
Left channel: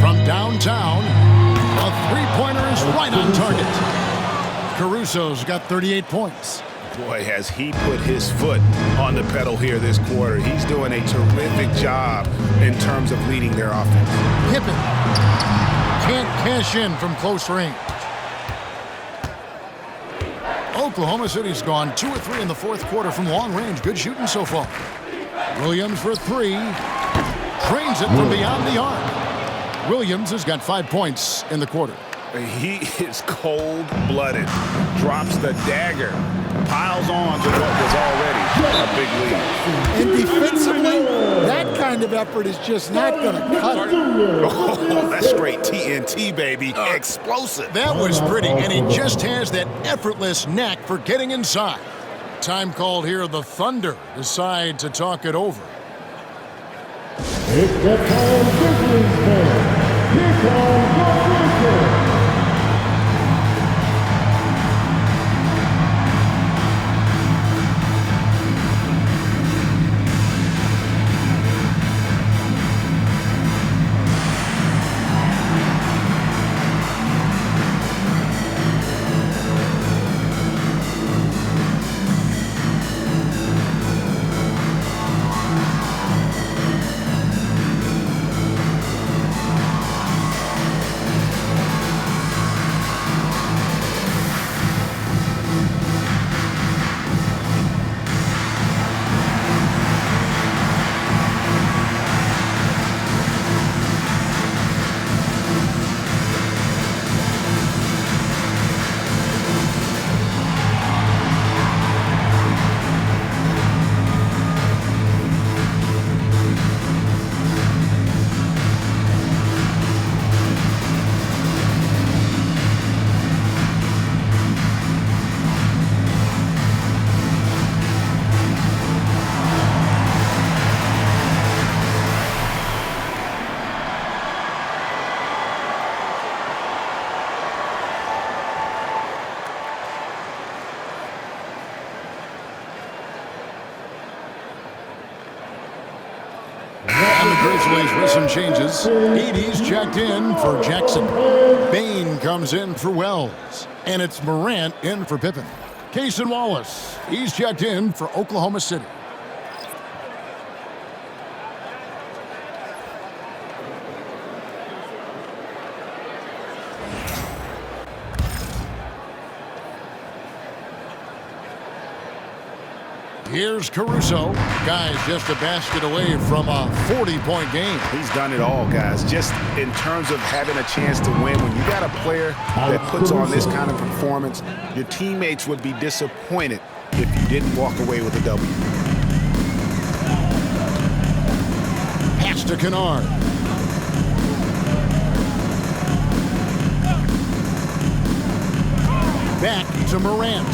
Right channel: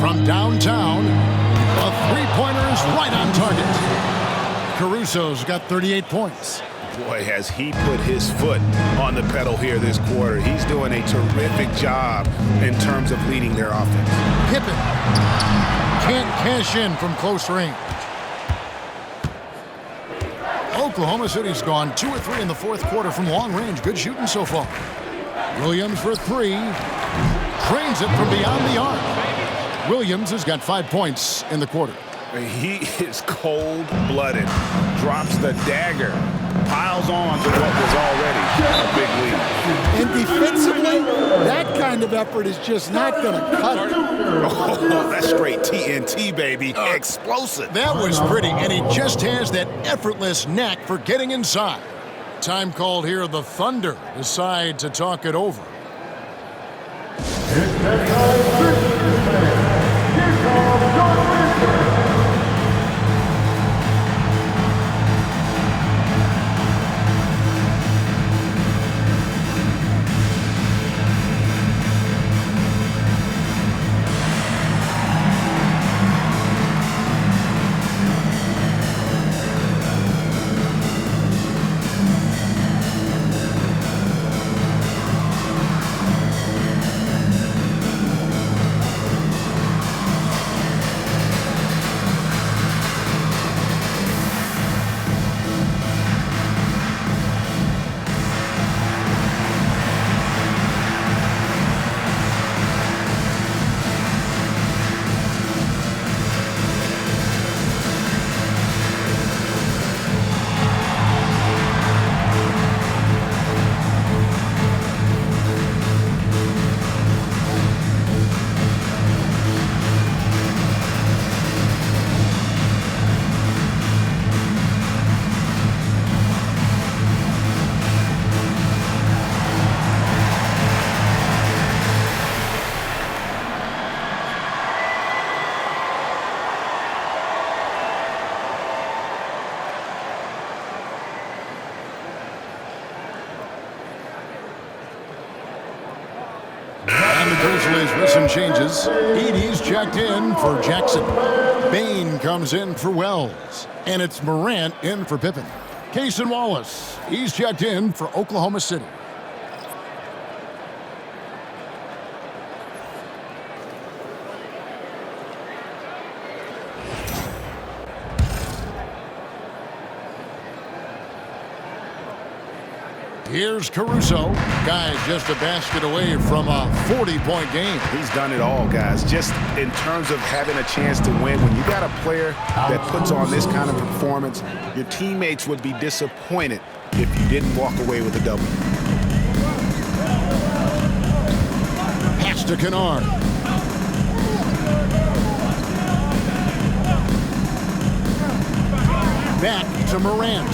From downtown, a three-pointer is right on target. Caruso's got 38 points. Boy, has he put his foot on the pedal here this quarter. He's doing a terrific job in terms of leading their offense. Pippen can't cash in from close range. Oklahoma City's gone 2 of 3 in the fourth quarter from long range. Good shooting so far. Williams for 3. Trains it from beyond the arc. Williams has got 5 points in the quarter. He is cold-blooded. Drops the dagger. Piles on to what was already a big lead. And defensively, that kind of effort is just not going to cut it. Oh, that's straight TNT, baby. Explosive. That was pretty, and he just has that effortless knack for getting inside. Time called here. The Thunder decide to talk it over. It's that time, Grizzlies fans. Here comes your Grizzlies. And the Grizzlies with some changes. Edey's checked in for Jackson. Bane comes in for Wells. And it's Morant in for Pippen. Cason Wallace, he's checked in for Oklahoma City. Here's Caruso. Guys, just a basket away from a 40-point game. He's done it all, guys. Just in terms of having a chance to win, when you got a player that puts on this kind of performance, your teammates would be disappointed if you didn't walk away with a W. Pass to Kennard. Back to Morant.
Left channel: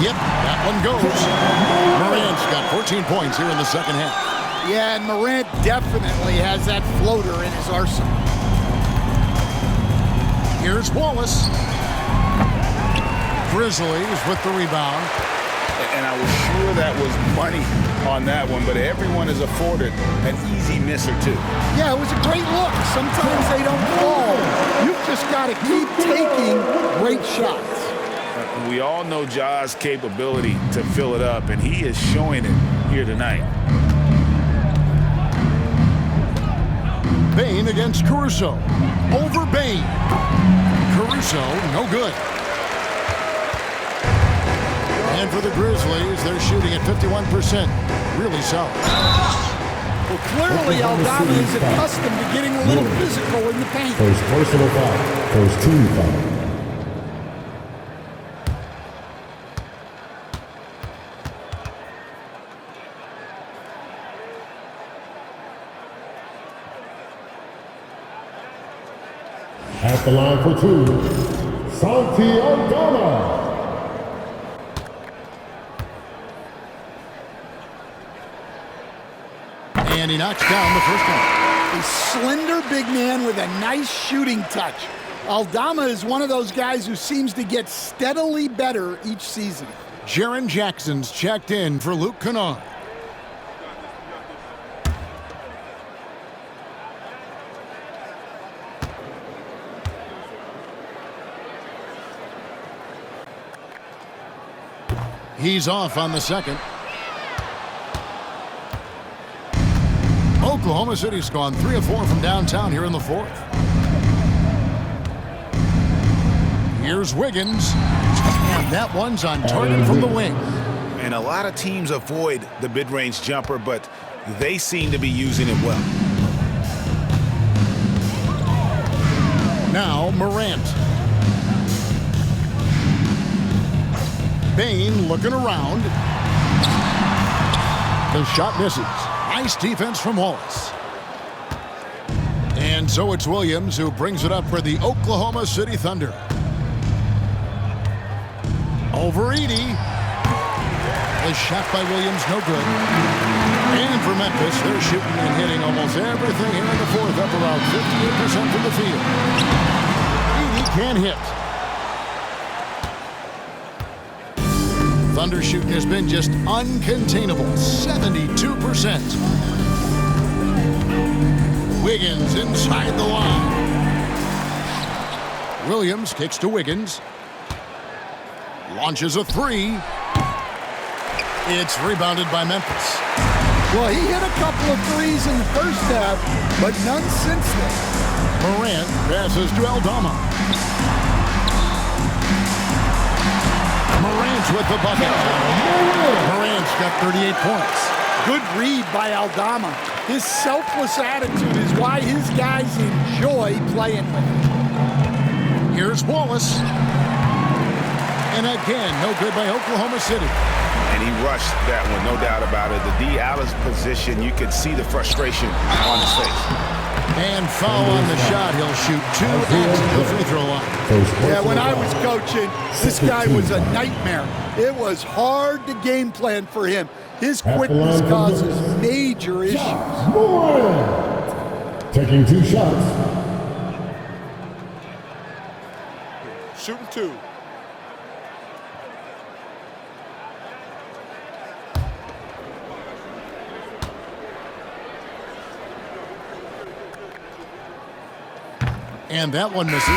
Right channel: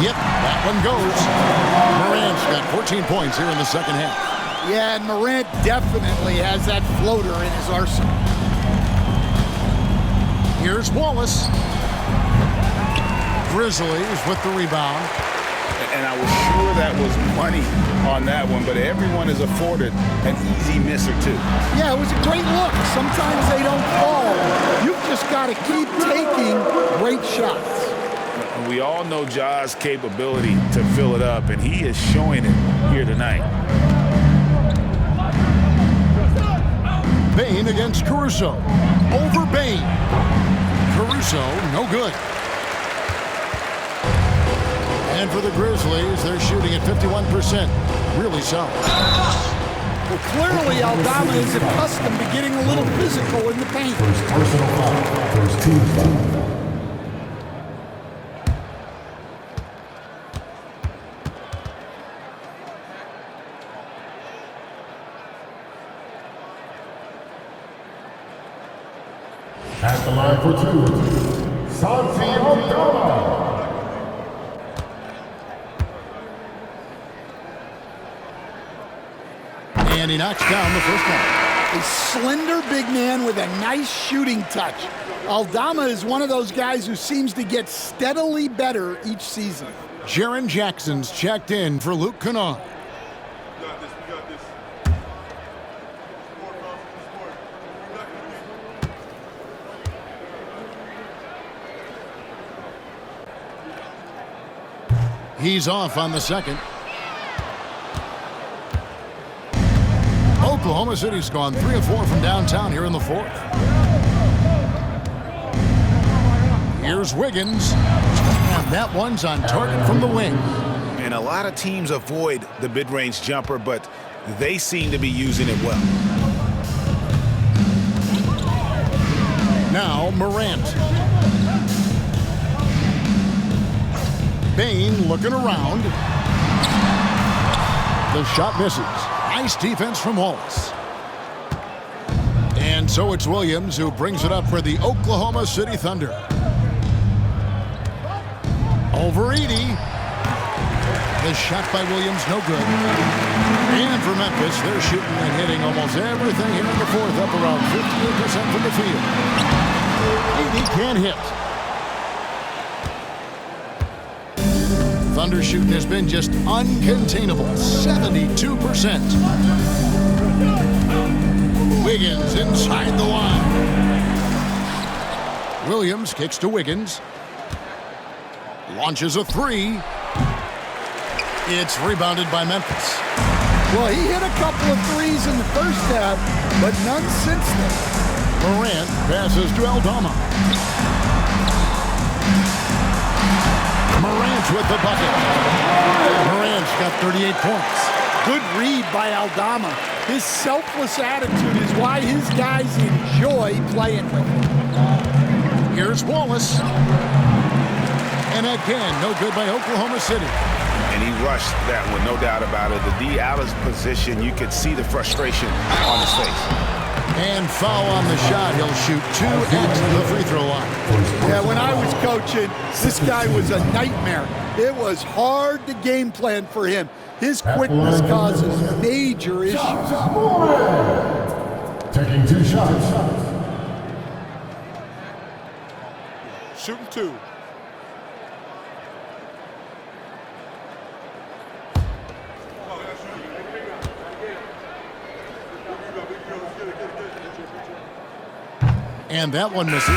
Yep, that one goes. Morant's got 14 points here in the second half. Yeah, and Morant definitely has that floater in his arsenal. Here's Wallace. Grizzlies with the rebound. And I was sure that was money on that one, but everyone is afforded an easy miss or two. Yeah, it was a great look. Sometimes they don't fall. You've just got to keep taking great shots. We all know Ja's capability to fill it up, and he is showing it here tonight. Bane against Caruso. Over Bane. Caruso, no good. And for the Grizzlies, they're shooting at 51%. Really solid. Well, clearly Aldama is accustomed to getting a little physical in the paint. First personal foul. First team foul. At the line for two, Santi Aldama. And he knocks down the first one. A slender big man with a nice shooting touch. Aldama is one of those guys who seems to get steadily better each season. Jaren Jackson's checked in for Luke Kennard. He's off on the second. Oklahoma City's gone 3 of 4 from downtown here in the fourth. Here's Wiggins, and that one's on target from the wing. And a lot of teams avoid the mid-range jumper, but they seem to be using it well. Now Morant. Bane looking around. The shot misses. Nice defense from Wallace. And so it's Williams who brings it up for the Oklahoma City Thunder. Over Edey. The shot by Williams, no good. And for Memphis, they're shooting and hitting almost everything here in the fourth, up around 58% from the field. Edey can't hit. Thunder shooting has been just uncontainable, 72%. Wiggins inside the line. Williams kicks to Wiggins. Launches a three. It's rebounded by Memphis. Well, he hit a couple of threes in the first half, but none since then. Morant passes to Aldama. Morant with the bucket. Morant's got 38 points. Good read by Aldama. His selfless attitude is why his guys enjoy playing with him. Here's Wallace. And again, no good by Oklahoma City. And he rushed that one, no doubt about it. The D. Alice position, you could see the frustration on his face. And foul on the shot. He'll shoot 2 at the free throw line. Yeah, when I was coaching, this guy was a nightmare. It was hard to game plan for him. His quickness causes major issues. Taking 2 shots. Shooting 2. And that one misses.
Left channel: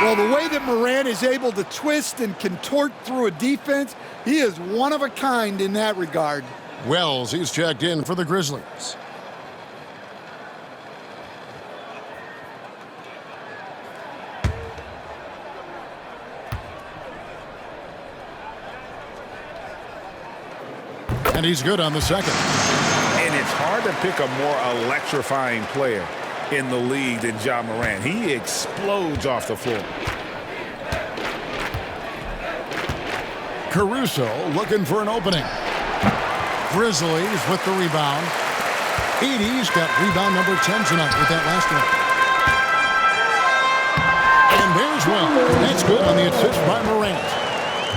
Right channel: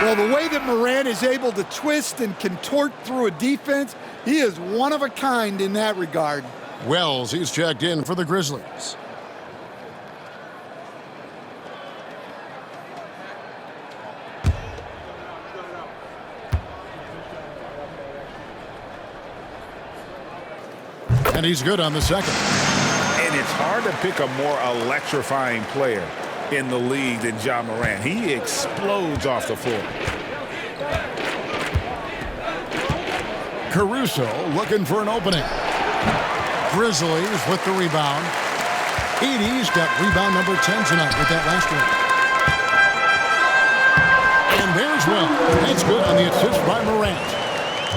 Well, the way that Morant is able to twist and contort through a defense, he is one of a kind in that regard. Wells, he's checked in for the Grizzlies. And he's good on the second. And it's hard to pick a more electrifying player in the league than Ja Morant. He explodes off the floor. Caruso looking for an opening. Grizzlies with the rebound. Edey's got rebound number 10 tonight with that last one. And there's Wells. That's good on the assist by Morant.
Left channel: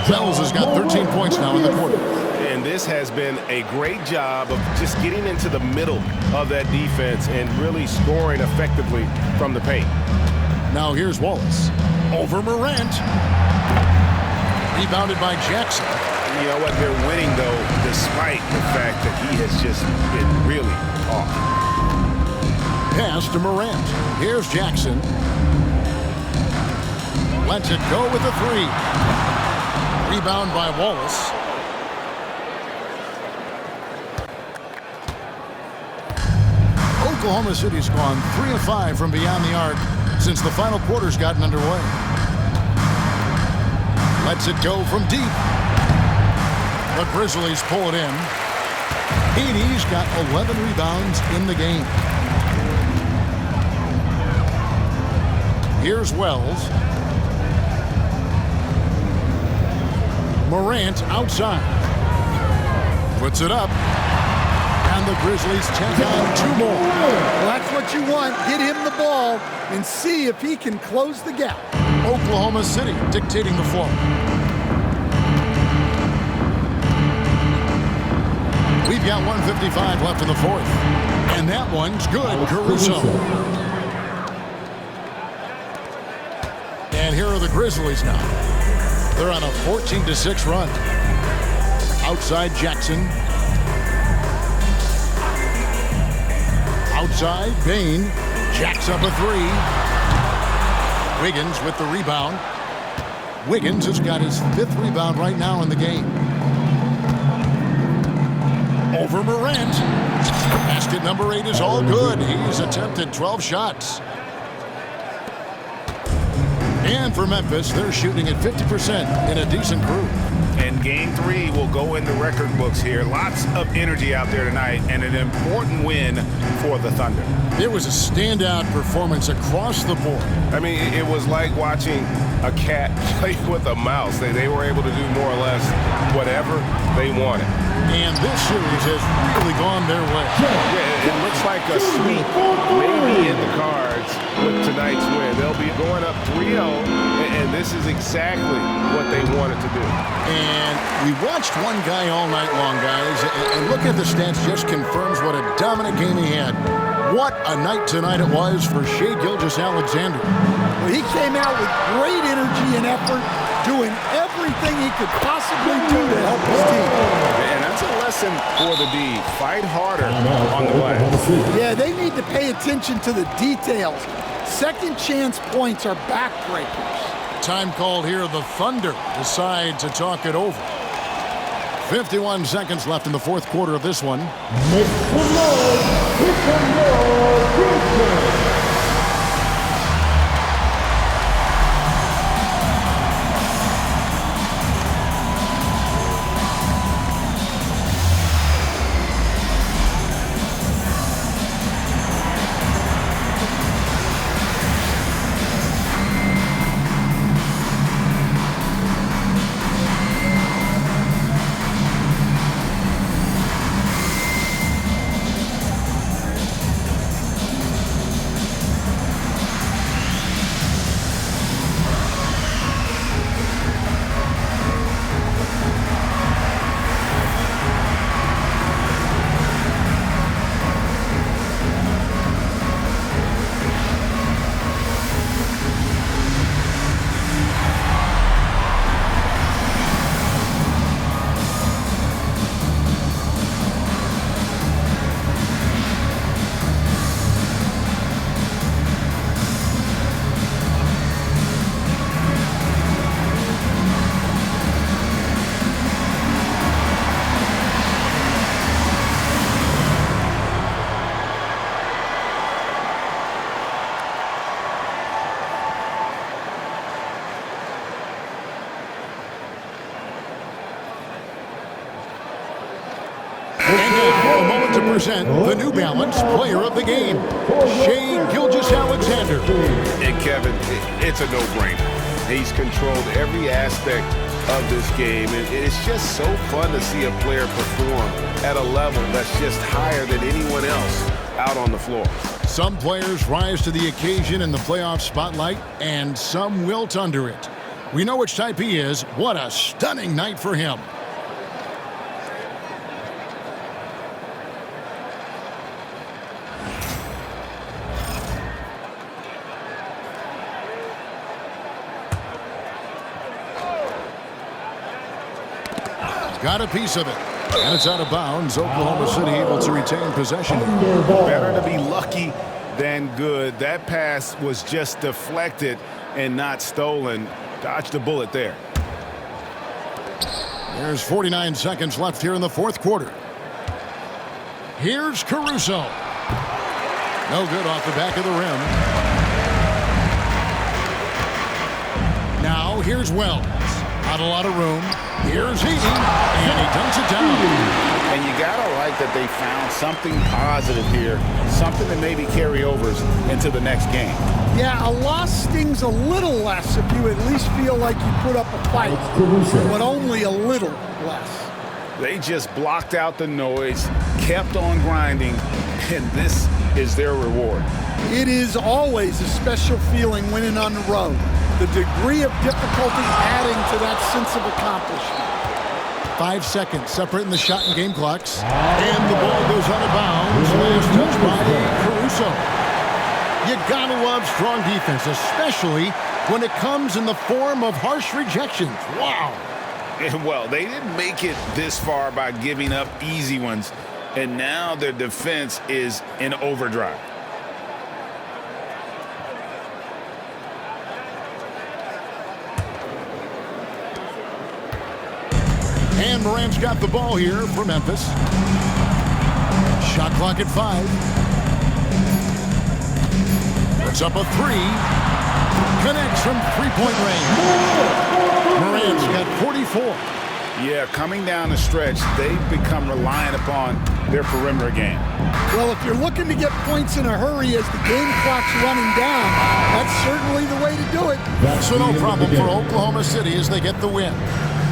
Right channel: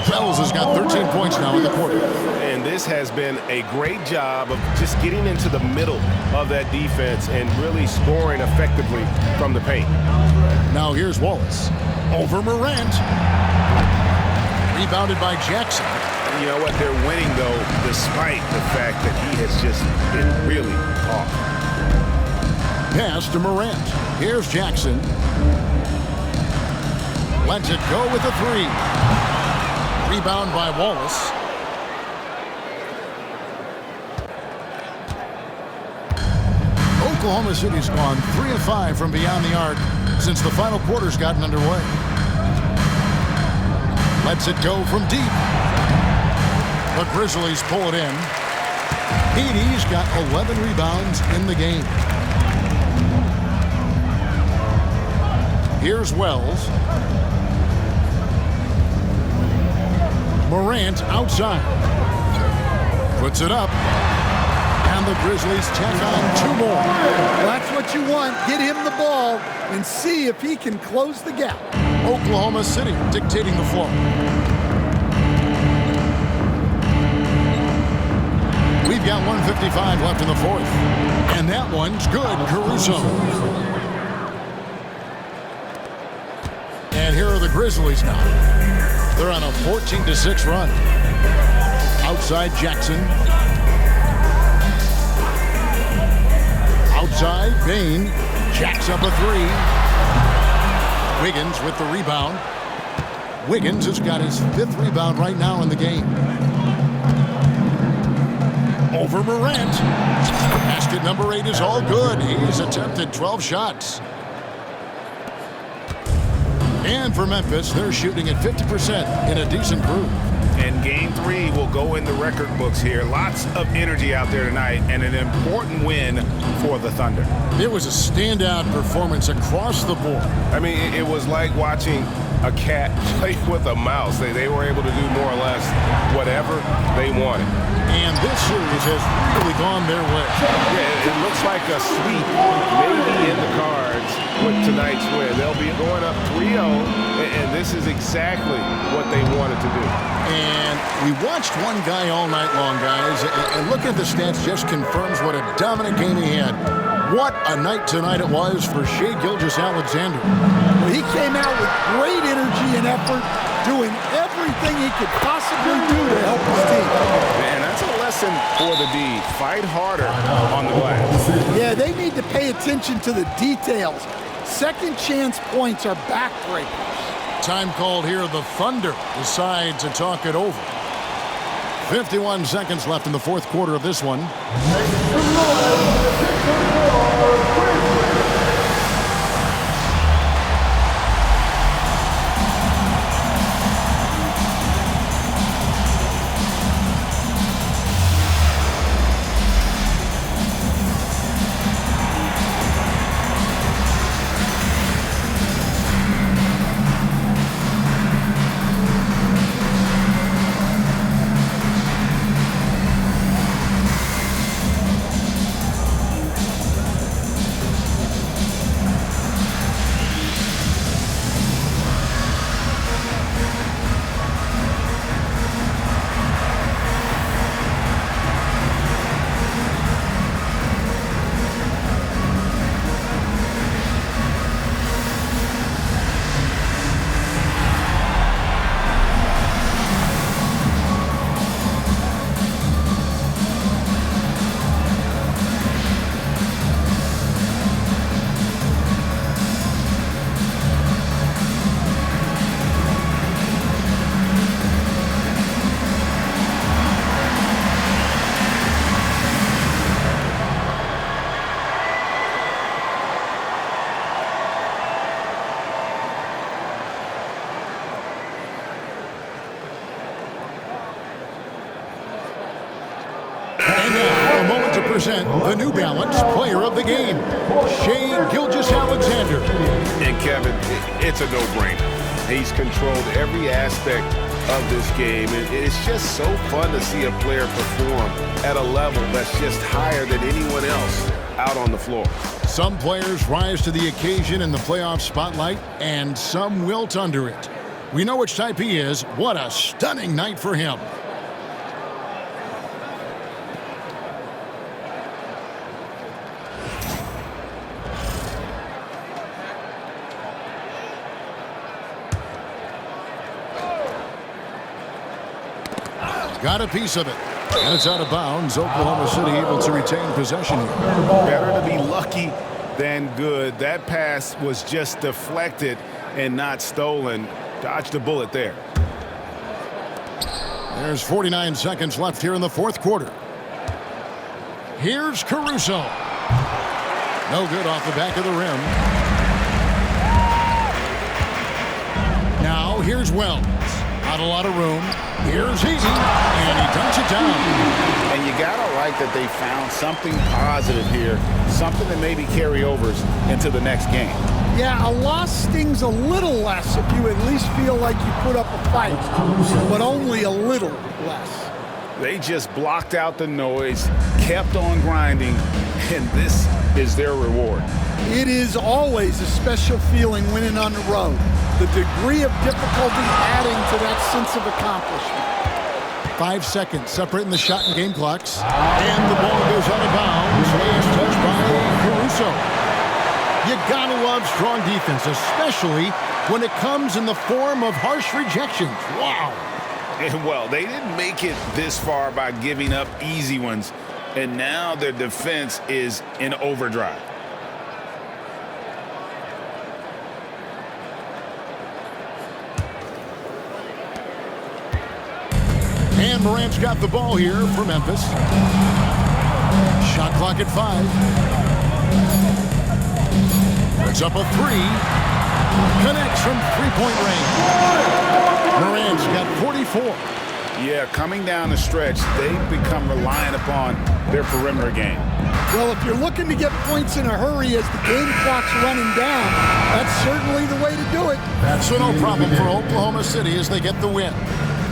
Wells has got 13 points now in the quarter. And this has been a great job of just getting into the middle of that defense and really scoring effectively from the paint. Now here's Wallace. Over Morant. Rebounded by Jackson. You know what? They're winning, though, despite the fact that he has just been really off. Pass to Morant. Here's Jackson. Lets it go with a three. Rebound by Wallace. Oklahoma City's gone 3 of 5 from beyond the arc since the final quarter's gotten underway. Lets it go from deep. The Grizzlies pull it in. Edey's got 11 rebounds in the game. Here's Wells. Morant outside. Puts it up. And the Grizzlies check on 2 more. Well, that's what you want. Get him the ball and see if he can close the gap. Oklahoma City dictating the flow. We've got 1:55 left in the fourth. And that one's good, Caruso. And here are the Grizzlies now. They're on a 14-6 run. Outside Jackson. Outside Bane. Jacks up a 3. Wiggins with the rebound. Wiggins has got his 5th rebound right now in the game. Over Morant. Basket number 8 is all good. He's attempted 12 shots. And for Memphis, they're shooting at 50% in a decent group. And game 3 will go in the record books here. Lots of energy out there tonight and an important win for the Thunder. It was a standout performance across the board. I mean, it was like watching a cat play with a mouse. They were able to do more or less whatever they wanted. And this series has really gone their way. Yeah, it looks like a sweep maybe in the cards with tonight's win. They'll be going up 3-0, and this is exactly what they wanted to do. And we watched one guy all night long, guys, and looking at the stats just confirms what a dominant game he had. What a night tonight it was for Shai Gilgeous-Alexander. Well, he came out with great energy and effort, doing everything he could possibly do to help his team. And that's a lesson for the D. Fight harder on the glass. Yeah, they need to pay attention to the details. Second chance points are backbreakers. Time called here. The Thunder decide to talk it over. 51 seconds left in the fourth quarter of this one. And now, a moment to present the New Balance Player of the Game, Shai Gilgeous-Alexander. And Kevin, it's a no-brainer. He's controlled every aspect of this game. And it's just so fun to see a player perform at a level that's just higher than anyone else out on the floor. Some players rise to the occasion in the playoff spotlight, and some wilt under it. We know which type he is. What a stunning night for him. Got a piece of it. And it's out of bounds. Oklahoma City able to retain possession here. Better to be lucky than good. That pass was just deflected and not stolen. Dodged a bullet there. There's 49 seconds left here in the fourth quarter. Here's Caruso. No good off the back of the rim. Now here's Wells. Not a lot of room. Here's Heaton, and he dunks it down. And you gotta like that they found something positive here, something that maybe carry overs into the next game. Yeah, a loss stings a little less if you at least feel like you put up a fight, but only a little less. They just blocked out the noise. kept on grinding, and this is their reward. It is always a special feeling winning on the road. The degree of difficulty adding to that sense of accomplishment. 5 seconds separating the shot and game clocks. And the ball goes out of bounds. Last touch by Caruso. You gotta love strong defense, especially when it comes in the form of harsh rejections. Wow. Well, they didn't make it this far by giving up easy ones, and now their defense is in overdrive. And Morant's got the ball here for Memphis. Shot clock at 5. Puts up a 3. Connects from three-point range. Morant's got 44. Yeah, coming down the stretch, they've become reliant upon their perimeter game. Well, if you're looking to get points in a hurry as the game clock's running down, that's certainly the way to do it. So no problem for Oklahoma City as they get the win.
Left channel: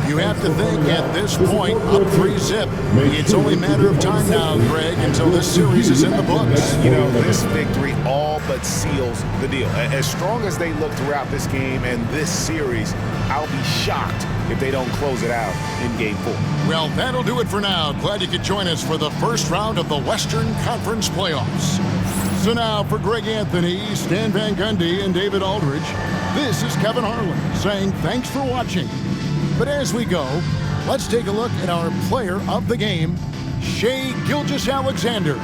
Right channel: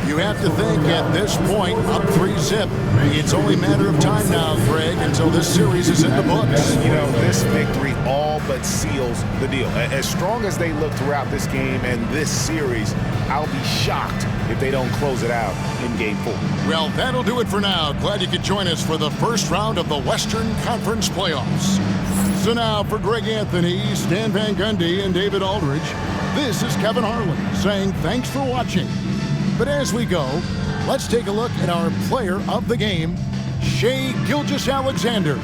You have to think at this point, up 3-zip. It's only a matter of time now, Greg, until this series is in the books. You know, this victory all but seals the deal. As strong as they look throughout this game and this series, I'll be shocked if they don't close it out in Game 4. Well, that'll do it for now. Glad you could join us for the first round of the Western Conference playoffs. So now for Greg Anthony, Stan Van Gundy, and David Aldridge, this is Kevin Harlan saying thanks for watching. But as we go, let's take a look at our player of the game, Shai Gilgeous-Alexander.